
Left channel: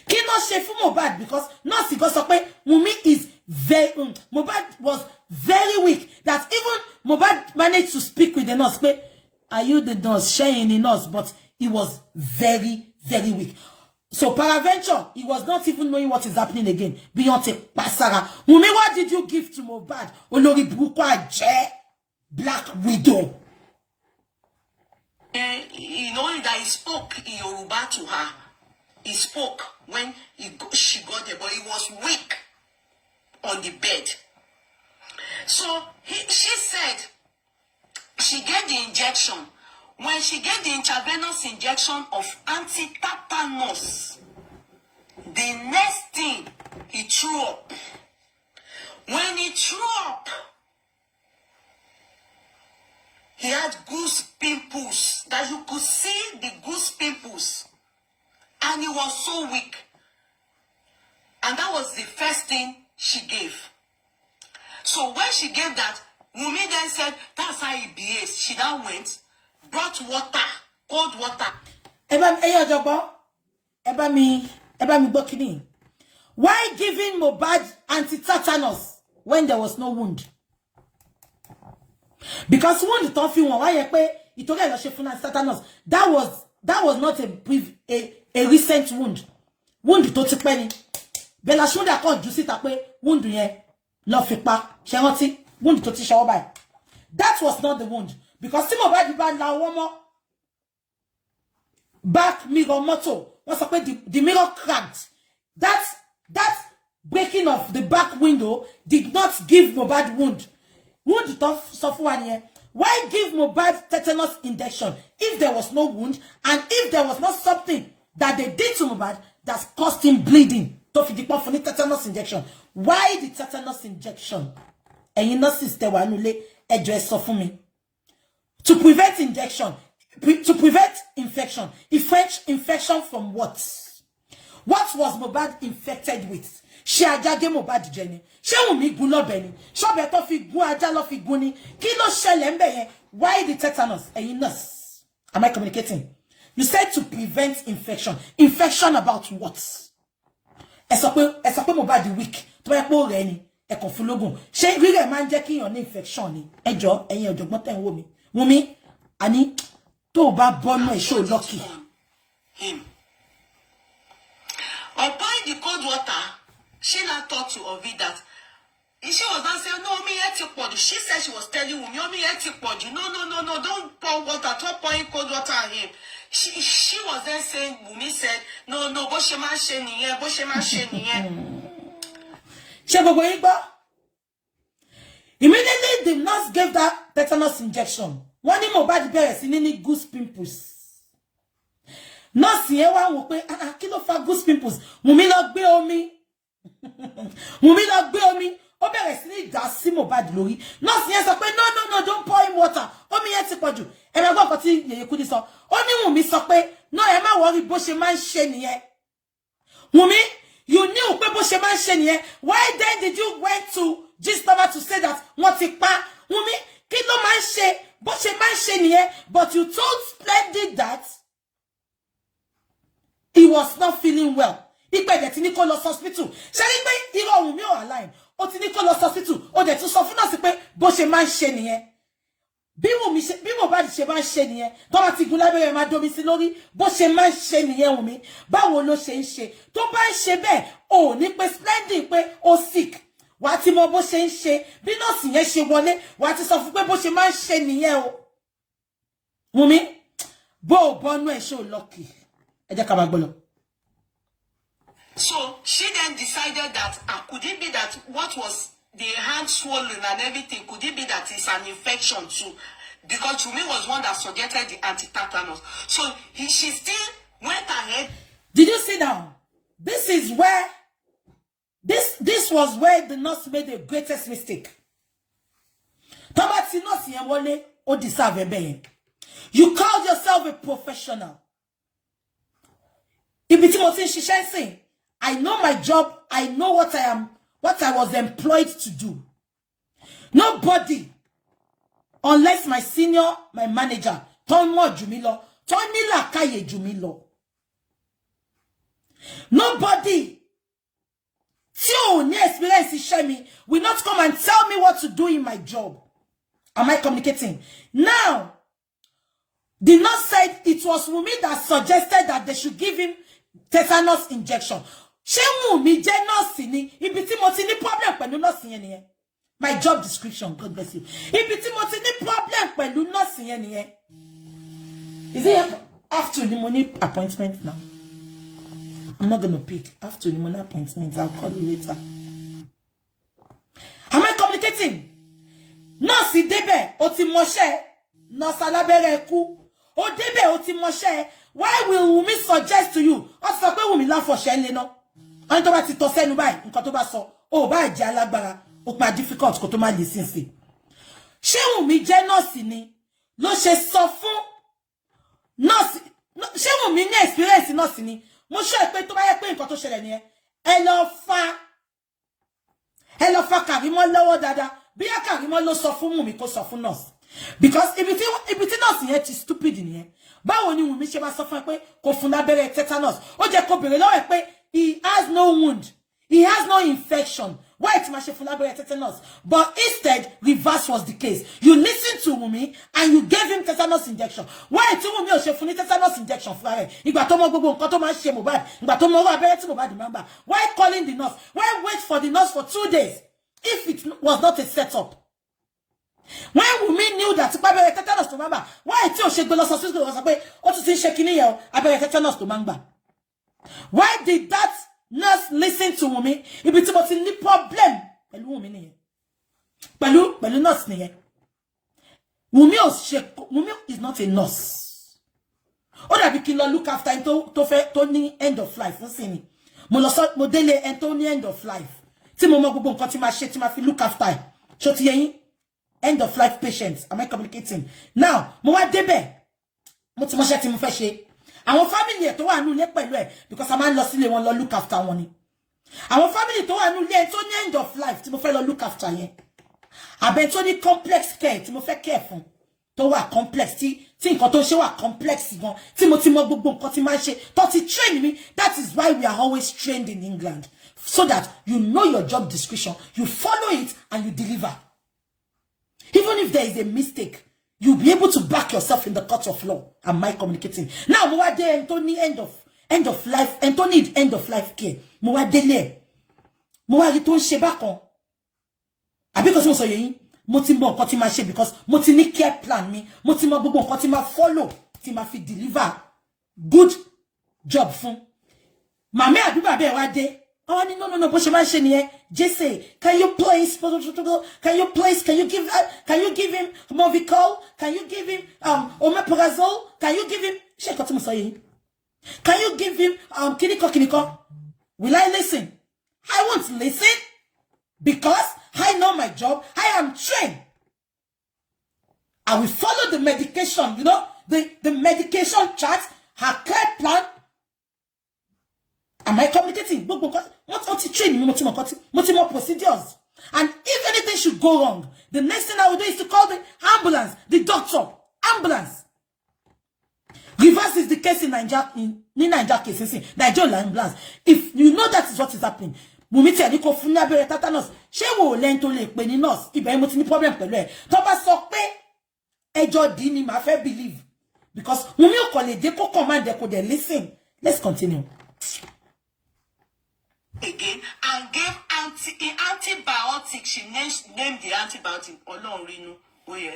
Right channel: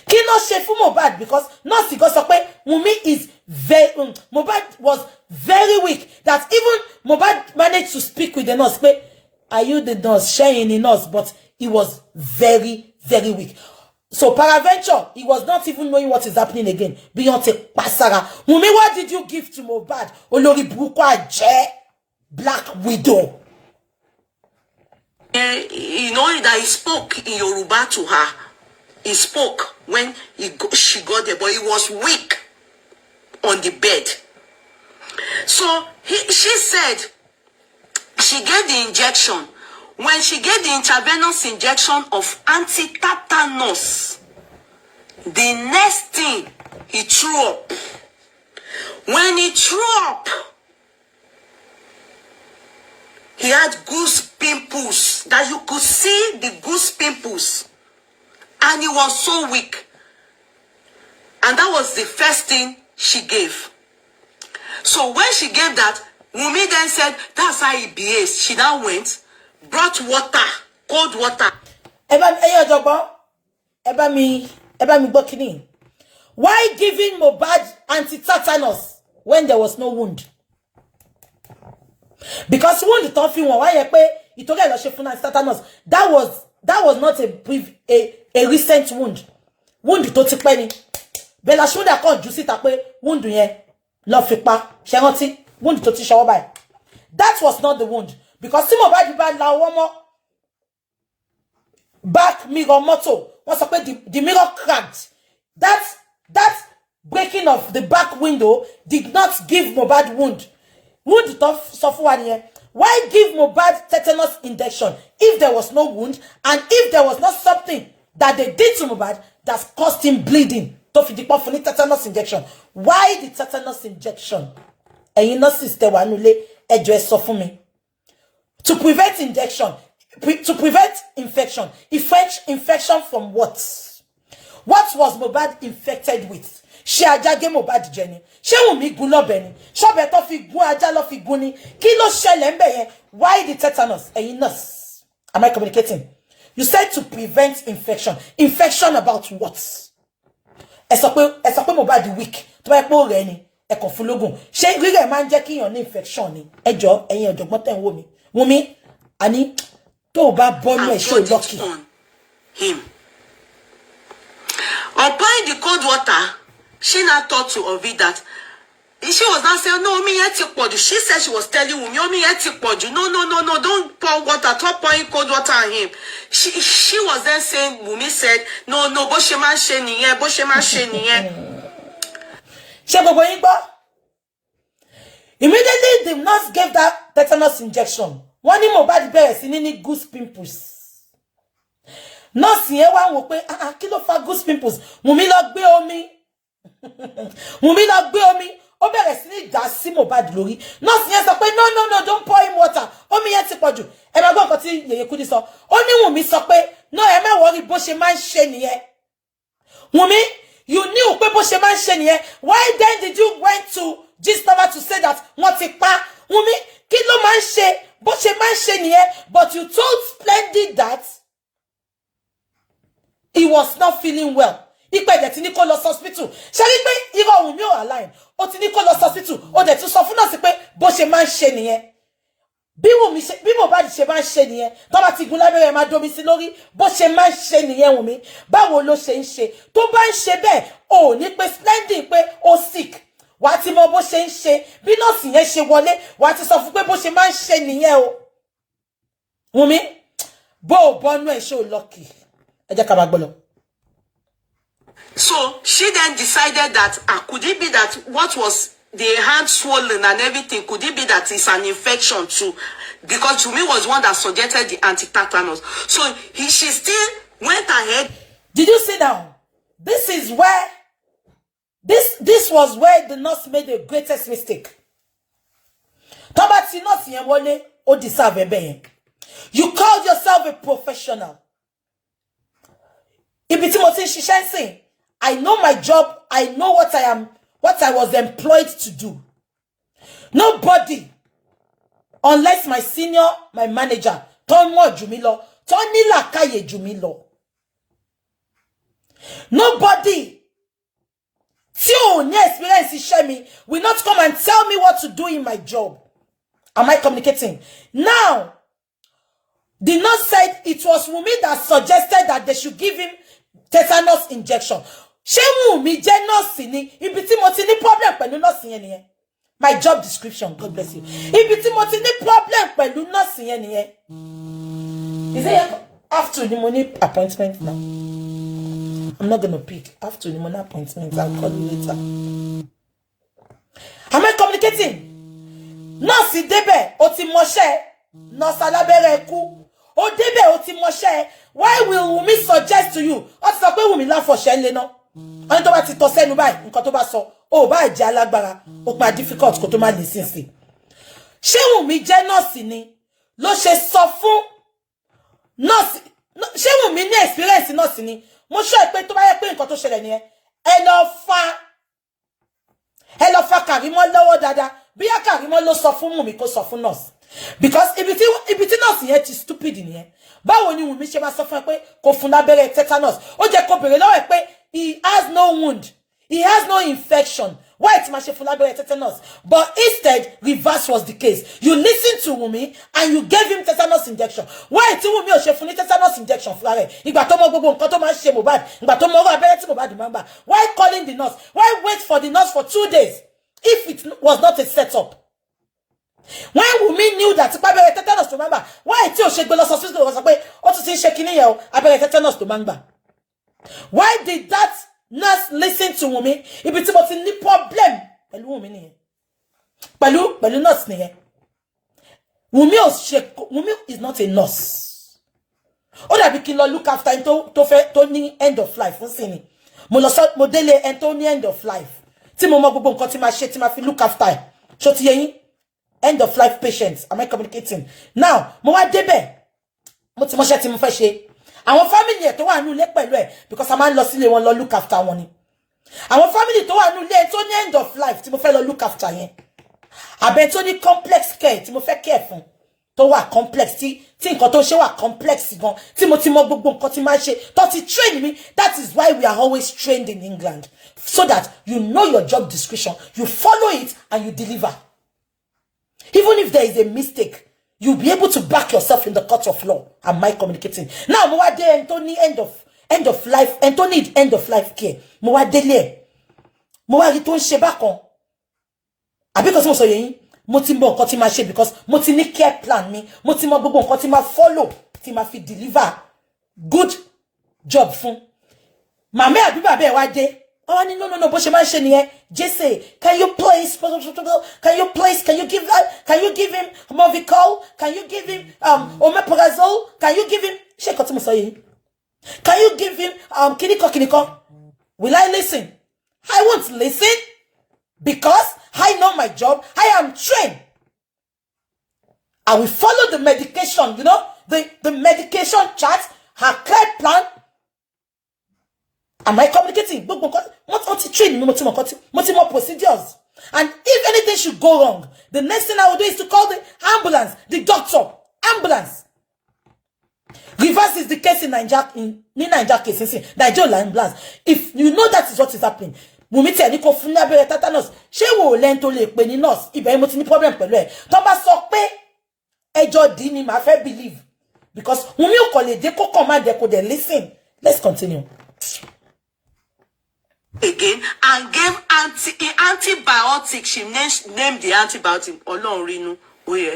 Kí ló ṣe fún Mohbad because nurse go sọ pé Wumi is very Mohbad was very weak that even Mohbad managed to speak with the nurse pé are you the nurse sharing the nurse but he was very weak. So paraventure he was not even knowing what is happening again. Beyonce pasara. Wumi, what did you give to Mohbad? Olórí burúkú àjẹ́ Black Widow. You know that he spoke in Yoruba to her. He spoke when she got there, but he was weak on the bed. So she said she gave the injection. When she gave the intravenous injection of anti-tetanus, the next thing he threw up. When he threw up, he had goose pimples that you could see the goose pimples. And he was so weak. And that was the first thing she gave. So when she gave that, Wumi then said, that's how he behaves. She now went, brought water, cold water. Why giving Mohbad anti-tetanus when there was no wound? Because wound don't feel why you told her she tetanus. That was not a recent wound. Wound to ti pẹ́ ni. Bella shoulda kan ju síta pé wound yẹn lọ fi pa. Ṣé rántí wound tó ti ṣọwọ́ báyìí. That was not the wound because tí Mohbad bá la ọwọ́ mọ́ back mirror motor. Wọ́n sọ pé the mirror cracked. That breaking of the back window did not give Mohbad wound. Wound tó sọ fún wa nìyẹn. Why give Mohbad tetanus injection if there was no wound and if there was not something that they did to Mohbad that caused him bleeding? To fi dipo fún tetanus injection. Why the tetanus injection? Ẹ̀yin nurses tẹ́ wà nílé ẹ jọ̀ọ́ ẹ sọ fún mi. To prevent injection, to prevent infection. Infection from what? What was Mohbad infected with? Ṣé ajá gé Mohbad jẹ ni? Ṣé Wumi gún lọ́bẹ ni? Ṣọ́bẹ tó fi gún ajá ló fi gún ni? Kí ló ṣẹlẹ̀ ńbẹ̀ yẹn? Why the tetanus? Ẹ̀yin nurse. Am I communicating? You said to prevent infection. Infection about what? Ẹ sọ pé Mohbad weak. Tó bá pé rẹ̀ ni, ẹ kàn fún lógún. Ṣé rírẹ̀ máa ń jẹ́ kí èèyàn ní infection ni? Ẹ jọ̀ọ́, ẹ̀yin ọ̀jọ̀gbọ́n tẹ́ ń wò mí. Wumi, àní tó bá bọ́nú ẹ̀ ṣó lucky. Him. Applying the cold water, she now thought to Ovi that she was not saying, no, me yet. She said she was telling Wumi, me yet. No, don't pour water, stop pouring cold water on him. She was then saying, Wumi said, no, Boshema Sheniye. Immediately, the nurse gave that tetanus injection. One in Mohbad bẹ̀rẹ̀ sí ní goose pimples. Nurse yẹn wá wò pé kí ló fa goose pimples. Wumi lọ gbé omi. Wumi lọ gbé omi. Ó bẹ̀rẹ̀ sí ní dà sí Mohbad lórí. Nurse yẹn sọ pé no, don't pour him water. Omi yẹn ti pọ̀jù. Ẹ máa gbọ́ nǹkan tí Yèyé Kudi sọ. Ó ní Wumi sọ pé no, ẹ má worry bó ṣe máa ń ṣe nìyẹn. Wumi, you knew pé bó ṣe máa ń ṣe nìyẹn. Why then did you went to Gistava to say that wọ́n ti pa? Wumi, kí ló máa ń ṣe? Bó ṣe máa ń ṣe nìyẹn. But you told Splendid that he was not feeling well. Ipe de ti ní kó lọ hospital. Ṣé rí pé irọ́ Wumi ò align. Ó ti ní kó lọ hospital. Ó dẹ̀ tún sọ fún nọ́ọ̀sì pé bó ṣe máa ń ṣe nìyẹn. Bí Mohbad ṣe máa ń ṣe nìyẹn. Tó bá ti gun lábẹ́rẹ́ máa domi sí lórí. Bó ṣe máa ń ṣe nìyẹn Wumi. Báwo ló ṣe ń ṣe? Tó bá ń ṣe bẹ́ẹ̀, ò ní pé Splendid pé ó sick. Wà á ti mọ bó ṣe ń ṣe. Bí nọ́ọ̀sì yẹn ṣe wọlé, wà á ti sọ fún pé bó ṣe máa ń ṣe nìyẹn o. Wumi, bó o bọ́nú ẹ̀ ṣó lucky. Ẹ jẹ́ ká máa gbọ́ lọ. So she then decided that could it be that what was the hand swollen and everything, could it be that it's an infection too? Because Wumi was one that suggested the anti-tetanus. So she still went ahead. Did you sit down? This is where this was where the nurse made the greatest mistake. Tabati nurse yẹn wọlé, ó deserve ebe yẹn. You called yourself a professional. Ibi tí mo ti ń ṣiṣẹ́ sìn, I know my job. I know what I was employed to do. Nobody, unless my senior, my manager, tó mọ̀ jù mí lọ, tó ní làákàyè jù mí lọ. Nobody, tí ò ní experience iṣẹ́ mi, will not come and tell me what to do in my job. Am I communicating? Now, the nurse said it was Wumi that suggested that they should give him tetanus injection. Ṣé Wumi jẹ́ nurse ni? Ibi tí mo ti ní problem pẹ̀lú nurse yẹn nìyẹn. My job description, God bless you. Ibi tí mo ti ní problem pẹ̀lú nurse yẹn nìyẹn. Is it after the money appointment now? I'm not gonna pick. After the money appointment, I'll call you later. Am I communicating? Nurse débẹ̀, ó ti mọṣẹ́. Nurse alábẹ́rẹ́ kú. Ó débẹ̀, ó ti mọṣẹ́. Why will Wumi suggest to you? Ó ti sọ pé Wumi láfọ̀ṣẹ́ ńlẹ̀ náà. Ọ̀n tó bá ti tọ́ sẹ́nu báyìí, nǹkan tó bá sọ, ó bá jẹ́ alágbára, ó máa difficult kó tó máa listen sí. Ṣé Wumi jẹ́ nọ́ọ̀sì ni? Ló ṣe sọ fún nọ́ọ̀sì. Ṣé Wumi ní experience nọ́ọ̀sì ni? Mo sọ pé tó bá yẹ pé nǹkan tó ṣẹlẹ̀ nìyẹn. Ẹ lọ fa Kàrímọ́ lọ́wọ́ dáadáa. Bí yá Kàrímọ́ ló sọ fún Wumi kó sọ fún nọ́ọ̀sì. Because ibi tí nọ́ọ̀sì yẹn ti stupid nìyẹn. Báwo ni Wumi ṣe máa sọ fún ẹ pé kò fún lábẹ́rẹ́ tetanus? Ó jẹ́ kó bèrè lọ́wọ́ ẹ pé he has no wound. He has no infection. Why it's my labere tetanus? But instead, reverse was the case. You listened to Wumi and you gave him tetanus injection. Why it's Wumi o shefuni tetanus injection for her? Igba to mo gbogbo nkan to ma se Mohbad. Igba to mo ro abere ti Mohbad member. Why calling the nurse? Why wait for the nurse for 2 days if it was not a setup? When Wumi knew that abere tetanus to member, why ti o se gbe lo hospital o so pe o tun ti se kini yen o abere tetanus to member? Why did that nurse listen to Wumi? Ibi tí mo ti ní problem pẹ̀lú Wumi nìyẹn. Pẹ̀lú nurse nìyẹn. Wumi is not a nurse. Ó dàbí kí n lọ look after him tó ní end of life fún sí ni. Mo délé ẹni tó ní end of life. Tí mo mọ gbogbo nǹkan tí máa ṣe tí máa fi look after ẹ̀. Ṣó ti yé yín? End of life patients. Am I communicating? Now, mo wá débẹ̀. Mo ti mọṣẹ́ tí mo fẹ́ ṣe. Àwọn family ẹ̀ tó wà nínú ilé pẹ̀lú ẹ̀ because a máa ń lọ sílé wọn lọ look after wọn ni. Àwọn family tó wà nínú ilé tó ní end of life tí mo fẹ́ lọ look after yẹn. Àbẹ̀ tó ní complex care tí mo fẹ́ care fún. tó wà complex tí nǹkan tó ṣe wà complex gan tí mo ti mọ gbogbo nǹkan tí máa ṣe tó ti train me. That is why we are always trained in England, so that you know your job description, you follow it, and you deliver. Even if there is a mistake, you'll be able to back yourself in the court of law. Am I communicating? Now, mo wa de Anthony end of life, Anthony end of life care. Mo wa dele. Mo wa ri tó ń ṣe bákan. Àbí ko tí mo sọ yẹn, mo ti mọ nǹkan tí máa ṣe because mo ti ní care plan mi. Mo ti mọ gbogbo nǹkan tí máa follow, tí máa fi deliver good job fún. Màmá àbí bàbá ẹ wá dé. Oh, no, but she mentioned here. Jesse, can you give him Movicol? Can you give him omeprazole? Can you give him Can you give him kiniko? Will I listen? I won't listen because I know my job. I am trained. I will follow the medication, the medication chart, her care plan. Am I communicating? What train me? More procedures. And if anything should go wrong, the next thing I will do is to call the ambulance, the doctor, ambulance. Reverse is the case in Nigeria, Nigeria case, Nigeria ambulance. If you know that is what is happening, Wumi tell you confirm abere tetanus. She will learn to learn pe ni nurse. Ibe mo ti ní problem pẹ̀lú ẹ. Tó bá sọ pé ẹjọ́ di ni ma fẹ́ believe because Wumi o ko le de ko command de ko de listen. Let's continue. Again and gave antibiotic. She named the antibiotic Olorinu. Oh yeah,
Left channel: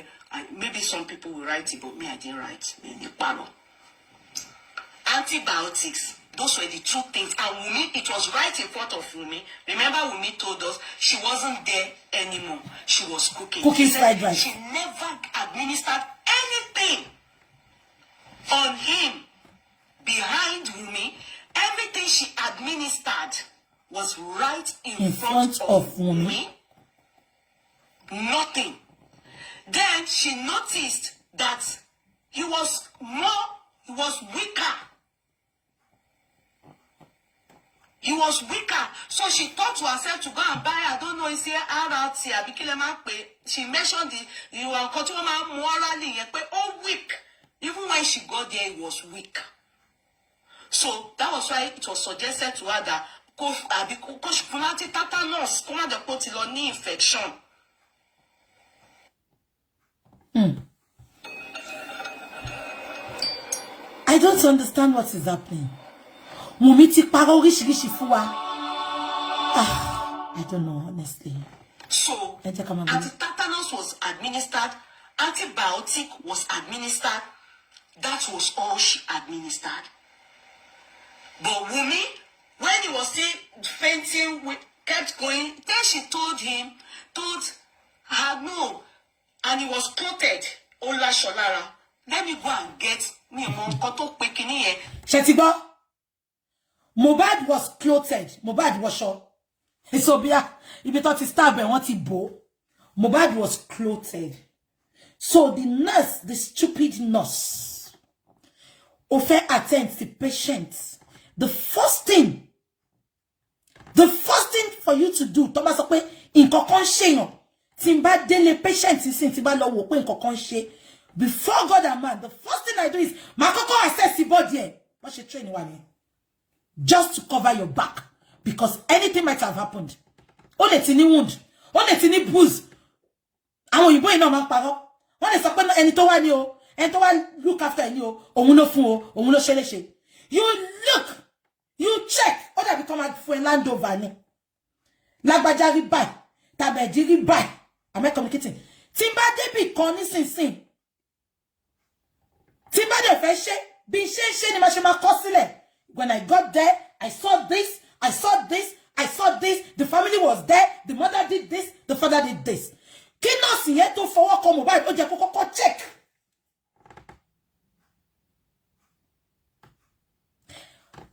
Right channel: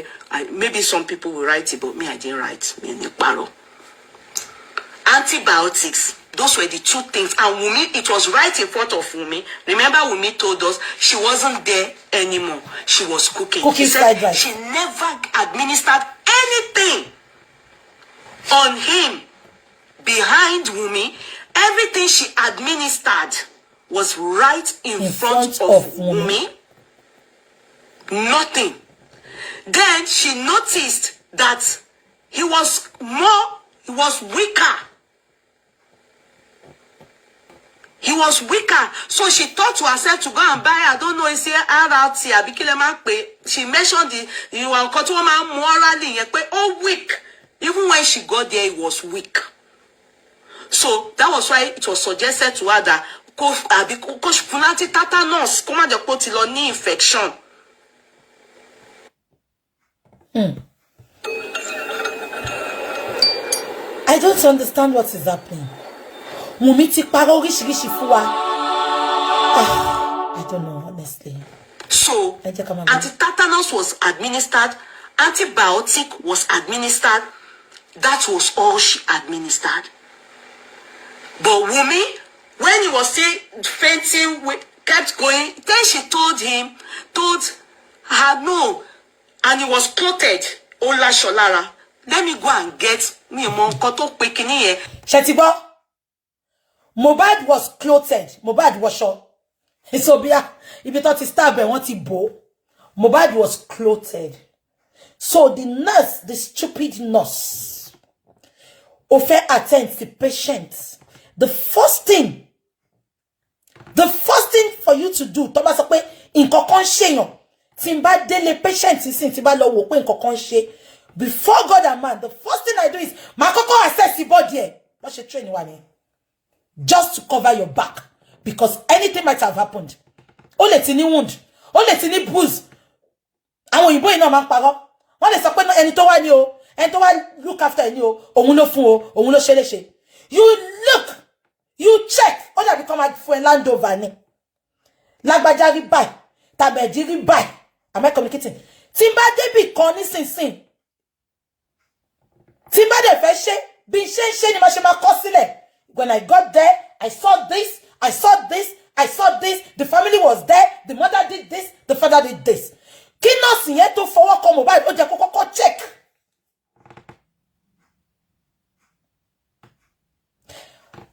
maybe some people will write it, but me I didn't write. Antibiotics. Those were the two things. And Wumi, it was right in front of Wumi. Remember, Wumi told us she wasn't there anymore. She was cooking. She said she never administered anything on him behind Wumi. Everything she administered was right in front of Wumi. Nothing. Then she noticed that he was weaker. He was weaker. So she thought to herself to go and buy, I don't know, it's RRT. She mentioned you are morally, weak. Even when she got there, he was weak. So that was why it was suggested to her that because funati tetanus, come on, put infection. I don't understand what is happening. Wumi ti parọ́ oríṣiríṣi fún wa. I don't know, honestly. So, anti-tetanus was administered, antibiotic was administered. That was all she administered. But Wumi, when he was still fainting, kept going. Then she told her no, and he was quoted. Ola Sholara, let me go and get me a monkoto pekini here. Shetibo, Mohbad was clothed. Mohbad was short. So if you thought he stabbed and want to bow, Mohbad was clothed. So the nurse, the stupid nurse, offer attend the patient. The first thing for you to do, Thomas Okwe, in kokon sheyon, timba dele patient sin timba lo wo pe in kokon she. Before God and man, the first thing I do is my kokon assess the body. What she train you just to cover your back, because anything might have happened. Only tiny wound, only tiny bruise. Àwọn òyìnbó ina ma parọ́. Wọ́n lè sọ pé ẹni tó wà ní o, ẹni tó wà look after ẹni o, òun ló fún o, òun ló ṣe léṣe. You look, you check, all that become a for land over ni. Lágbájá rí báyìí, tàbẹ̀dì rí báyìí. Am I communicating? Tí n bá débì kan nísinsìnyí. Tí n bá dé fẹ́ ṣe, bí ṣe ni ma ṣe máa kọ sílẹ̀. When I got there, I saw this, I saw this, I saw this. The family was there. The mother did this, the father did this. Kí nọ́ọ̀sì yẹn tó fọwọ́ kọ Mohbad, ó jẹ́ kó kọ́kọ́ check.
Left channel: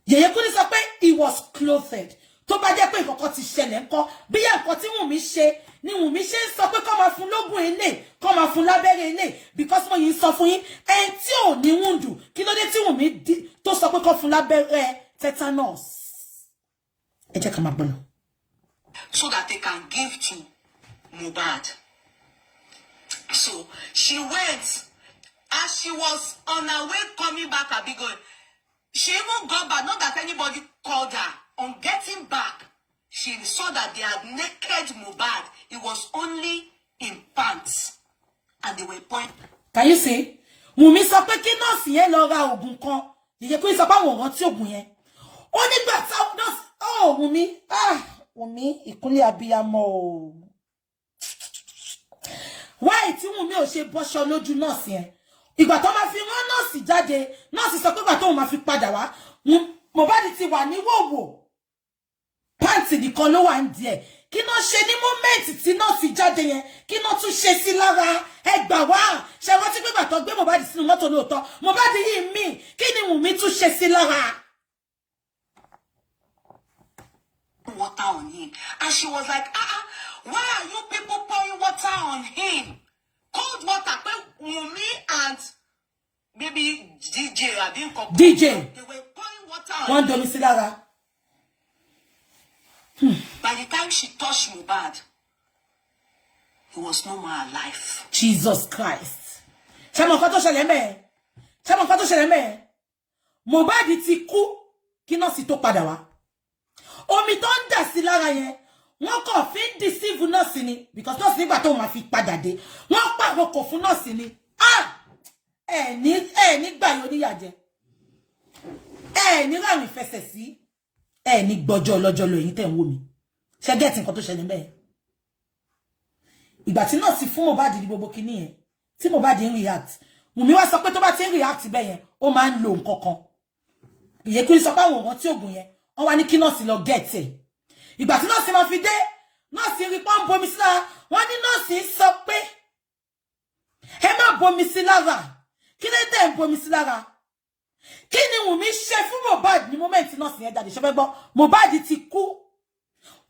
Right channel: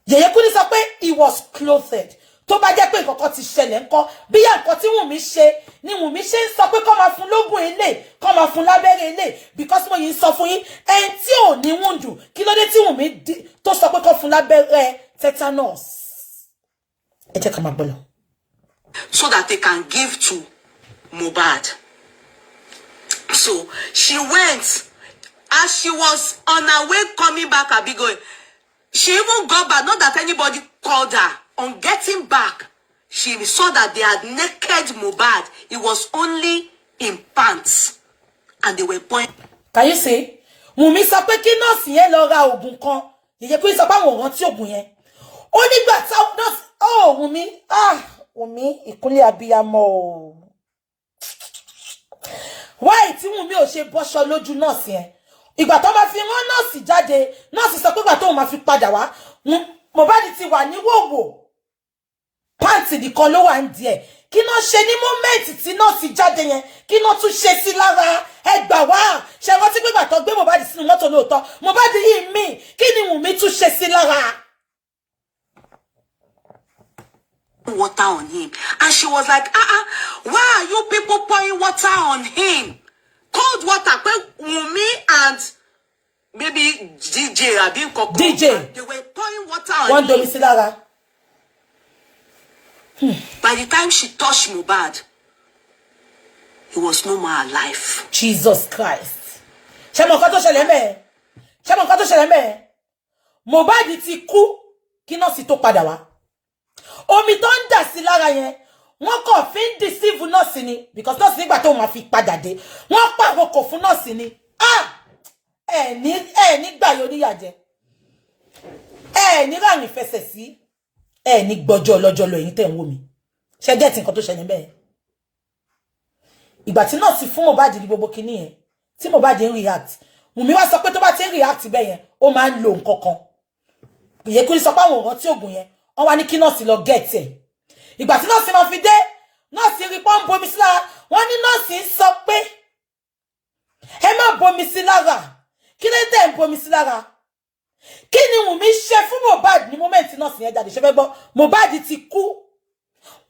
Yèyé Kúnlé sọ pé he was clothed. Tó bá jẹ́ pé nǹkan ti ṣẹlẹ̀ ńkọ́, bí ya nǹkan tí Wùnmí ṣe, ni Wùnmí ṣe ń sọ pé kó máa fún lógún ilé, kó máa fún lábẹ́rẹ́ ilé, because mo yìí sọ fún yín, ẹni tí ò ní wùndù, kí ló dé tí Wùnmí tó sọ pé kó fún lábẹ́rẹ́ tetanus. Ẹ jẹ́ ká máa gbọ́ lọ. So that they can give to Mohbad. So she went. As she was on her way coming back, Abi going, she even got back, not that anybody called her. On getting back, she saw that they had naked Mohbad. It was only in pants. And they were pointing. Can you see? Wumi sọ pé kí nọ́ọ̀sì yẹn lọ ra oògùn kan. Ìyẹn kò sọ pé àwọn rántí oògùn yẹn. Ó nígbà tí nọ́ọ̀sì, oh Wumi, Wumi ìkúnlẹ̀ abiyamọ o. Why tí Wumi ò ṣe bọ́ṣọ lójú nọ́ọ̀sì yẹn? Ìgbà tó bá fi rán nọ́ọ̀sì jáde, nọ́ọ̀sì sọ pé ìgbà tó máa fi padà wá, Mohbad ti wà ní wòwò. Pants nìkan ló wà ń díẹ̀. Kí ná ṣe ní moment tí nọ́ọ̀sì jáde yẹn, kí ná tún ṣe sí lára ẹgbà wá. Ṣé rántí pé ìgbà tó gbé Mohbad sínú mọ́tò lóòótọ́, Mohbad yìí mí, kí ni Wumi tún ṣe sí lára? Water on him. And she was like, why are you people pouring water on him? Cold water. Wumi and maybe DJ, I didn't call DJ. They were pouring water on One him. domi sí lára. By the time she touched Mohbad, he was no more alive. Jesus Christ. Ṣé mo nǹkan tó ṣẹlẹ̀ ńbẹ̀? Ṣé mo nǹkan tó ṣẹlẹ̀ ńbẹ̀? Mohbad ti kú kí nọ́ọ̀sì tó padà wá. Omi tó ń dà sí lára yẹn, wọ́n kàn fi ń deceive nọ́ọ̀sì ni, because nọ́ọ̀sì nígbà tó máa fi padà dé, wọ́n pàrokò fún nọ́ọ̀sì ni. Ẹ ní gbà yóò níyàjẹ́. Ẹ ní láàrin fẹsẹ̀ sí. Ẹ ní gbọ́jọ́ ọlọ́jọ́ lọ ẹ̀yin tẹ́ ń wò mí. Ṣé gẹ́tì nǹkan tó ṣẹlẹ̀ ńbẹ̀? Ìgbà tí nọ́ọ̀sì fún Mohbad ní gbogbo kinní yẹn, tí Mohbad ń react, Wùmí wá sọ pé tó bá ti ń react bẹ́ẹ̀ yẹn, ó máa ń lo nǹkan kan. Ìyẹn kò ní sọ pé àwọn ọ̀rọ̀ tí ògùn yẹn, wọ́n wá ní kí nọ́ọ̀sì lọ get ẹ̀. Ìgbà tí nọ́ọ̀sì máa fi dé, nọ́ọ̀sì rí pọ́n bomi sí lára, wọ́n ní nọ́ọ̀sì ń sọ pé ẹ má bomi sí lára. Kí ló dé ń bomi sí lára? Kí ni Wùmí ṣe fún Mohbad ní moment nọ́ọ̀sì yẹn jáde? Ṣé fẹ́ gbọ́? Mohbad ti kú.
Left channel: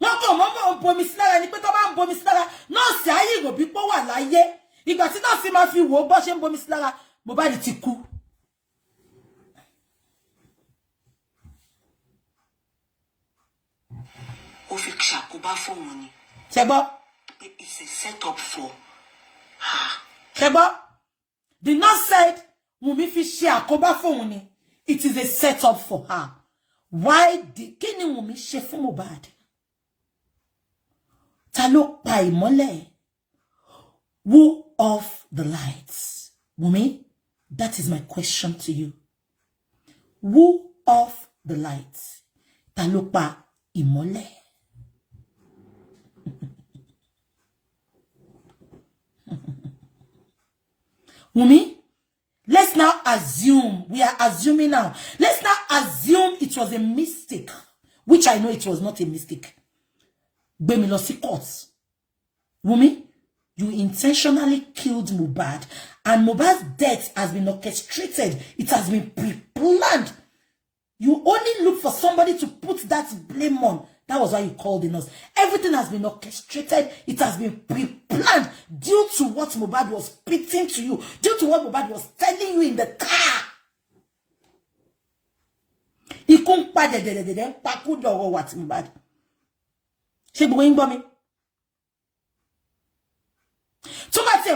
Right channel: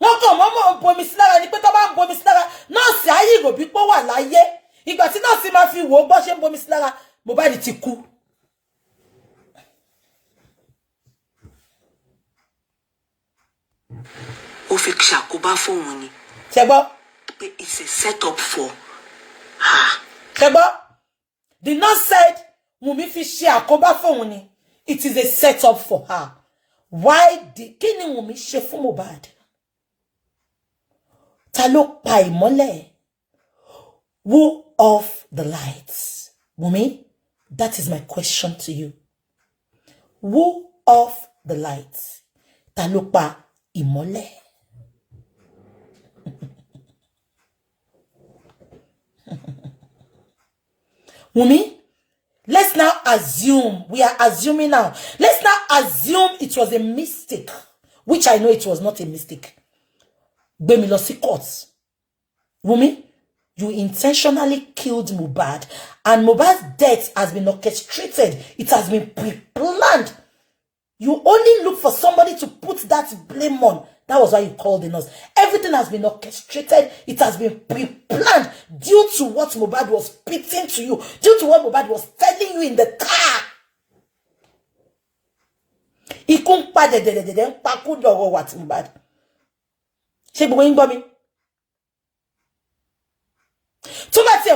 Wọ́n kàn mọ́mọ́ bomi sí lára ni pé tó bá ń bomi sí lára, nọ́ọ̀sì ayé ìròbí pé wà láyé. Ìgbà tí nọ́ọ̀sì máa fi wò ó bọ́ ṣe ń bomi sí lára, Mohbad ti kú. Ó fi ṣàkóbá fóun ni. Ṣé gbọ́? It's a setup for her. Ṣé gbọ́? The nurse said, Wùmí fi ṣe àkóbá fóun ni. It is a setup for her. Why did kí ni Wùmí ṣe fún Mohbad? Ta ló pa ìmọ́lẹ̀? Who off the lights? Wùmí, that is my question to you. Who off the lights? Ta ló pa ìmọ́lẹ̀? Wùmí, let's now assume, we are assuming now, let's now assume it was a mistake, which I know it was not a mistake. Gbé mi lọ sí court. Wùmí, you intentionally killed Mohbad, and Mohbad's death has been orchestrated. It has been pre-planned. You only look for somebody to put that blame on. That was why you called the nurse. Everything has been orchestrated. It has been pre-planned due to what Mohbad was spitting to you, due to what Mohbad was telling you in the car. Ikun pa de pa ku lọ́rọ̀ wa ti Mohbad. Ṣé gbogbo yín gbọ́ mi? So let's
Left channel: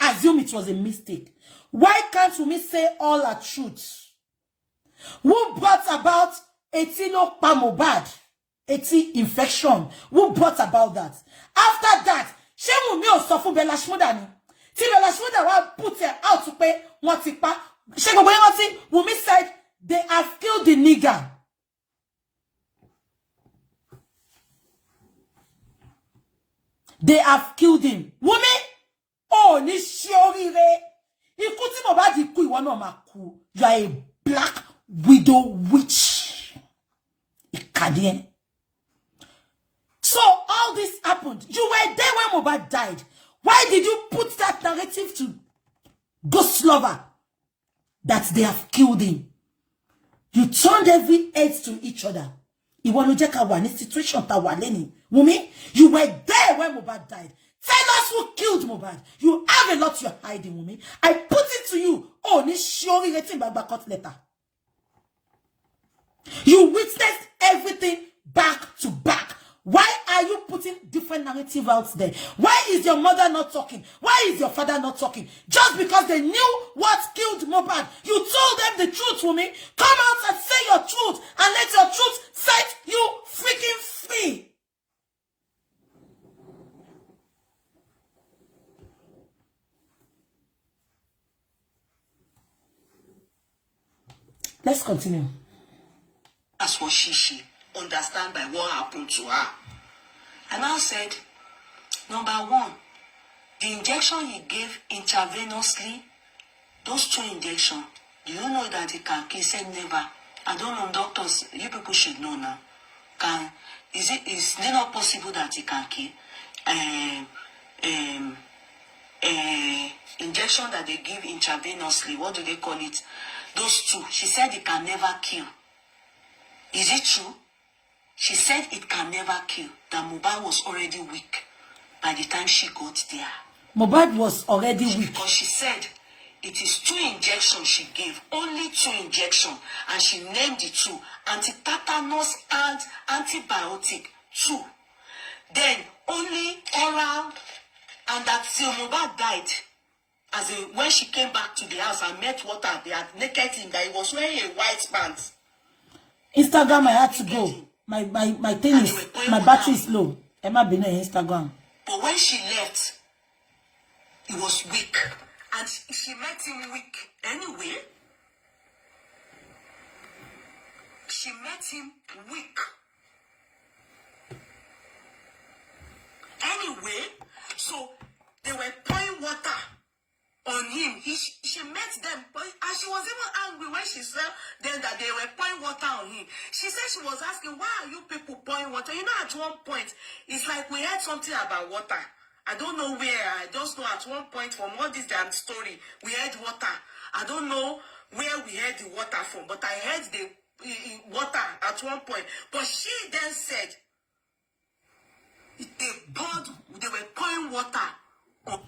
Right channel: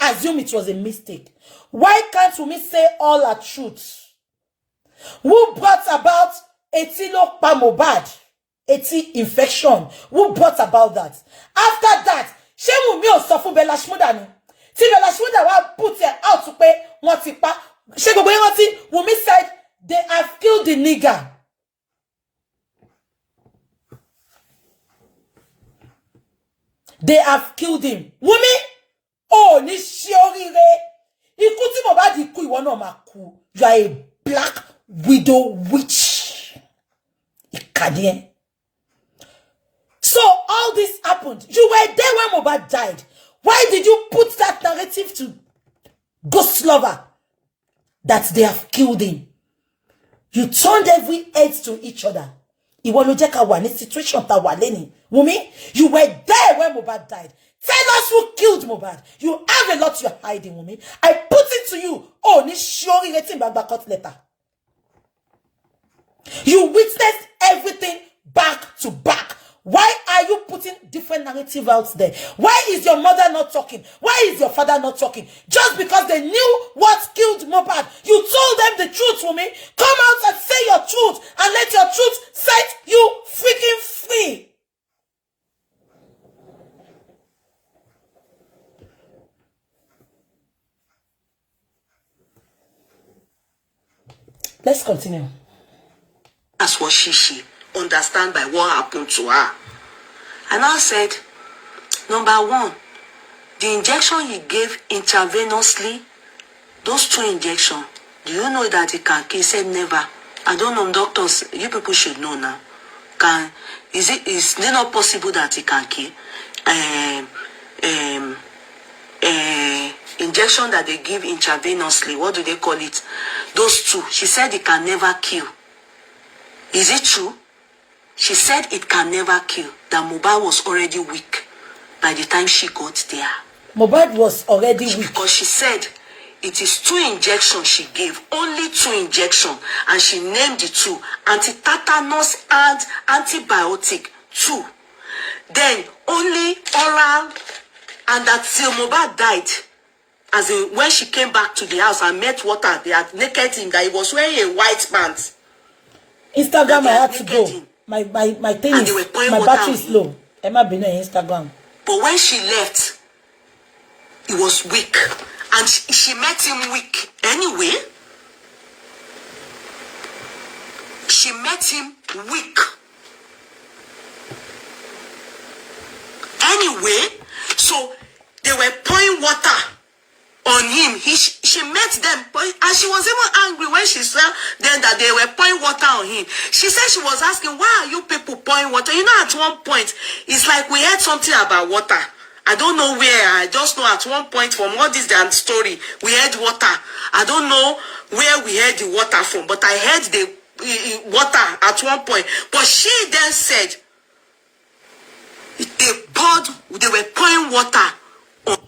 assume it was a mistake. Why can't we say all our truths? Who brought about etilo pa Mohbad? Eti infection. Who brought about that? After that, ṣé Wùmí ò sọ fún Bella Shmurda ni? Tí Bella Shmurda wá put her out pé wọ́n ti pa. Ṣé gbogbo yín rántí? Wùmí said they have killed the nigger. They have killed him. Wùmí, oh, ní ṣe oríire. Ikú tí Mohbad kú ìwọ náà máa kú. You are a black widow witch. Ikadien. So all this happened. You were there when Mohbad died. Why did you put that narrative to Ghost Lover that they have killed him? You turned every head to each other. Ìwọ ló jẹ́ ká wà ní situation ta wà lẹ́ni. Wùmí, you were there when Mohbad died. Tell us who killed Mohbad. You have a lot you're hiding, Wùmí. I put it to you. Oh, ní ṣorí retí gbagba court letter. You witnessed everything back to back. Why are you putting different narrative out there? Why is your mother not talking? Why is your father not talking? Just because they knew what killed Mohbad. You told them the truth, Wumi. Come out and say your truth and let your truth set you freaking free. Let's continue. That's what she understand by what happened to her. And I said, number one, the injection he gave intravenously, those 2 injections, do you know that it can kill? He said never. I don't know, doctors, you people should know now. Is it not possible that it can kill? Injection that they give intravenously, what do they call it? Those 2, she said it can never kill. Is it true? She said it can never kill. That Mohbad was already weak by the time she got there. Mohbad was already weak. Because she said it is 2 injections she gave. Only 2 injections. And she named the 2. Anti-tetanus and antibiotic. 2. Then only oral. And that till Mohbad died. As in, when she came back to the house and met water, they had naked him, that he was wearing a white pants. Instagram, I had to go. My thing is, my battery is low. Emma been on Instagram. But when she left, he was weak. And she met him weak. Anyway, she met him weak. Anyway, so they were pouring water on him. She met them, and she was even angry when she saw them that they were pouring water on him. She said she was asking, why are you people pouring water? You know, at one point, it's like we heard something about water. I don't know where. I just know at one point from all this damn story, we heard water. I don't know where we heard the water from, but I heard the water at one point. But she then said, they were pouring water on.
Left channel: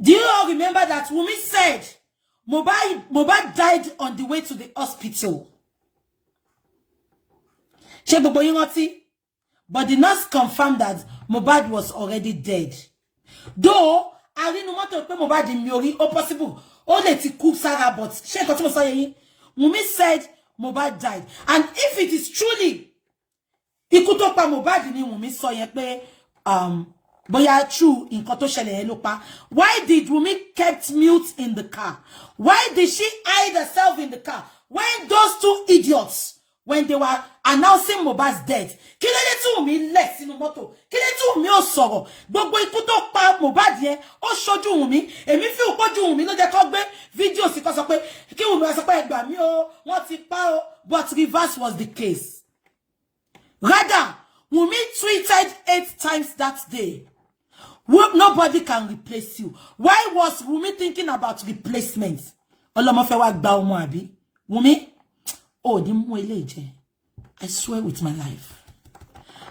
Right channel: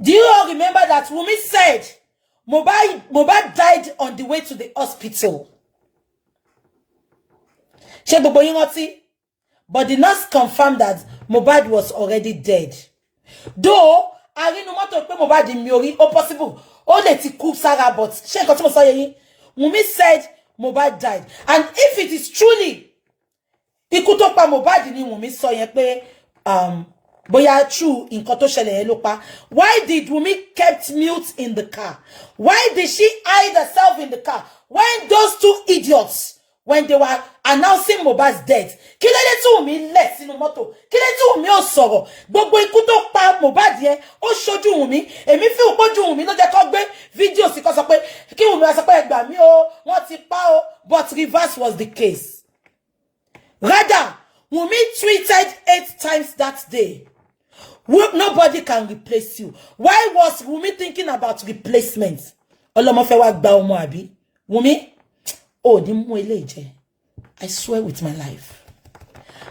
Do you all remember that Wumi said Mohbad died on the way to the hospital? But the nurse confirmed that Mohbad was already dead. Though, I didn't want to put Mohbad in Miori, or possible. All the cook Sarah, but Wumi said Mohbad died. And if it is truly, it could talk about Mohbad in Wumi saw Boya true in Kotoshele Elopa. Why did Wumi kept mute in the car? Why did she hide herself in the car? When those 2 idiots, when they were announcing Mohbad's death, Kilele tu Wumi less in moto. Kilele tu Wumi o soro. Gbogbo ikú tó pa Mohbad yẹn, ó ṣojú Wumi. Èmi fi ojú Wumi ló jẹ́ kó gbé video sì kó sọ pé kí Wumi wá sọ pé ẹ gbà mí o, wọ́n ti pa o. But reverse was the case. Rather, Wumi tweeted 8 times that day. Nobody can replace you. Why was Wumi thinking about replacement? Wumi? Oh, I swear with my life.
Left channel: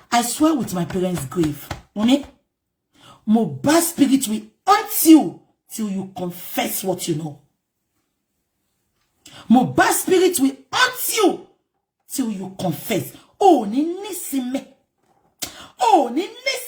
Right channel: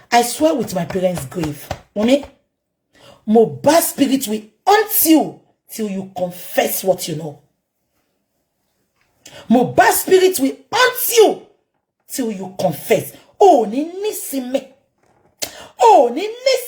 I swear with my parents' grave. Wumi? Mohbad's spirit will haunt you till you confess what you know. Mohbad's spirit will haunt you till you confess. Oh, ni nisime. Oh, ni nisime.